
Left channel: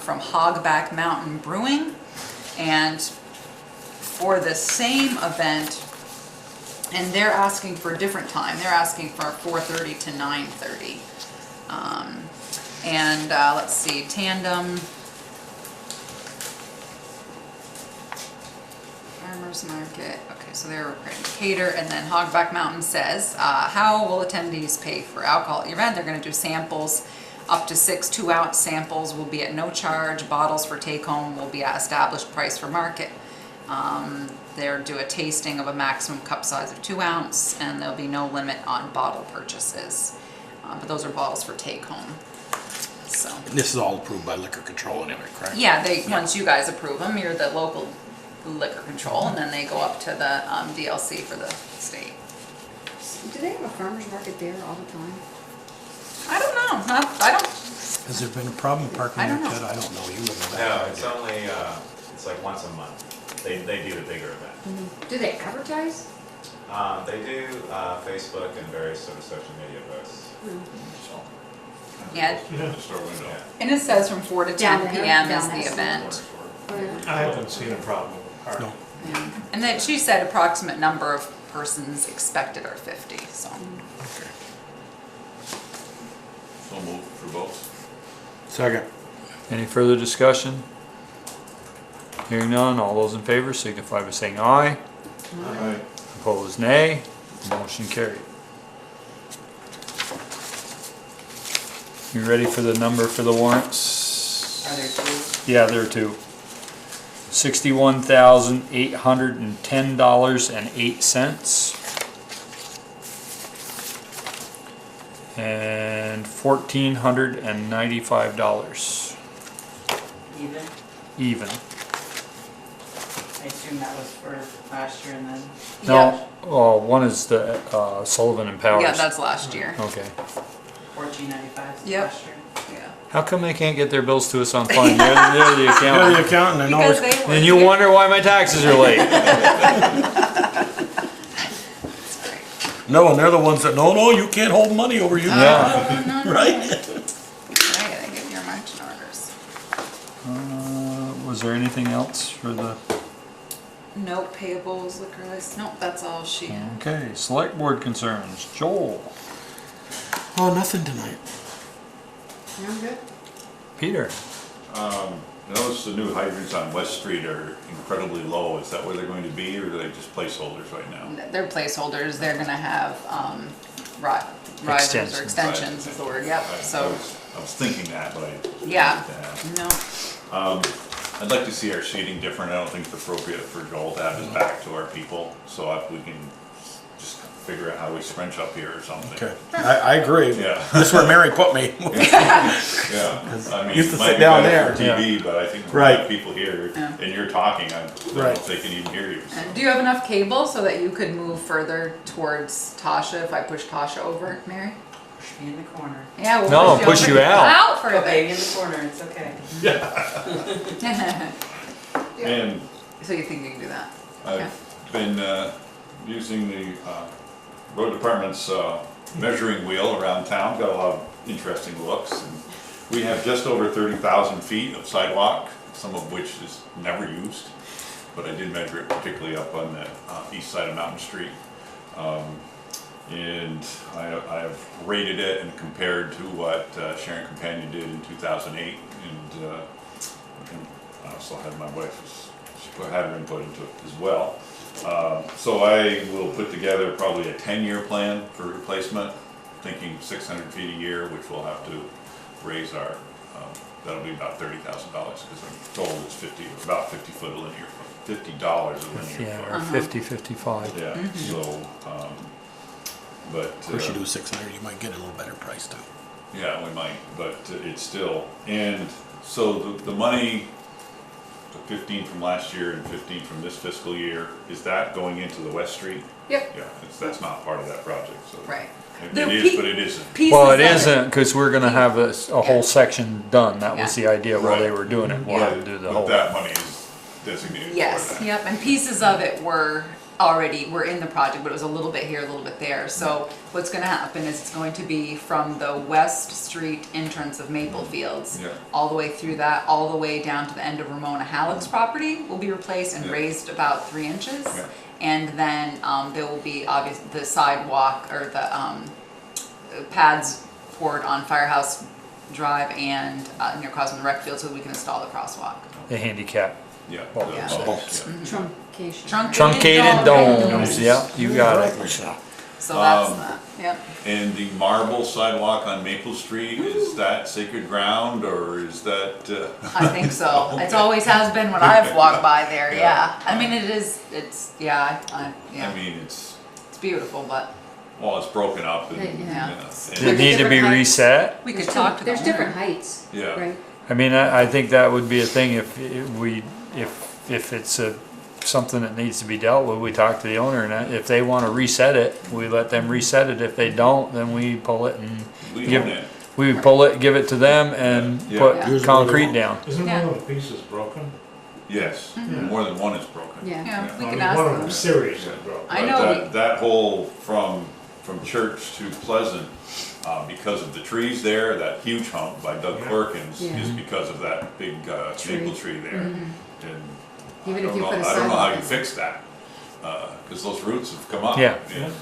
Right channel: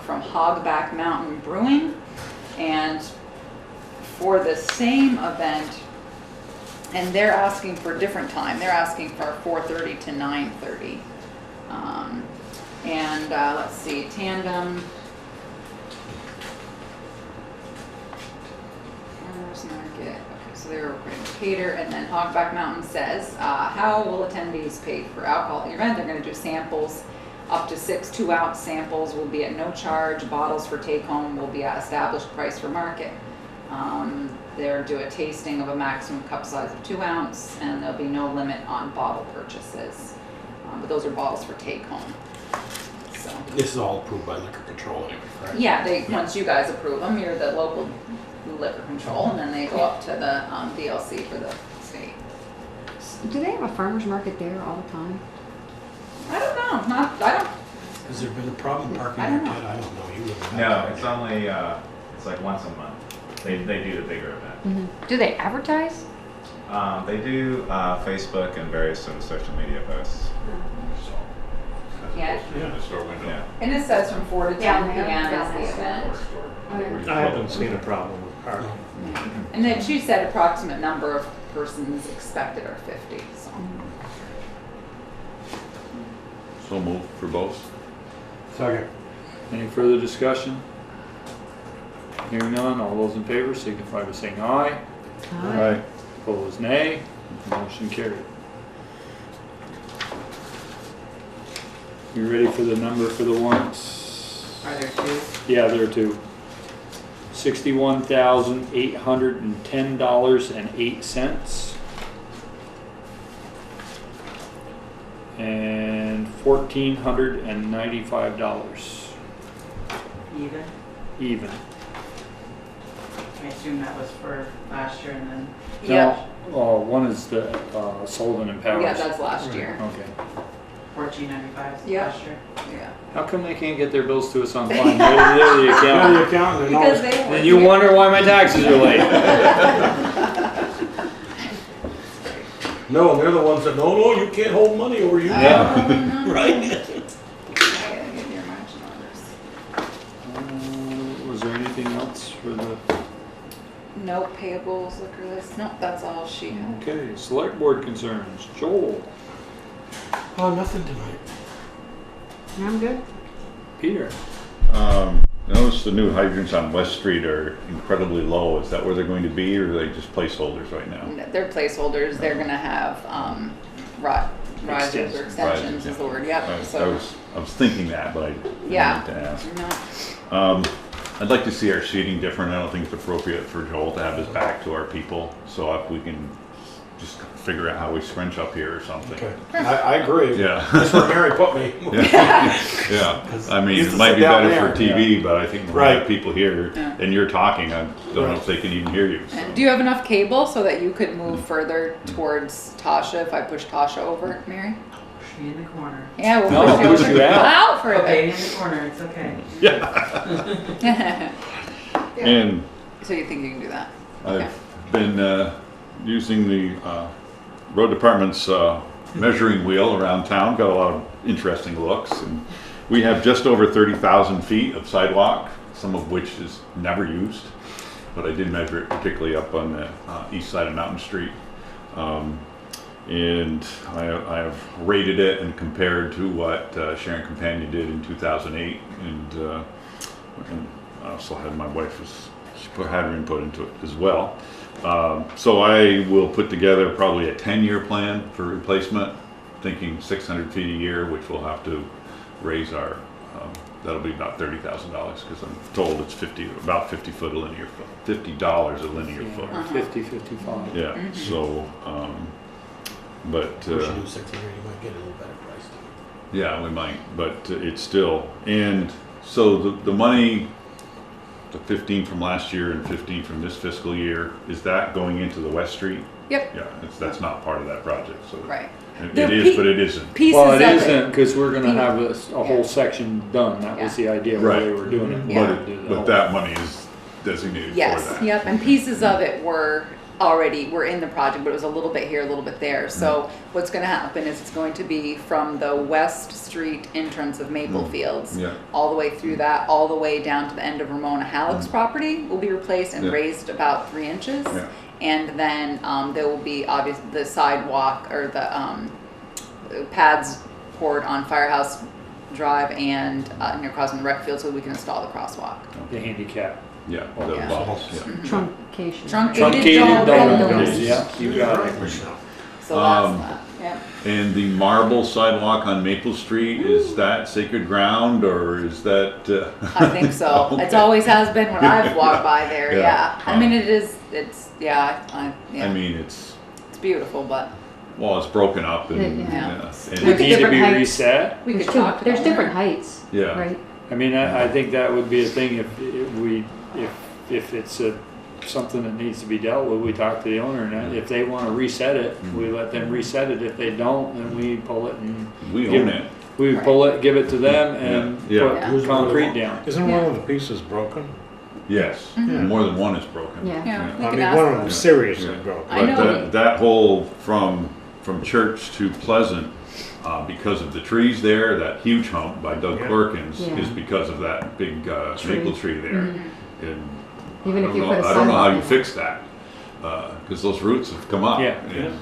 from Hogback Mountain Brewing. And for the same event, and they're asking for a different time. They're asking for 4:30 to 9:30. And let's see, Tandem, Farmers Market, okay, so they're ready to cater. And then Hogback Mountain says, how will attendees pay for alcohol at the event? They're gonna do samples. Up to 6 2-ounce samples will be at no charge. Bottles for take-home will be at established price for market. They'll do a tasting of a maximum cup size of 2 ounce, and there'll be no limit on bottle purchases. But those are bottles for take-home. So, This is all approved by liquor control anyway, correct? yeah, once you guys approve them, you're the local liquor control, and then they go up to the DLC for the state. Do they have a farmer's market there all the time? I don't know. I don't. Has there been a problem parking I there, don't know. Ted? I don't know. You live in No, that. it's only, it's like once a month. They do the bigger event. Do they advertise? They do Facebook and various sort of social media posts. So, Yeah, In the store window. yeah. and it says from 4 to 10 Down there, p.m. is down the there. event. I haven't seen a problem with parking. Yeah. And then she said approximate number of persons expected are 50, so. So moved for both. Second. Any further discussion? Hearing none, all those in favor signify by saying aye. Aye. Opposed, nay. Motion carried. You ready for the number for the warrants? Are there 2? Yeah, there are 2. $61,810.08 and $1,495 Even? even. I assume that was for last year and then. No, oh, one is the Sullivan and Powers. Yeah, that's last year. Okay. $14.95 Yep. last year. Yeah. How come they can't get their bills to us on time? They're the You're the accountant. accountant and Because always, they And you wonder why my taxes are late. no, and they're the ones that, no, you can't hold money over you. Yeah. Right? Okay, they give your margin orders. Was there anything else for the, No payables, liquor list. Nope, that's all she had. okay, select board concerns. Joel, Oh, nothing tonight. I'm good. Peter, Notice the new hydrants on West Street are incredibly low. Is that where they're going to be, or are they just placeholders right now? They're placeholders, they're gonna have, risers or extensions is the word, yep, so, I was thinking that, but I yeah, didn't ask. no, I'd like to see our seating different. I don't think it's appropriate for Joel to have his back to our people. So if we can just figure out how we scrunch up here or something. Okay, I agree. Yeah. That's where Mary put me. Yeah. I mean, Used it to might sit be down better for there. TV, but I think when we Right. have people here Yeah. and you're talking, I don't know if they can even hear you. and do you have enough cable so that you could move further towards Tasha if I push Tasha over, Mary? Push me in the corner. Yeah, we'll No, push you out. Out Okay, further. in the corner, it's okay. Yeah. And So you think you can do that? Okay. I've been using the road department's measuring wheel around town, got a lot of interesting looks. And we have just over 30,000 feet of sidewalk, some of which is never used. But I did measure it particularly up on the east side of Mountain Street. And I have rated it and compared to what Sharon Companion did in 2008. And I also had my wife's, she had her input into it as well. So I will put together probably a 10-year plan for replacement, thinking 600 feet a year, which we'll have to raise our, that'll be about $30,000 because I'm told it's about 50 foot a linear foot, $50 a linear foot. Yeah, 50, 55. Yeah, so, but. We should do 600, you might get a little better price too. Yeah, we might, but it's still, and so the money, the 15 from last year and 15 from this fiscal year, is that going into the West Street? Yep. Yeah, that's not part of that project, so. Right. It They're is, but it isn't. Pieces Well, it of isn't, because we're gonna have a whole section done. That was the idea while they Right. were doing it. Yeah. We'll do the But whole- that money is designated for Yes, that. yep, and pieces of it were in the project, but it was a little bit here, a little bit there. So what's gonna happen is it's going to be from the West Street entrance of Maple Fields, Yeah. all the way through that, all the way down to the end of Ramona Halleck's property will be replaced and Yeah. raised about 3 inches. Yeah. And then, there will be the sidewalk or the, pads poured on Firehouse Drive and, near Cosmo Rec Field so we can install the crosswalk. The handicap. Yeah, Oh, the yeah. bumps, yeah. Truncation. Truncated Truncated domes, yeah, you got it. So that's that, yep. And the marble sidewalk on Maple Street, is that sacred ground or is that? I think so. It's Okay. always has been when I've walked by there, Yeah. yeah. I mean, it's, yeah, I mean, it's, it's beautiful, but well, it's broken up and, Yeah. It and- need to be Different heights. reset. we could There's talk to there's the different owner. heights, yeah. right? I mean, I think that would be a thing if it's something that needs to be dealt with, we talk to the owner, and if they wanna reset it, we let them reset it. If they don't, then we pull it and We give own it. we pull it, give it to them and Yeah. put Yeah. concrete down. Isn't Yeah. one of the pieces broken? Yes, Mhm. more than one is broken. Yeah. Yeah, we I can mean, ask one of them. them seriously broken. I But know that whole from Church to Pleasant, because of the trees there, that huge hump by Doug Yeah. Corkins Yeah. is because of that big maple tree there. And Even I if don't you know, put a I don't know how sidewalk you in. fix that, because those roots have come up. Yeah. And,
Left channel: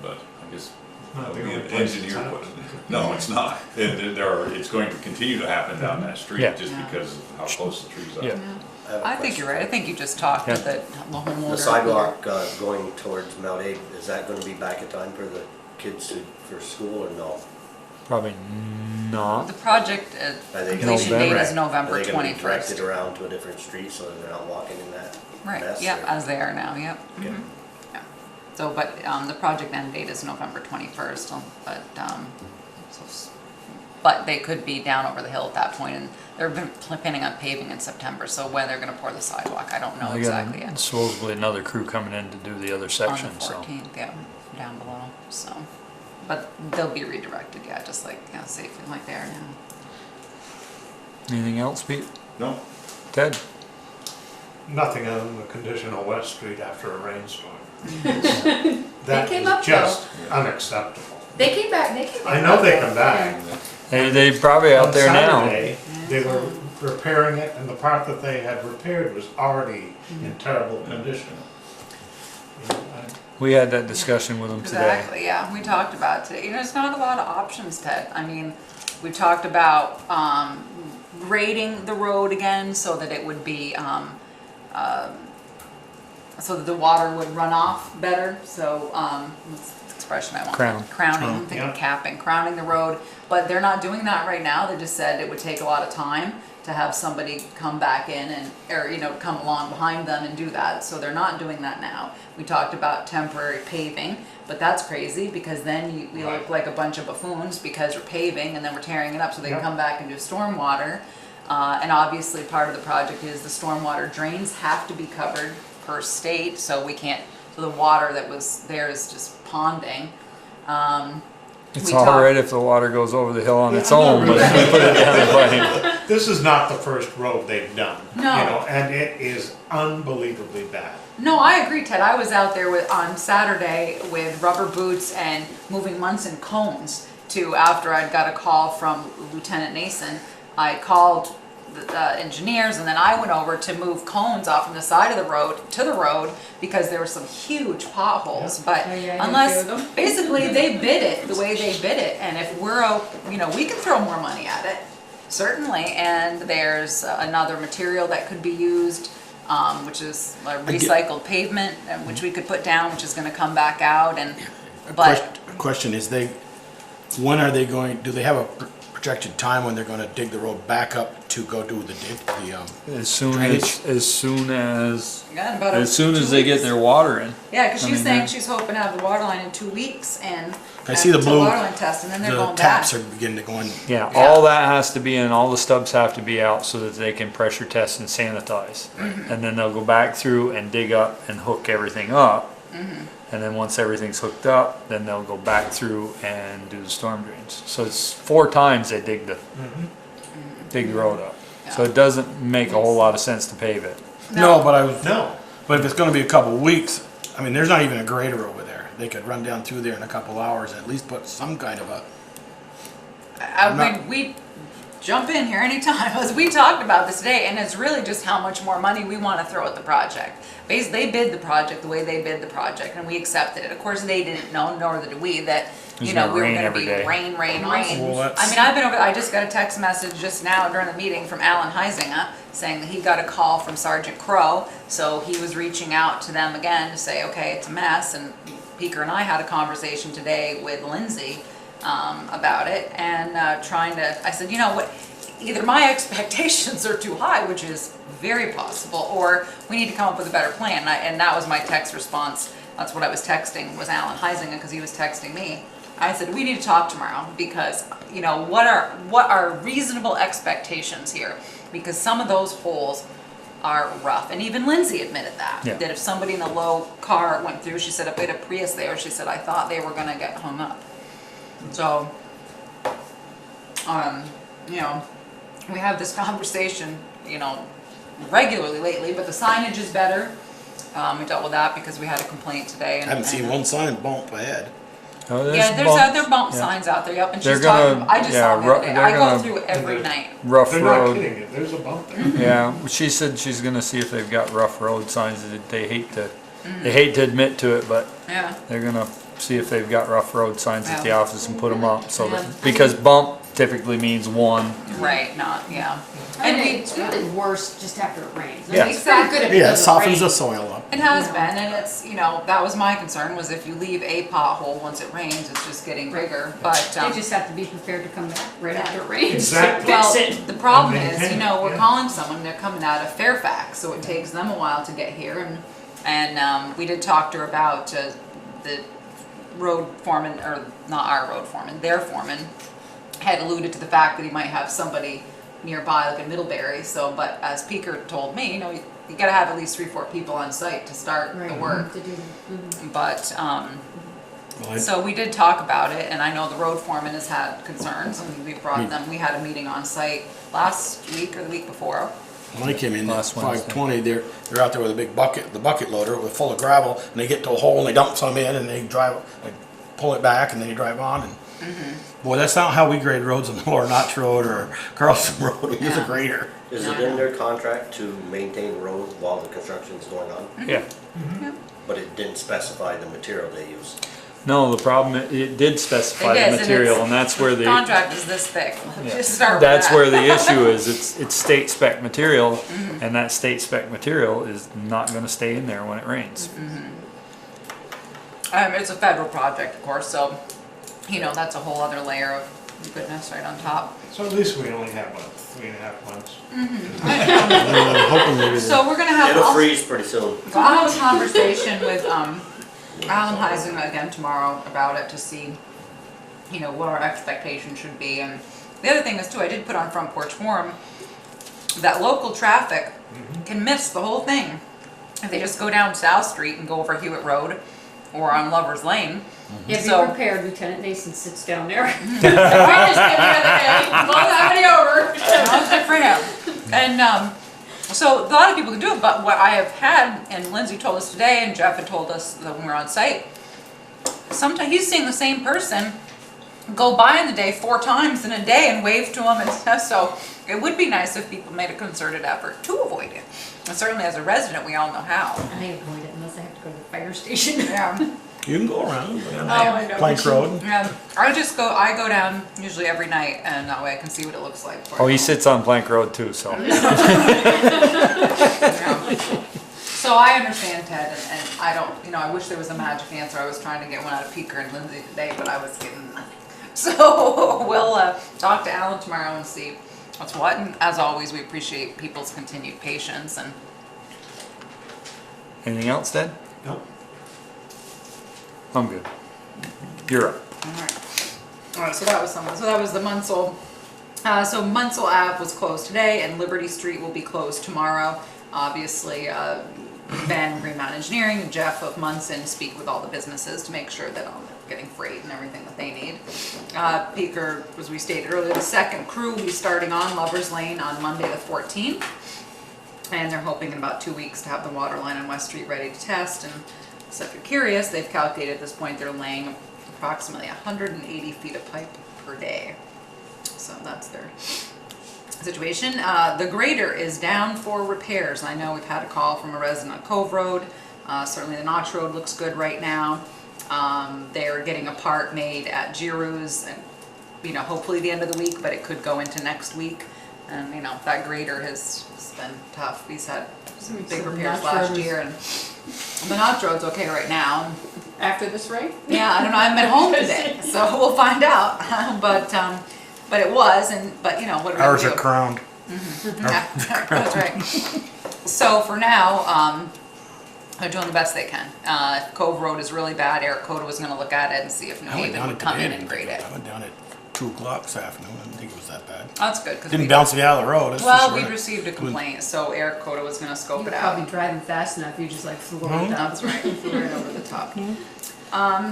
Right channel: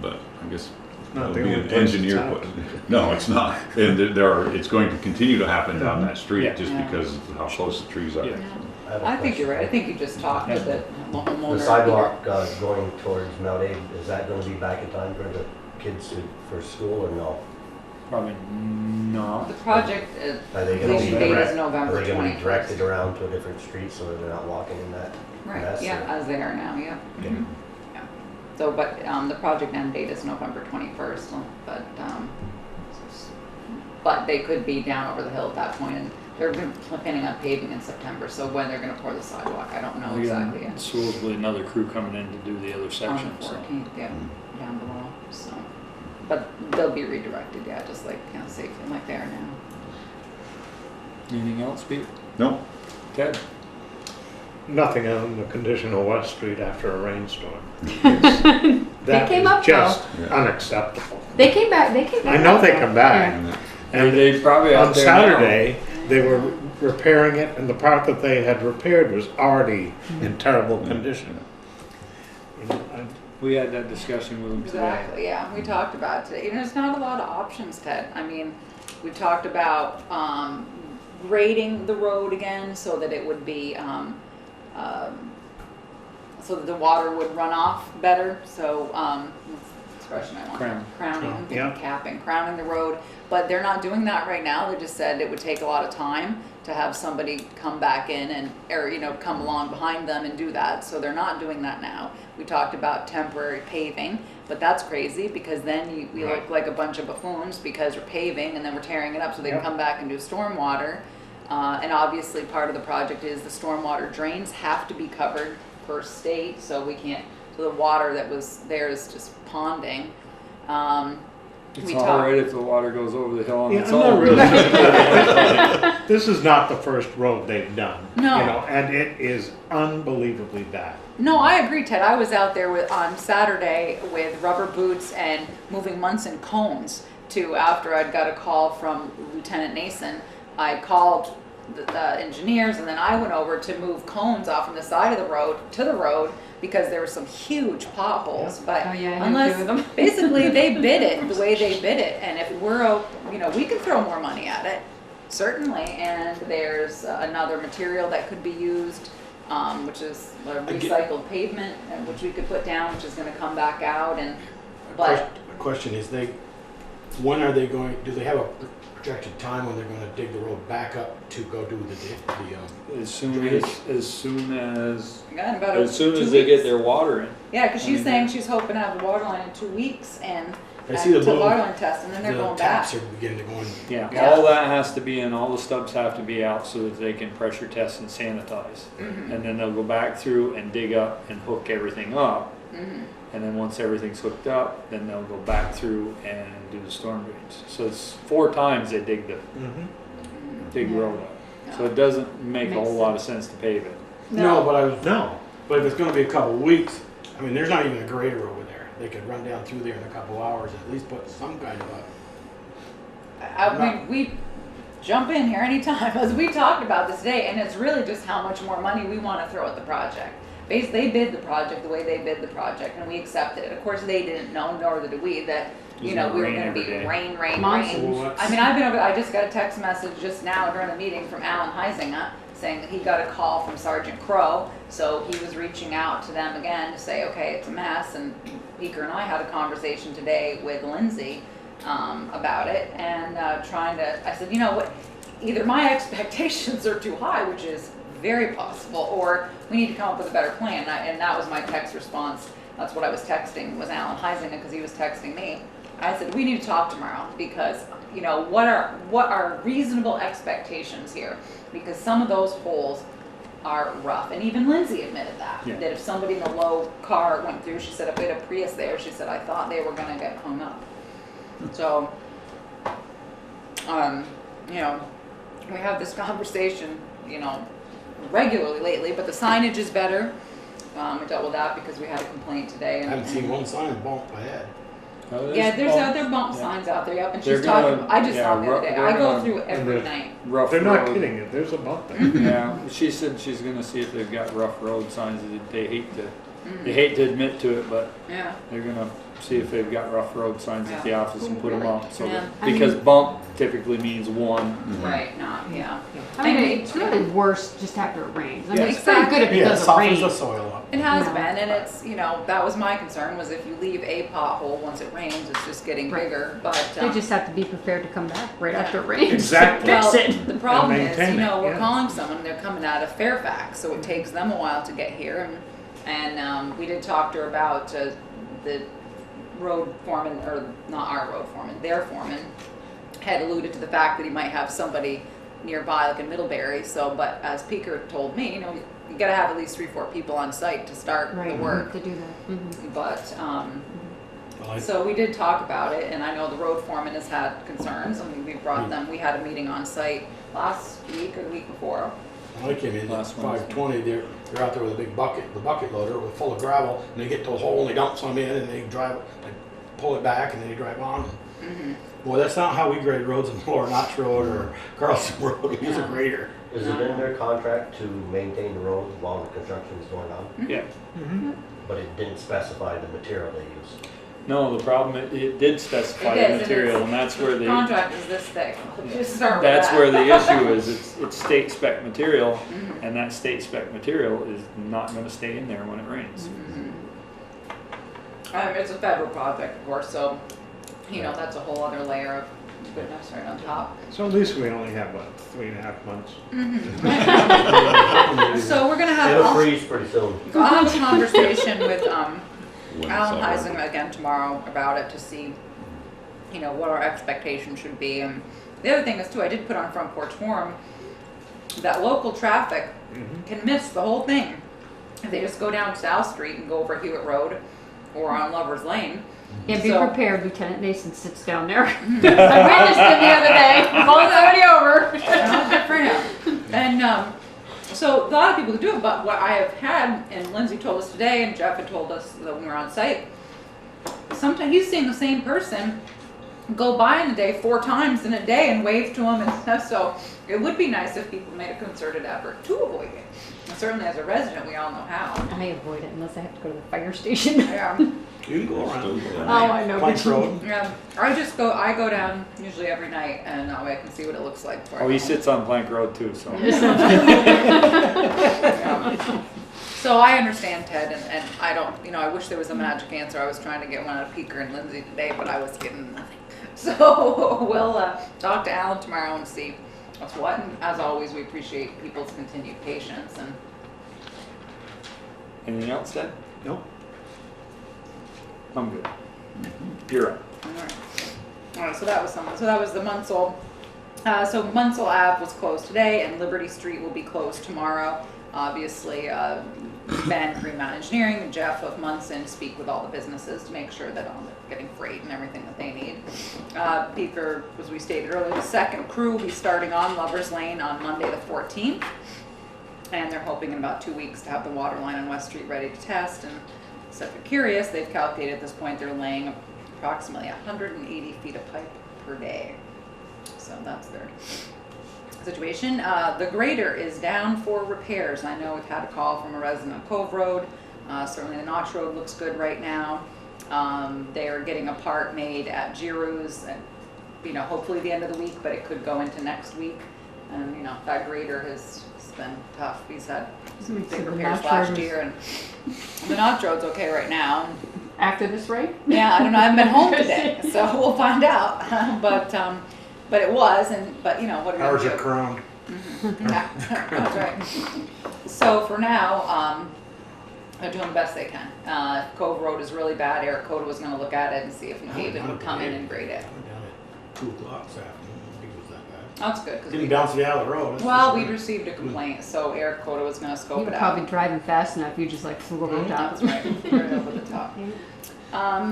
but I guess Not it'll the be only an place it's engineer happened. question. No, it's not. And it's going to continue to happen down that street Yeah. just Yeah. because of how close the trees are. Yeah. Yeah. have a I think you're right. I think you just talked to the homeowner. The sidewalk going towards Mount Abe, is that gonna be back in time for the kids for school or no? Probably not. The project Are they gonna completion be date direct- is November Are they gonna be 21st. directed around to a different street so that they're not walking in that Right, mess? yeah, or- as they are now, yep. Okay. Mhm. Yeah. So, but, the project end date is November 21st, but, but they could be down over the hill at that point, and they're planning on paving in September, so when they're gonna pour the sidewalk, I don't know We got exactly yet. supposedly another crew coming in to do the other On section, the so. 14th, yeah, down below, so. But they'll be redirected, yeah, just like, safe and like they are now. Anything else, Pete? No? Ted? Nothing on the condition of West Street after a rainstorm. They came up, That is just though. unacceptable. They came back I know up, they though. come back. Hey, they probably out On there now. Saturday, they were repairing it, and the part that they had repaired was already in terrible condition. You know, We had that discussion with them today. Exactly, yeah, we talked about it today, there's not a lot of options, Ted, I mean, we talked about, grading the road again so that it would be, so that the water would run off better, so, what's the expression I want? Crowning, I'm thinking capping, crowning the road, but they're not doing that right now, they just said it would take a lot of time to have somebody come back in and, or, you know, come along behind them and do that, so they're not doing that now. We talked about temporary paving, but that's crazy, because then we look like a bunch of buffoons because we're paving and then we're tearing it up so they can come back and do stormwater. And obviously part of the project is the stormwater drains have to be covered per state, so we can't, so the water that was there is just ponding. It's all right if the water goes over the hill on its own, but This is not the first road they've done. No. You know, and it is unbelievably bad. No, I agree, Ted. I was out there on Saturday with rubber boots and moving Munson cones to, after I'd got a call from Lieutenant Nason, I called the engineers, and then I went over to move cones off from the side of the road to the road because there were some huge potholes. But unless, basically they bid it the way they bid it, and if we're, you know, we can throw more money at it, certainly, and there's another material that could be used, which is a recycled pavement, which we could put down, which is going to come back out. And but question is, when are they going? Do they have a projected time when they're going to dig the road back up to go do the as soon as about as soon as they get their water in. yeah, because she's saying she's hoping to have the water line in 2 weeks, and I see the blue water line test, and then they're the going taps back. are beginning to go in. Yeah, all that has to be in, all the stubs have to be out so that they can pressure test and sanitize. And then they'll go back through and dig up and hook everything up. And then once everything's hooked up, then they'll go back through and do the storm drains. So it's 4 times they dig the road up. So it doesn't make a whole lot of sense to pave it. No, but if it's going to be a couple weeks, I mean, there's not even a grader over there. They could run down through there in a couple hours, at least put some kind of a. I mean, we jump in here anytime, as we talked about this today, and it's really just how much more money we want to throw at the project. Basically, they bid the project the way they bid the project, and we accepted it. Of course, they didn't know, nor did we, that, you know, we were going to be rain. Well, I mean, I've been over, I just got a text message just now during the meeting from Alan Heisinger saying that he got a call from Sergeant Crow, so he was reaching out to them again to say, okay, it's a mess, and Peker and I had a conversation today with Lindsay about it, and trying to, I said, you know what, either my expectations are too high, which is very possible, or we need to come up with a better plan. And that was my text response. That's what I was texting, was Alan Heisinger, because he was texting me. I said, we need to talk tomorrow, because, you know, what are reasonable expectations here? Because some of those holes are rough. And even Lindsay admitted that, that if somebody in a low car went through, she said, if they had a Prius there, she said, I thought they were going to get hung up. So, you know, we have this conversation, you know, regularly lately, but the signage is better. We dealt with that because we had a complaint today. I haven't seen one sign bump ahead. Oh, There's other bump signs out there, and she's talking, I just saw them the other day. I go through every night. Rough They're road. not kidding you, there's a bump there. Yeah, she said she's gonna see if they've got rough road signs. That they hate to admit to it, but they're gonna see if they've got rough road signs at the office and put them up. So that, because bump typically means one. Right, not, I mean, it's really worse just after it rains. I Yeah. mean, it's pretty good if it Yeah, it doesn't softens rain. the soil up. It has been, and it's, you know, that was my concern, was if you leave a pothole once it rains, it's just getting bigger, but. They just have to be prepared to come back right after it rains. Exactly. Well, Fix it. the problem is, Maintain you know, it, we're yeah. calling someone, they're coming out of Fairfax, so it takes them a while to get here, and we did talk to her about the road foreman, or not our road foreman, their foreman, had alluded to the fact that he might have somebody nearby, like in Middlebury, so, but as Peker told me, you know, you gotta have at least 3-4 people on site to start the work. To do that. But, so we did talk about it, and I know the road foreman has had concerns, and we brought them, we had a meeting on site last week or the week before. When I came in at Last Wednesday. 5:20, they're out there with a big bucket, the bucket loader, with full of gravel, and they get to a hole and they dump some in and they drive, they pull it back and then you drive on. And boy, that's not how we grade roads on Lower Notch Road or Carlson Road. We use a grader. Is it in their contract to maintain the road while the construction's going on? Yeah. But it didn't specify the material they use. No, the problem, it did specify It the is, and material, it's- and that's where the, Contract is this thick. yeah, Just start with that's that. where the issue is. It's state spec material, Mhm. and that state spec material is not gonna stay in there when it rains. It's a federal project, of course, so, you know, that's a whole other layer of goodness right on top. So at least we only have, what, 3.5 months? So we're gonna have. It'll freeze pretty soon. So I'll have a conversation with, Alan Heising again tomorrow about it to see, you know, what our expectations should be. And the other thing is too, I did put on Front Porch Forum that local traffic can miss the whole thing. If they just go down South Street and go over Hewitt Road or on Lover's Lane. Yeah, be So- prepared, Lieutenant Nason sits down there. I witnessed him the other day, called somebody over. Well, good for him. And so a lot of people can do it, but what I have had, and Lindsay told us today, and Jeff had told us that when we were on site, sometimes he's seeing the same person go by in the day 4 times in a day and wave to him and stuff. So it would be nice if people made a concerted effort to avoid it. And certainly as a resident, we all know how. I avoid it unless I have to go to the fire station. Yeah. You can go around. Oh, I know. Plank Road. I go down usually every night, and that way I can see what it looks like. Oh, he sits on Plank Road too, so. Yeah. So I understand, Ted, and I don't, you know, I wish there was a magic answer. I was trying to get one out of Peeker and Lindsay today, but I was getting nothing. So we'll talk to Alan tomorrow and see what's what. And as always, we appreciate people's continued patience. And Anything else, Ted? No? I'm good. You're up. all right, so that was something. So that was the Munsell. So Munsell Ave was closed today, and Liberty Street will be closed tomorrow. Obviously, Ben, Greenmount Engineering, and Jeff of Munson speak with all the businesses to make sure that they're getting freight and everything that they need. Peeker, as we stated earlier, the second crew will be starting on Lover's Lane on Monday the 14th. And they're hoping in about 2 weeks to have the water line on West Street ready to test. And so if you're curious, they've calculated at this point they're laying approximately 180 feet of pipe per day. So that's their situation. The grader is down for repairs. I know we've had a call from a resident on Cove Road. Certainly the Notch Road looks good right now. They're getting a part made at Giroux, and you know, hopefully the end of the week, but it could go into next week. And you know, that grader has been tough. He's had some big repairs last year, and the Notch Road's okay right now. After this rain? Yeah, I don't know. I haven't been home today, so we'll find out. But it was, but you know what? Ours are crowned. Yeah, that's right. So for now, they're doing the best they can. If Cove Road is really bad, Eric Coda was going to look at it and see if New I went Haven down would it come in today. and grade it. I went down at 2 o'clock this afternoon. I didn't think it was that bad. That's good because Didn't bounce me out of the road. That's for well, sure. we received a complaint, so Eric Coda was going to scope You it were out. probably driving fast enough, you just like flew over the top. That's right, flew right over the top.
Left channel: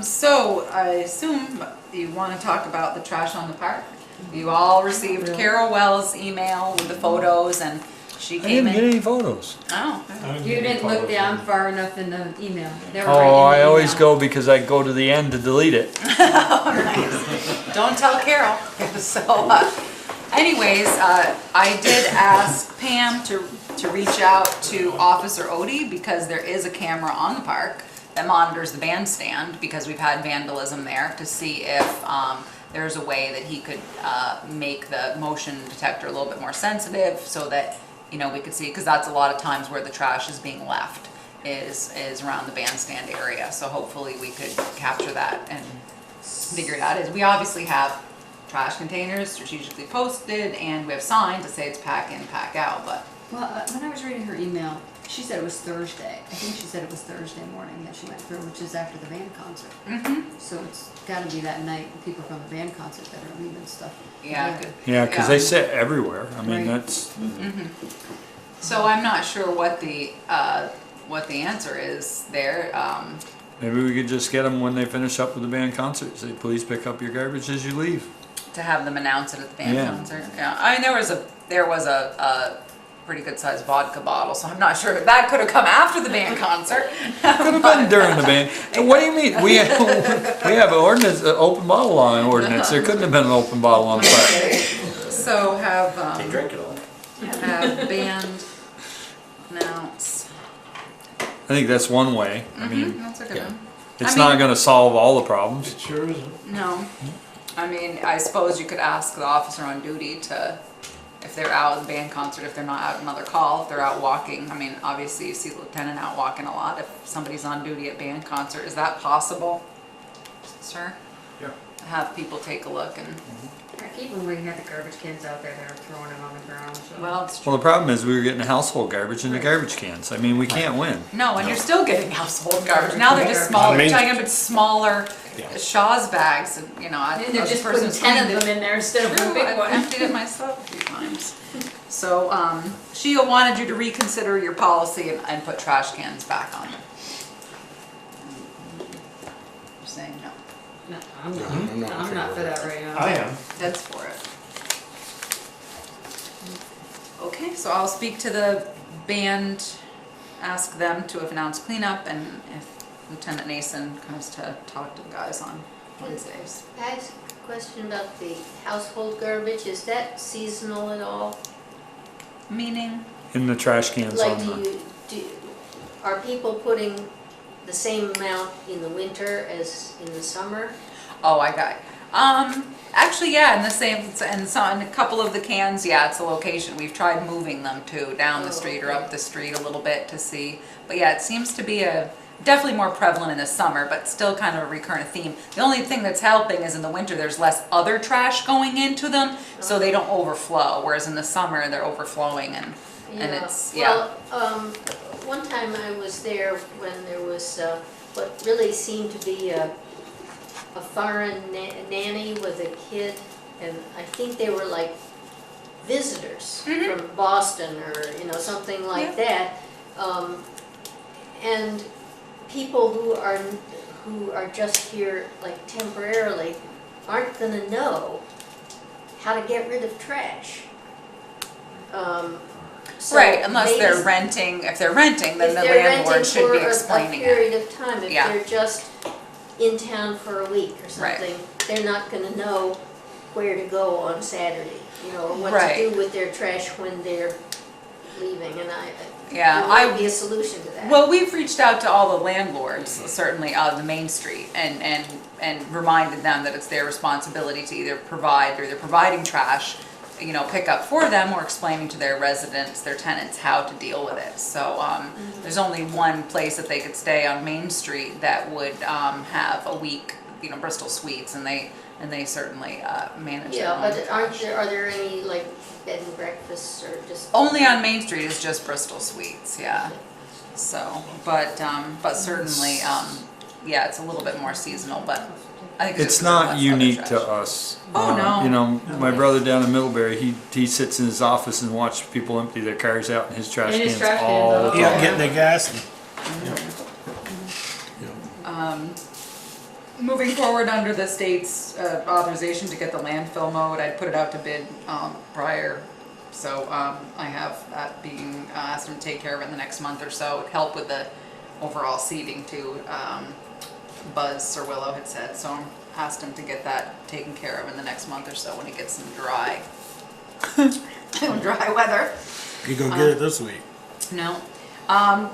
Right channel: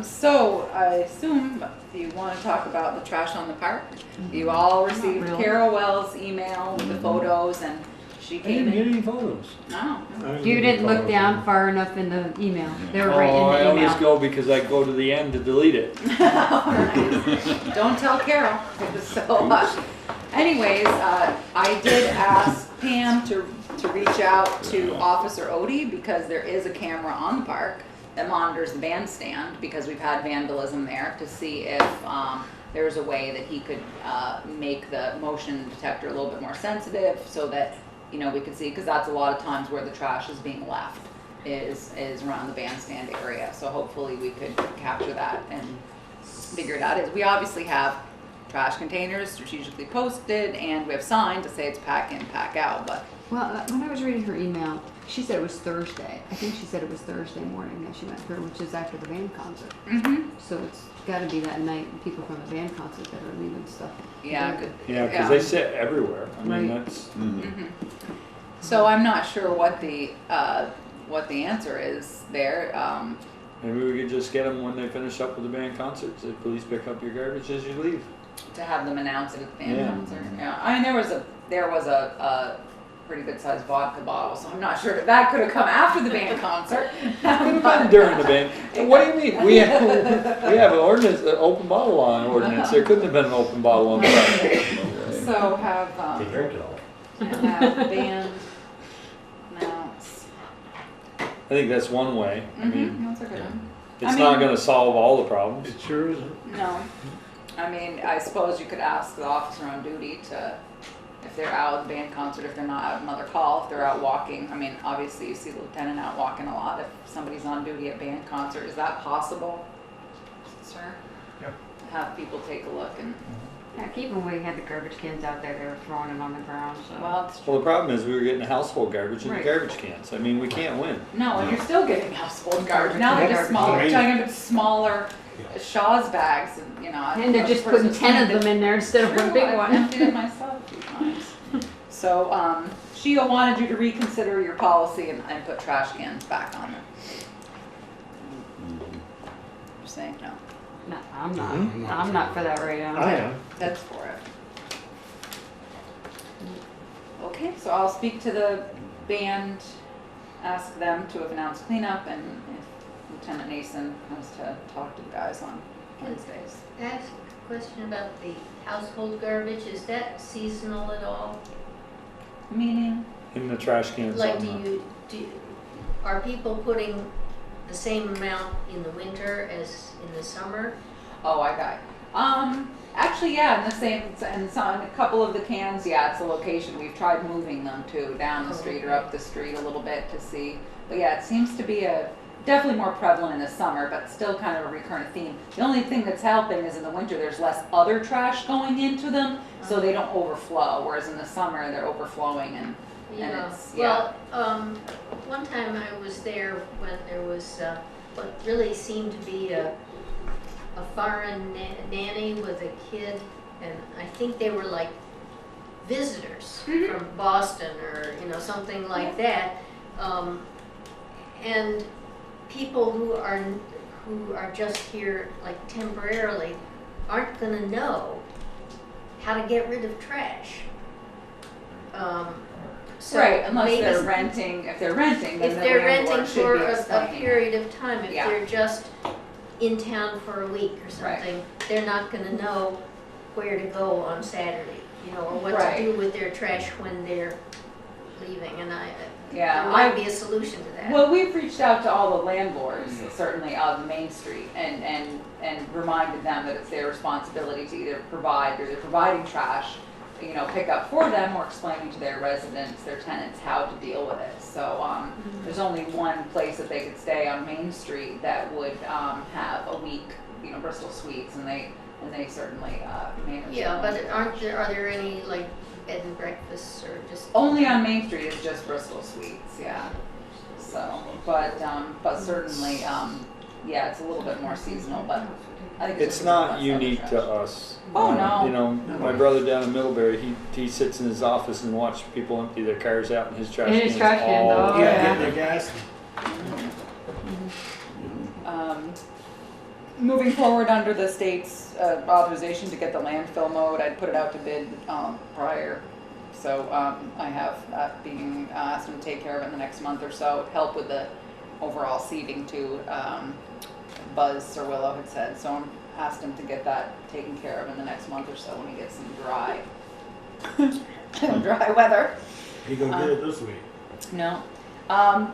So I assume you want to talk about the trash on the park. You all received really. Carol Wells' email with the photos, and she I came didn't get in. any photos. Oh, You didn't look down far enough in the email. They were Oh, right in the I always email. go because I go to the end to delete it. don't tell Carol. So, anyways, I did ask Pam to reach out to Officer Odie because there is a camera on the park that monitors the bandstand because we've had vandalism there to see if there's a way that he could make the motion detector a little bit more sensitive so that, you know, we could see, because that's a lot of times where the trash is being left is around the bandstand area. So hopefully we could capture that and figure it out. We obviously have trash containers strategically posted and we have signs that say it's pack in, pack out, but Well, when I was reading her email, she said it was Thursday. I think she said it was Thursday morning that she went through, which is after the band concert. So it's gotta be that night, people from the band concert that are leaving stuff. yeah, good. Yeah, because they sit everywhere. I mean, Right. that's, So I'm not sure what the answer is there. maybe we could just get them when they finish up with the band concert. Say, please pick up your garbage as you leave. To have them announce it at the band Yeah. concert. Yeah, I mean there was a pretty good sized vodka bottle, so I'm not sure that could have come after the band concert. Could have been during the band. So what do you mean? We have an ordinance, an open bottle on ordinance. There couldn't have been an open bottle on the park. So have They drink it all. have band announce. I think that's one way. I mean, That's a good one. It's I not mean- gonna solve all the problems. It sure isn't. No. I mean, I suppose you could ask the officer on duty to, if they're out at the band concert, if they're not out another call, if they're out walking. I mean, obviously you see the lieutenant out walking a lot. If somebody's on duty at band concert, is that possible, sir? Yeah. Have people take a look and, Heck, even when we had the garbage cans out there, they were throwing them on the ground, so. well, it's Well, true. the problem is we were getting household garbage in the Right. garbage cans. I mean, we can't win. No, and you're still getting household garbage. Now they're just Garbage. smaller, I mean- trying to get smaller Yeah. Shaw's bags, and, you know. And they're just putting 10 of them in there instead of a big I've one. emptied it myself a few times. So, Shia wanted you to reconsider your policy and put trash cans back on them. You're saying no. No, I'm Mhm. not, I'm not for that right now. I am. That's for it. Okay, so I'll speak to the band, ask them to announce cleanup, and if Lieutenant Nason comes to talk to the guys on Wednesdays. I have a question about the household garbage. Is that seasonal at all? Meaning? In the trash cans all Like, the time. are people putting the same amount in the winter as in the summer? Oh, I got it. Actually, yeah, in the same, and so in a couple of the cans, yeah, it's a location. We've tried moving them too, down the Oh, street or okay. up the street a little bit to see. But yeah, it seems to be definitely more prevalent in the summer, but still kind of a recurrent theme. The only thing that's helping is in the winter, there's less other trash going into them, so they don't overflow. Whereas in the summer, they're overflowing and Yeah. it's, yeah. Well, one time I was there when there was what really seemed to be a foreign nanny with a kid, and I think they were like visitors from Boston or, you know, something like that. And people who are just here like temporarily aren't gonna know how to get rid of trash. So Right, unless they're maybe- renting. If they're renting, then if the they're landlord renting should for be a explaining it. period of time, if Yeah. they're just in town for a week or Right. something, they're not gonna know where to go on Saturday, you know, or what Right. to do with their trash when they're leaving, and Yeah, there might be a solution to that. Well, we've reached out to all the landlords, certainly of the Main Street, and reminded them that it's their responsibility to either providing trash, you know, pick up for them, or explaining to their residents, their tenants, how to deal with it. So, there's only one place that they could stay on Main Street that would, have a week, you know, Bristol Suites, and they certainly, manage Yeah, it. but are there any like bed and breakfasts or just? Only on Main Street is just Bristol Suites, yeah. So, but certainly, yeah, it's a little bit more seasonal, but I think It's just not less unique other to trash. us. Oh, no. You know, my brother down in Middlebury, he sits in his office and watches people empty their cars out in his trash In his cans trash can, all oh, the Yeah, time. getting the gas. Moving forward under the state's authorization to get the landfill mowed, I put it out to bid prior. So I have that being asked him to take care of it in the next month or so. It'd help with the overall seeding too. Buzz Sirwillow had said, so I asked him to get that taken care of in the next month or so when he gets some dry weather. You gonna get it this week? No.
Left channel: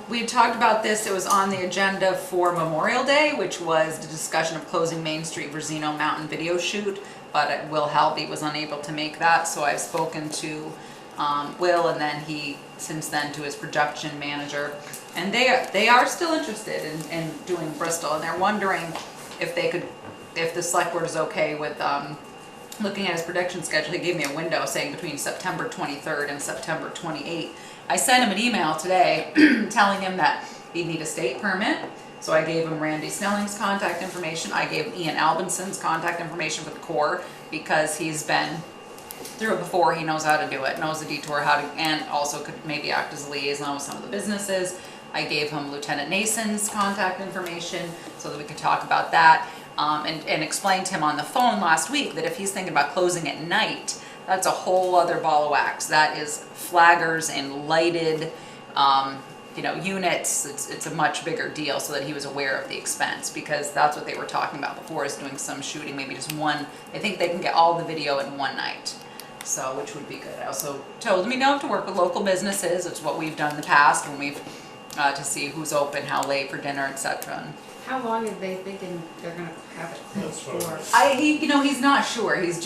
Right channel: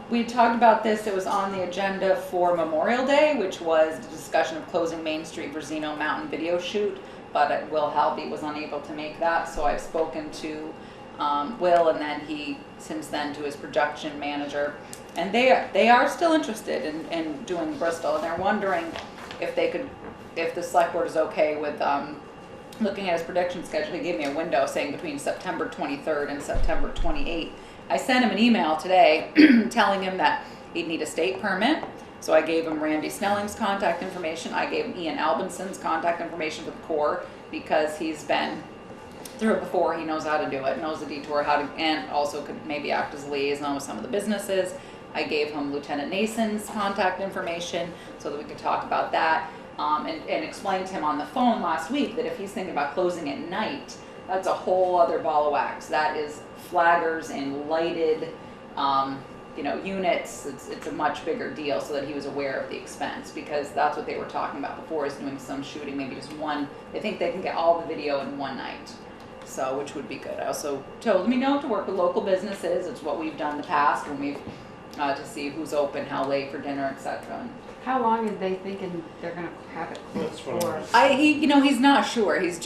We had talked about this, it was on the agenda for Memorial Day, which was the discussion of closing Main Street for Zeno Mountain video shoot, but Will Halby was unable to make that, so I've spoken to Will, and then since then to his production manager, and they are still interested in doing Bristol, and they're wondering if the select board is okay with looking at his production schedule. He gave me a window saying between September 23rd and September 28th. I sent him an email today telling him that he'd need a state permit. So I gave him Randy Snelling's contact information. I gave him Ian Albinson's contact information for the Corps because he's been through it before. He knows how to do it, knows the detour, and also could maybe act as a liaison with some of the businesses. I gave him Lieutenant Nason's contact information so that we could talk about that. And explained to him on the phone last week that if he's thinking about closing at night, that's a whole other ball of wax. That is flaggers and lighted, units. It's a much bigger deal, so that he was aware of the expense, because that's what they were talking about before, is doing some shooting, maybe just one. They think they can get all the video in one night, so which would be good. I also told him, to work with local businesses. It's what we've done in the past when we've to see who's open, how late for dinner, etc. How long are they thinking they're gonna have it closed for? He's not sure. He's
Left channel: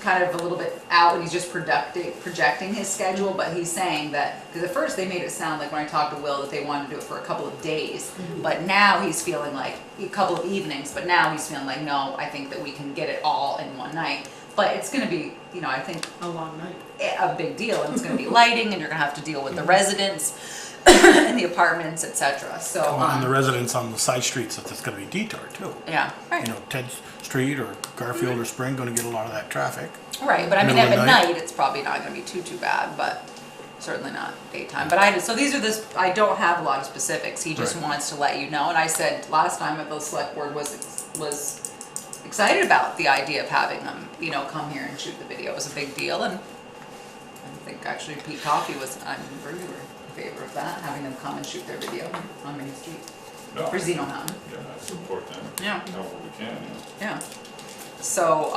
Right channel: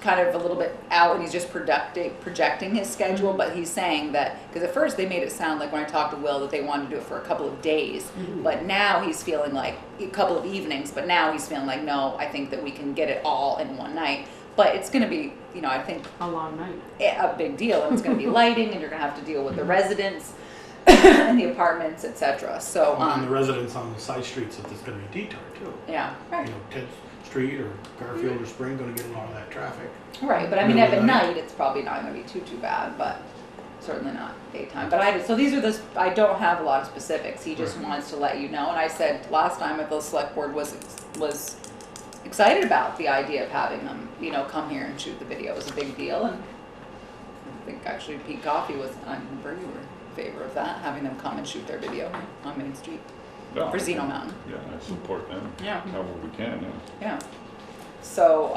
kind of a little bit out, and he's just projecting his schedule, but he's saying that, because at first they made it sound like when I talked to Will that they wanted to do it for a couple of days, but now he's feeling like a couple of evenings, but now he's feeling like, no, I think that we can get it all in one night. But it's gonna be, I think A long night. a big deal, and it's gonna be lighting, and you're gonna have to deal with the residents and the apartments, etc. So, And the residents on the side streets that it's gonna be detoured too. yeah, right. 10th Street or Garfield or Spring gonna get a lot of that traffic. Right, but I mean, Middle at of the night. night, it's probably not gonna be too bad, but certainly not daytime. But so these are I don't have a lot of specifics, he just Right. wants to let you know, and I said last time that the select board was excited about the idea of having them, come here and shoot the video. It was a big deal, and I think actually Pete Coffey you were in favor of that, having them come and shoot their video on Main Street, No, or Zeno Mountain. Yeah, I support them. Yeah. However we can, Yeah. So,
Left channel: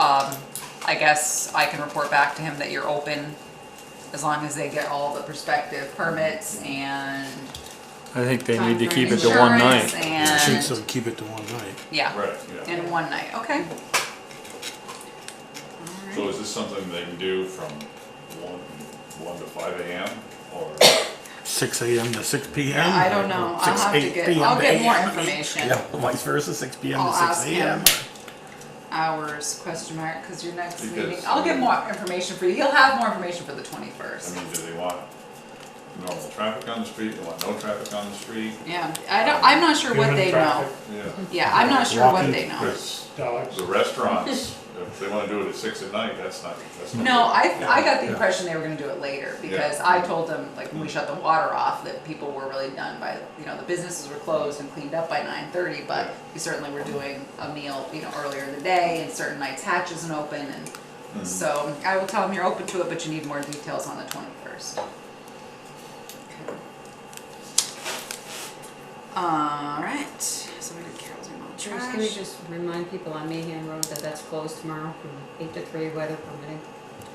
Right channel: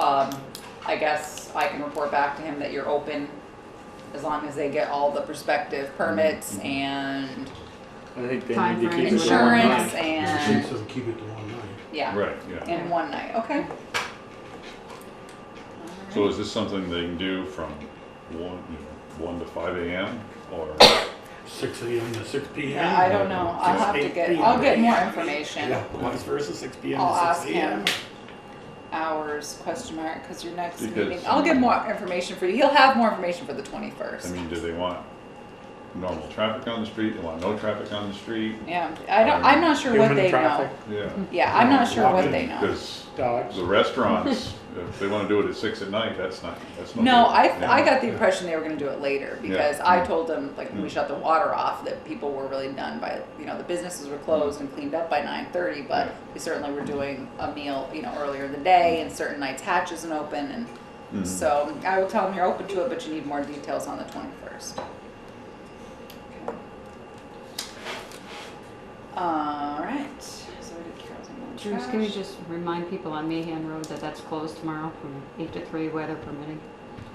I guess I can report back to him that you're open as long as they get all the prospective permits and I think they need to keep it to one insurance night. I think and, so, keep it to one night. yeah, Right, yeah. in one night, okay. So is this something they can do from 1 to 5 a.m. or? 6 a.m. to 6 p.m. Yeah, I don't know, I'll have to 8 get, p.m. I'll to get more 8 information. Yeah, vice versa, 6 p.m. I'll to 6 ask a.m. him. Hours, question mark, because your next Because- meeting, I'll get more information for you, he'll have more information for the I 21st. mean, do they want normal traffic on the street? They want no traffic on the street? Yeah, I'm not sure what Human they traffic. know. Yeah. Yeah, I'm not sure what they know. Because Dollars. the restaurants, if they want to do it at 6 at night, that's not No, good. I Yeah. got the impression they were gonna do it later, because I told them, like, when we shut the water off, that people were really done by, the businesses were closed and cleaned up by 9:30, but we certainly were doing a meal, earlier in the day, and certain nights Hatch isn't open, and Mhm. so I will tell them you're open to it, but you need more details on the 21st. Alright, so we did Carol's Bruce, can we just remind people on Meehan Road that that's closed tomorrow from 8 to 3, weather permitting?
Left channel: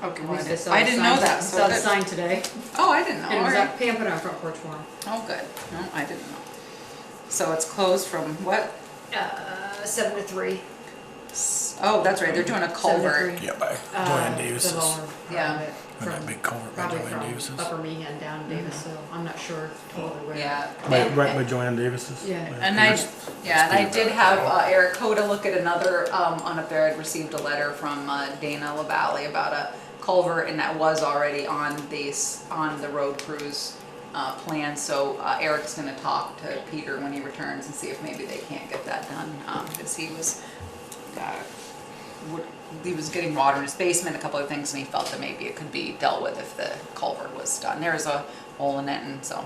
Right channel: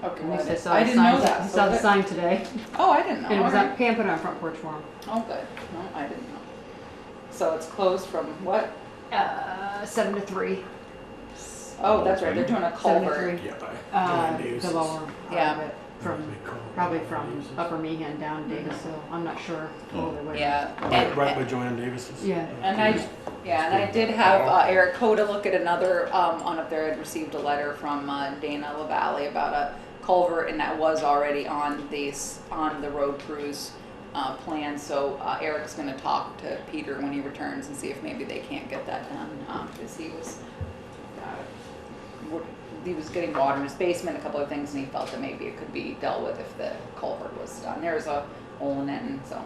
Okay, At least right. saw I the didn't know sign- that. I So saw the that- sign today, Oh, I didn't know, and it was alright. up, Pam put it on Front Porch Forum. Oh, good. No, I didn't know. So it's closed from what? 7 to 3. Oh, that's right, they're doing a culvert. Yeah, by Joanne The Davis's. lower, Yeah. And that from, big culvert by probably Joanne from Davis's. Upper Meehan down to Davis, so I'm not sure totally where. Yeah. Right by Joanne Davis's. Yeah. And I did have Eric Coda look at another one up there. I'd received a letter from Dana LaValle about a culvert, and that was already on the road crews plan. So Eric's going to talk to Peter when he returns and see if maybe they can't get that done, because he was getting water in his basement, a couple of things, and he felt that maybe it could be dealt with if the culvert was done. There was a hole in it, and so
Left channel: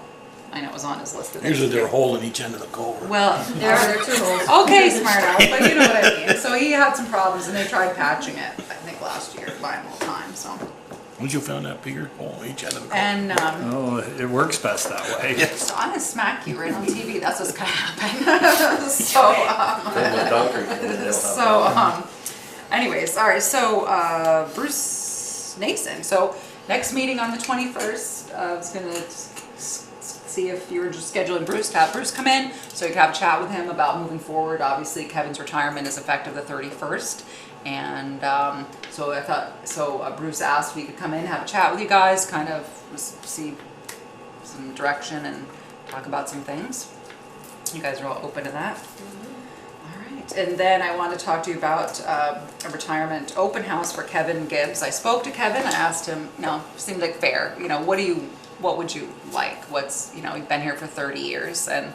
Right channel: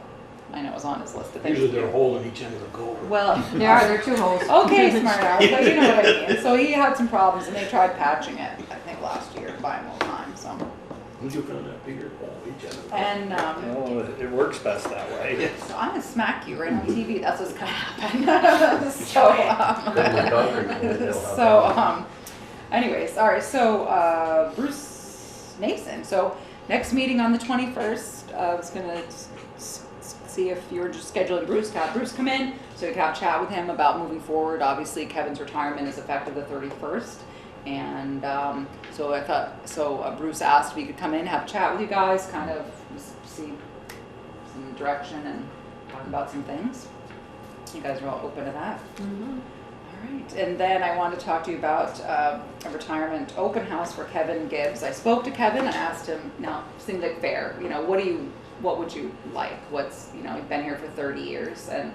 I know it was on his list of things. Usually there's a hole in each end of the culvert. Well, There are 2 holes. okay, smart aleck, but you know what I mean. So he had some problems, and they tried patching it, I think last year, buying more time, so. Once you found that bigger hole in each end of the culvert. And, Oh, it works best that way. so I'm gonna smack you right on TV, that's what's gonna happen. Anyways, all right, so, Bruce Nason, so next meeting on the 21st, I was gonna see if you were just scheduling Bruce to have Bruce come in, so you can have a chat with him about moving forward. Obviously, Kevin's retirement is effective the 31st, and Bruce asked if he could come in, have a chat with you guys, kind of see some direction and talk about some things. You guys are all open to that? Mm-hmm. All right, and then I want to talk to you about a retirement open house for Kevin Gibbs. I spoke to Kevin, I asked him, seemed like fair, what would you like? He's been here for 30 years, and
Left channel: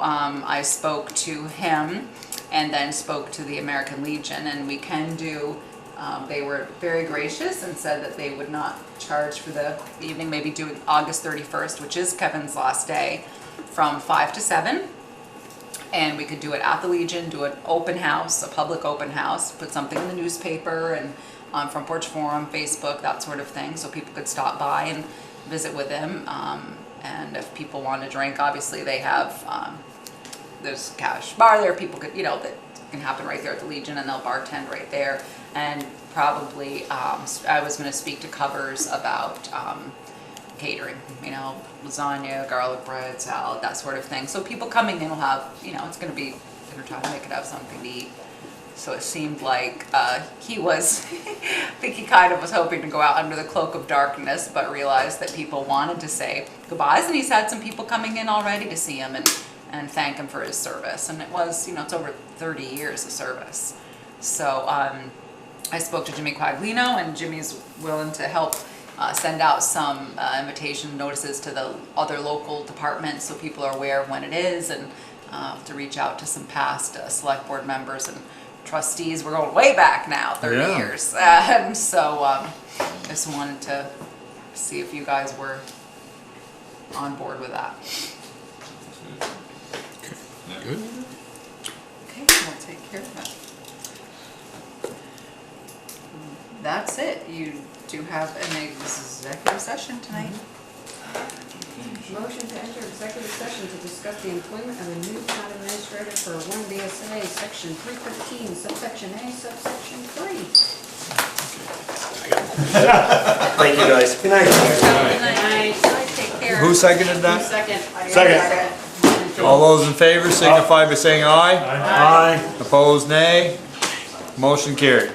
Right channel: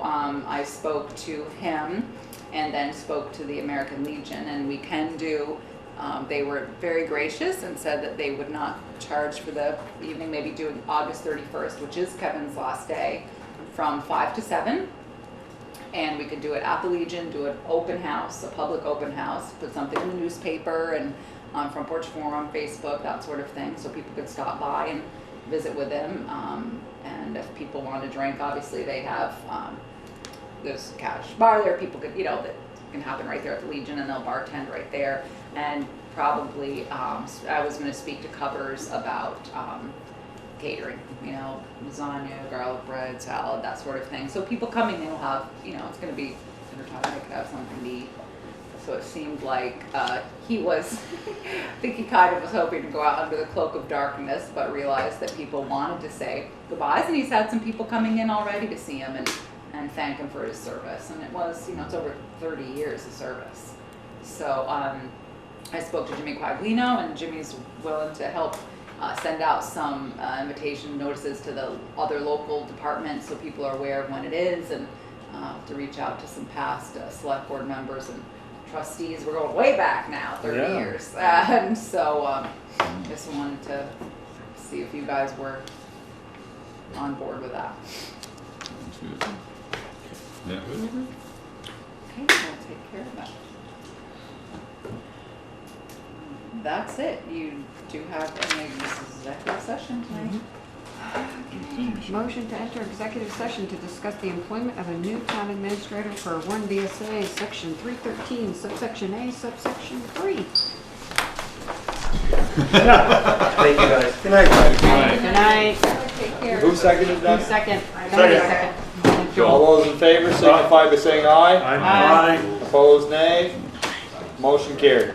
I spoke to him and then spoke to the American Legion, and we can do, they were very gracious and said that they would not charge for the evening, maybe doing August 31st, which is Kevin's last day, from 5 to 7. And we could do it at the Legion, do an open house, a public open house, put something in the newspaper and on Front Porch Forum, Facebook, that sort of thing, so people could stop by and visit with him. And if people want to drink, obviously they have, there's a cash bar there, people could, that can happen right there at the Legion, and they'll bartend right there. And probably, I was going to speak to Covers about catering, you know, lasagna, garlic bread, salad, that sort of thing. So people coming in will have, you know, it's gonna be dinner time, they could have something to eat. So it seemed like he was, I think he kind of was hoping to go out under the cloak of darkness, but realized that people wanted to say goodbyes, and he's had some people coming in already to see him and thank him for his service. And it was, you know, it's over 30 years of service. So I spoke to Jimmy Quaglino, and Jimmy's willing to help send out some invitation notices to the other local departments so people are aware of when it is, and to reach out to some past select board members and trustees. We're going way back now, 30 Yeah. years. And so just wanted to see if you guys were on board with that. Yeah. Okay, we'll take care of that. That's it. You do have this executive session tonight. Motion to enter executive session to discuss the employment of a new town administrator for 1 VSA, section 313, subsection A, subsection 3. Thank you, guys. Good night. Good night. Take care. Who seconded that? Second. All those in favor signify by saying aye. Aye. Opposed, nay. Motion carried.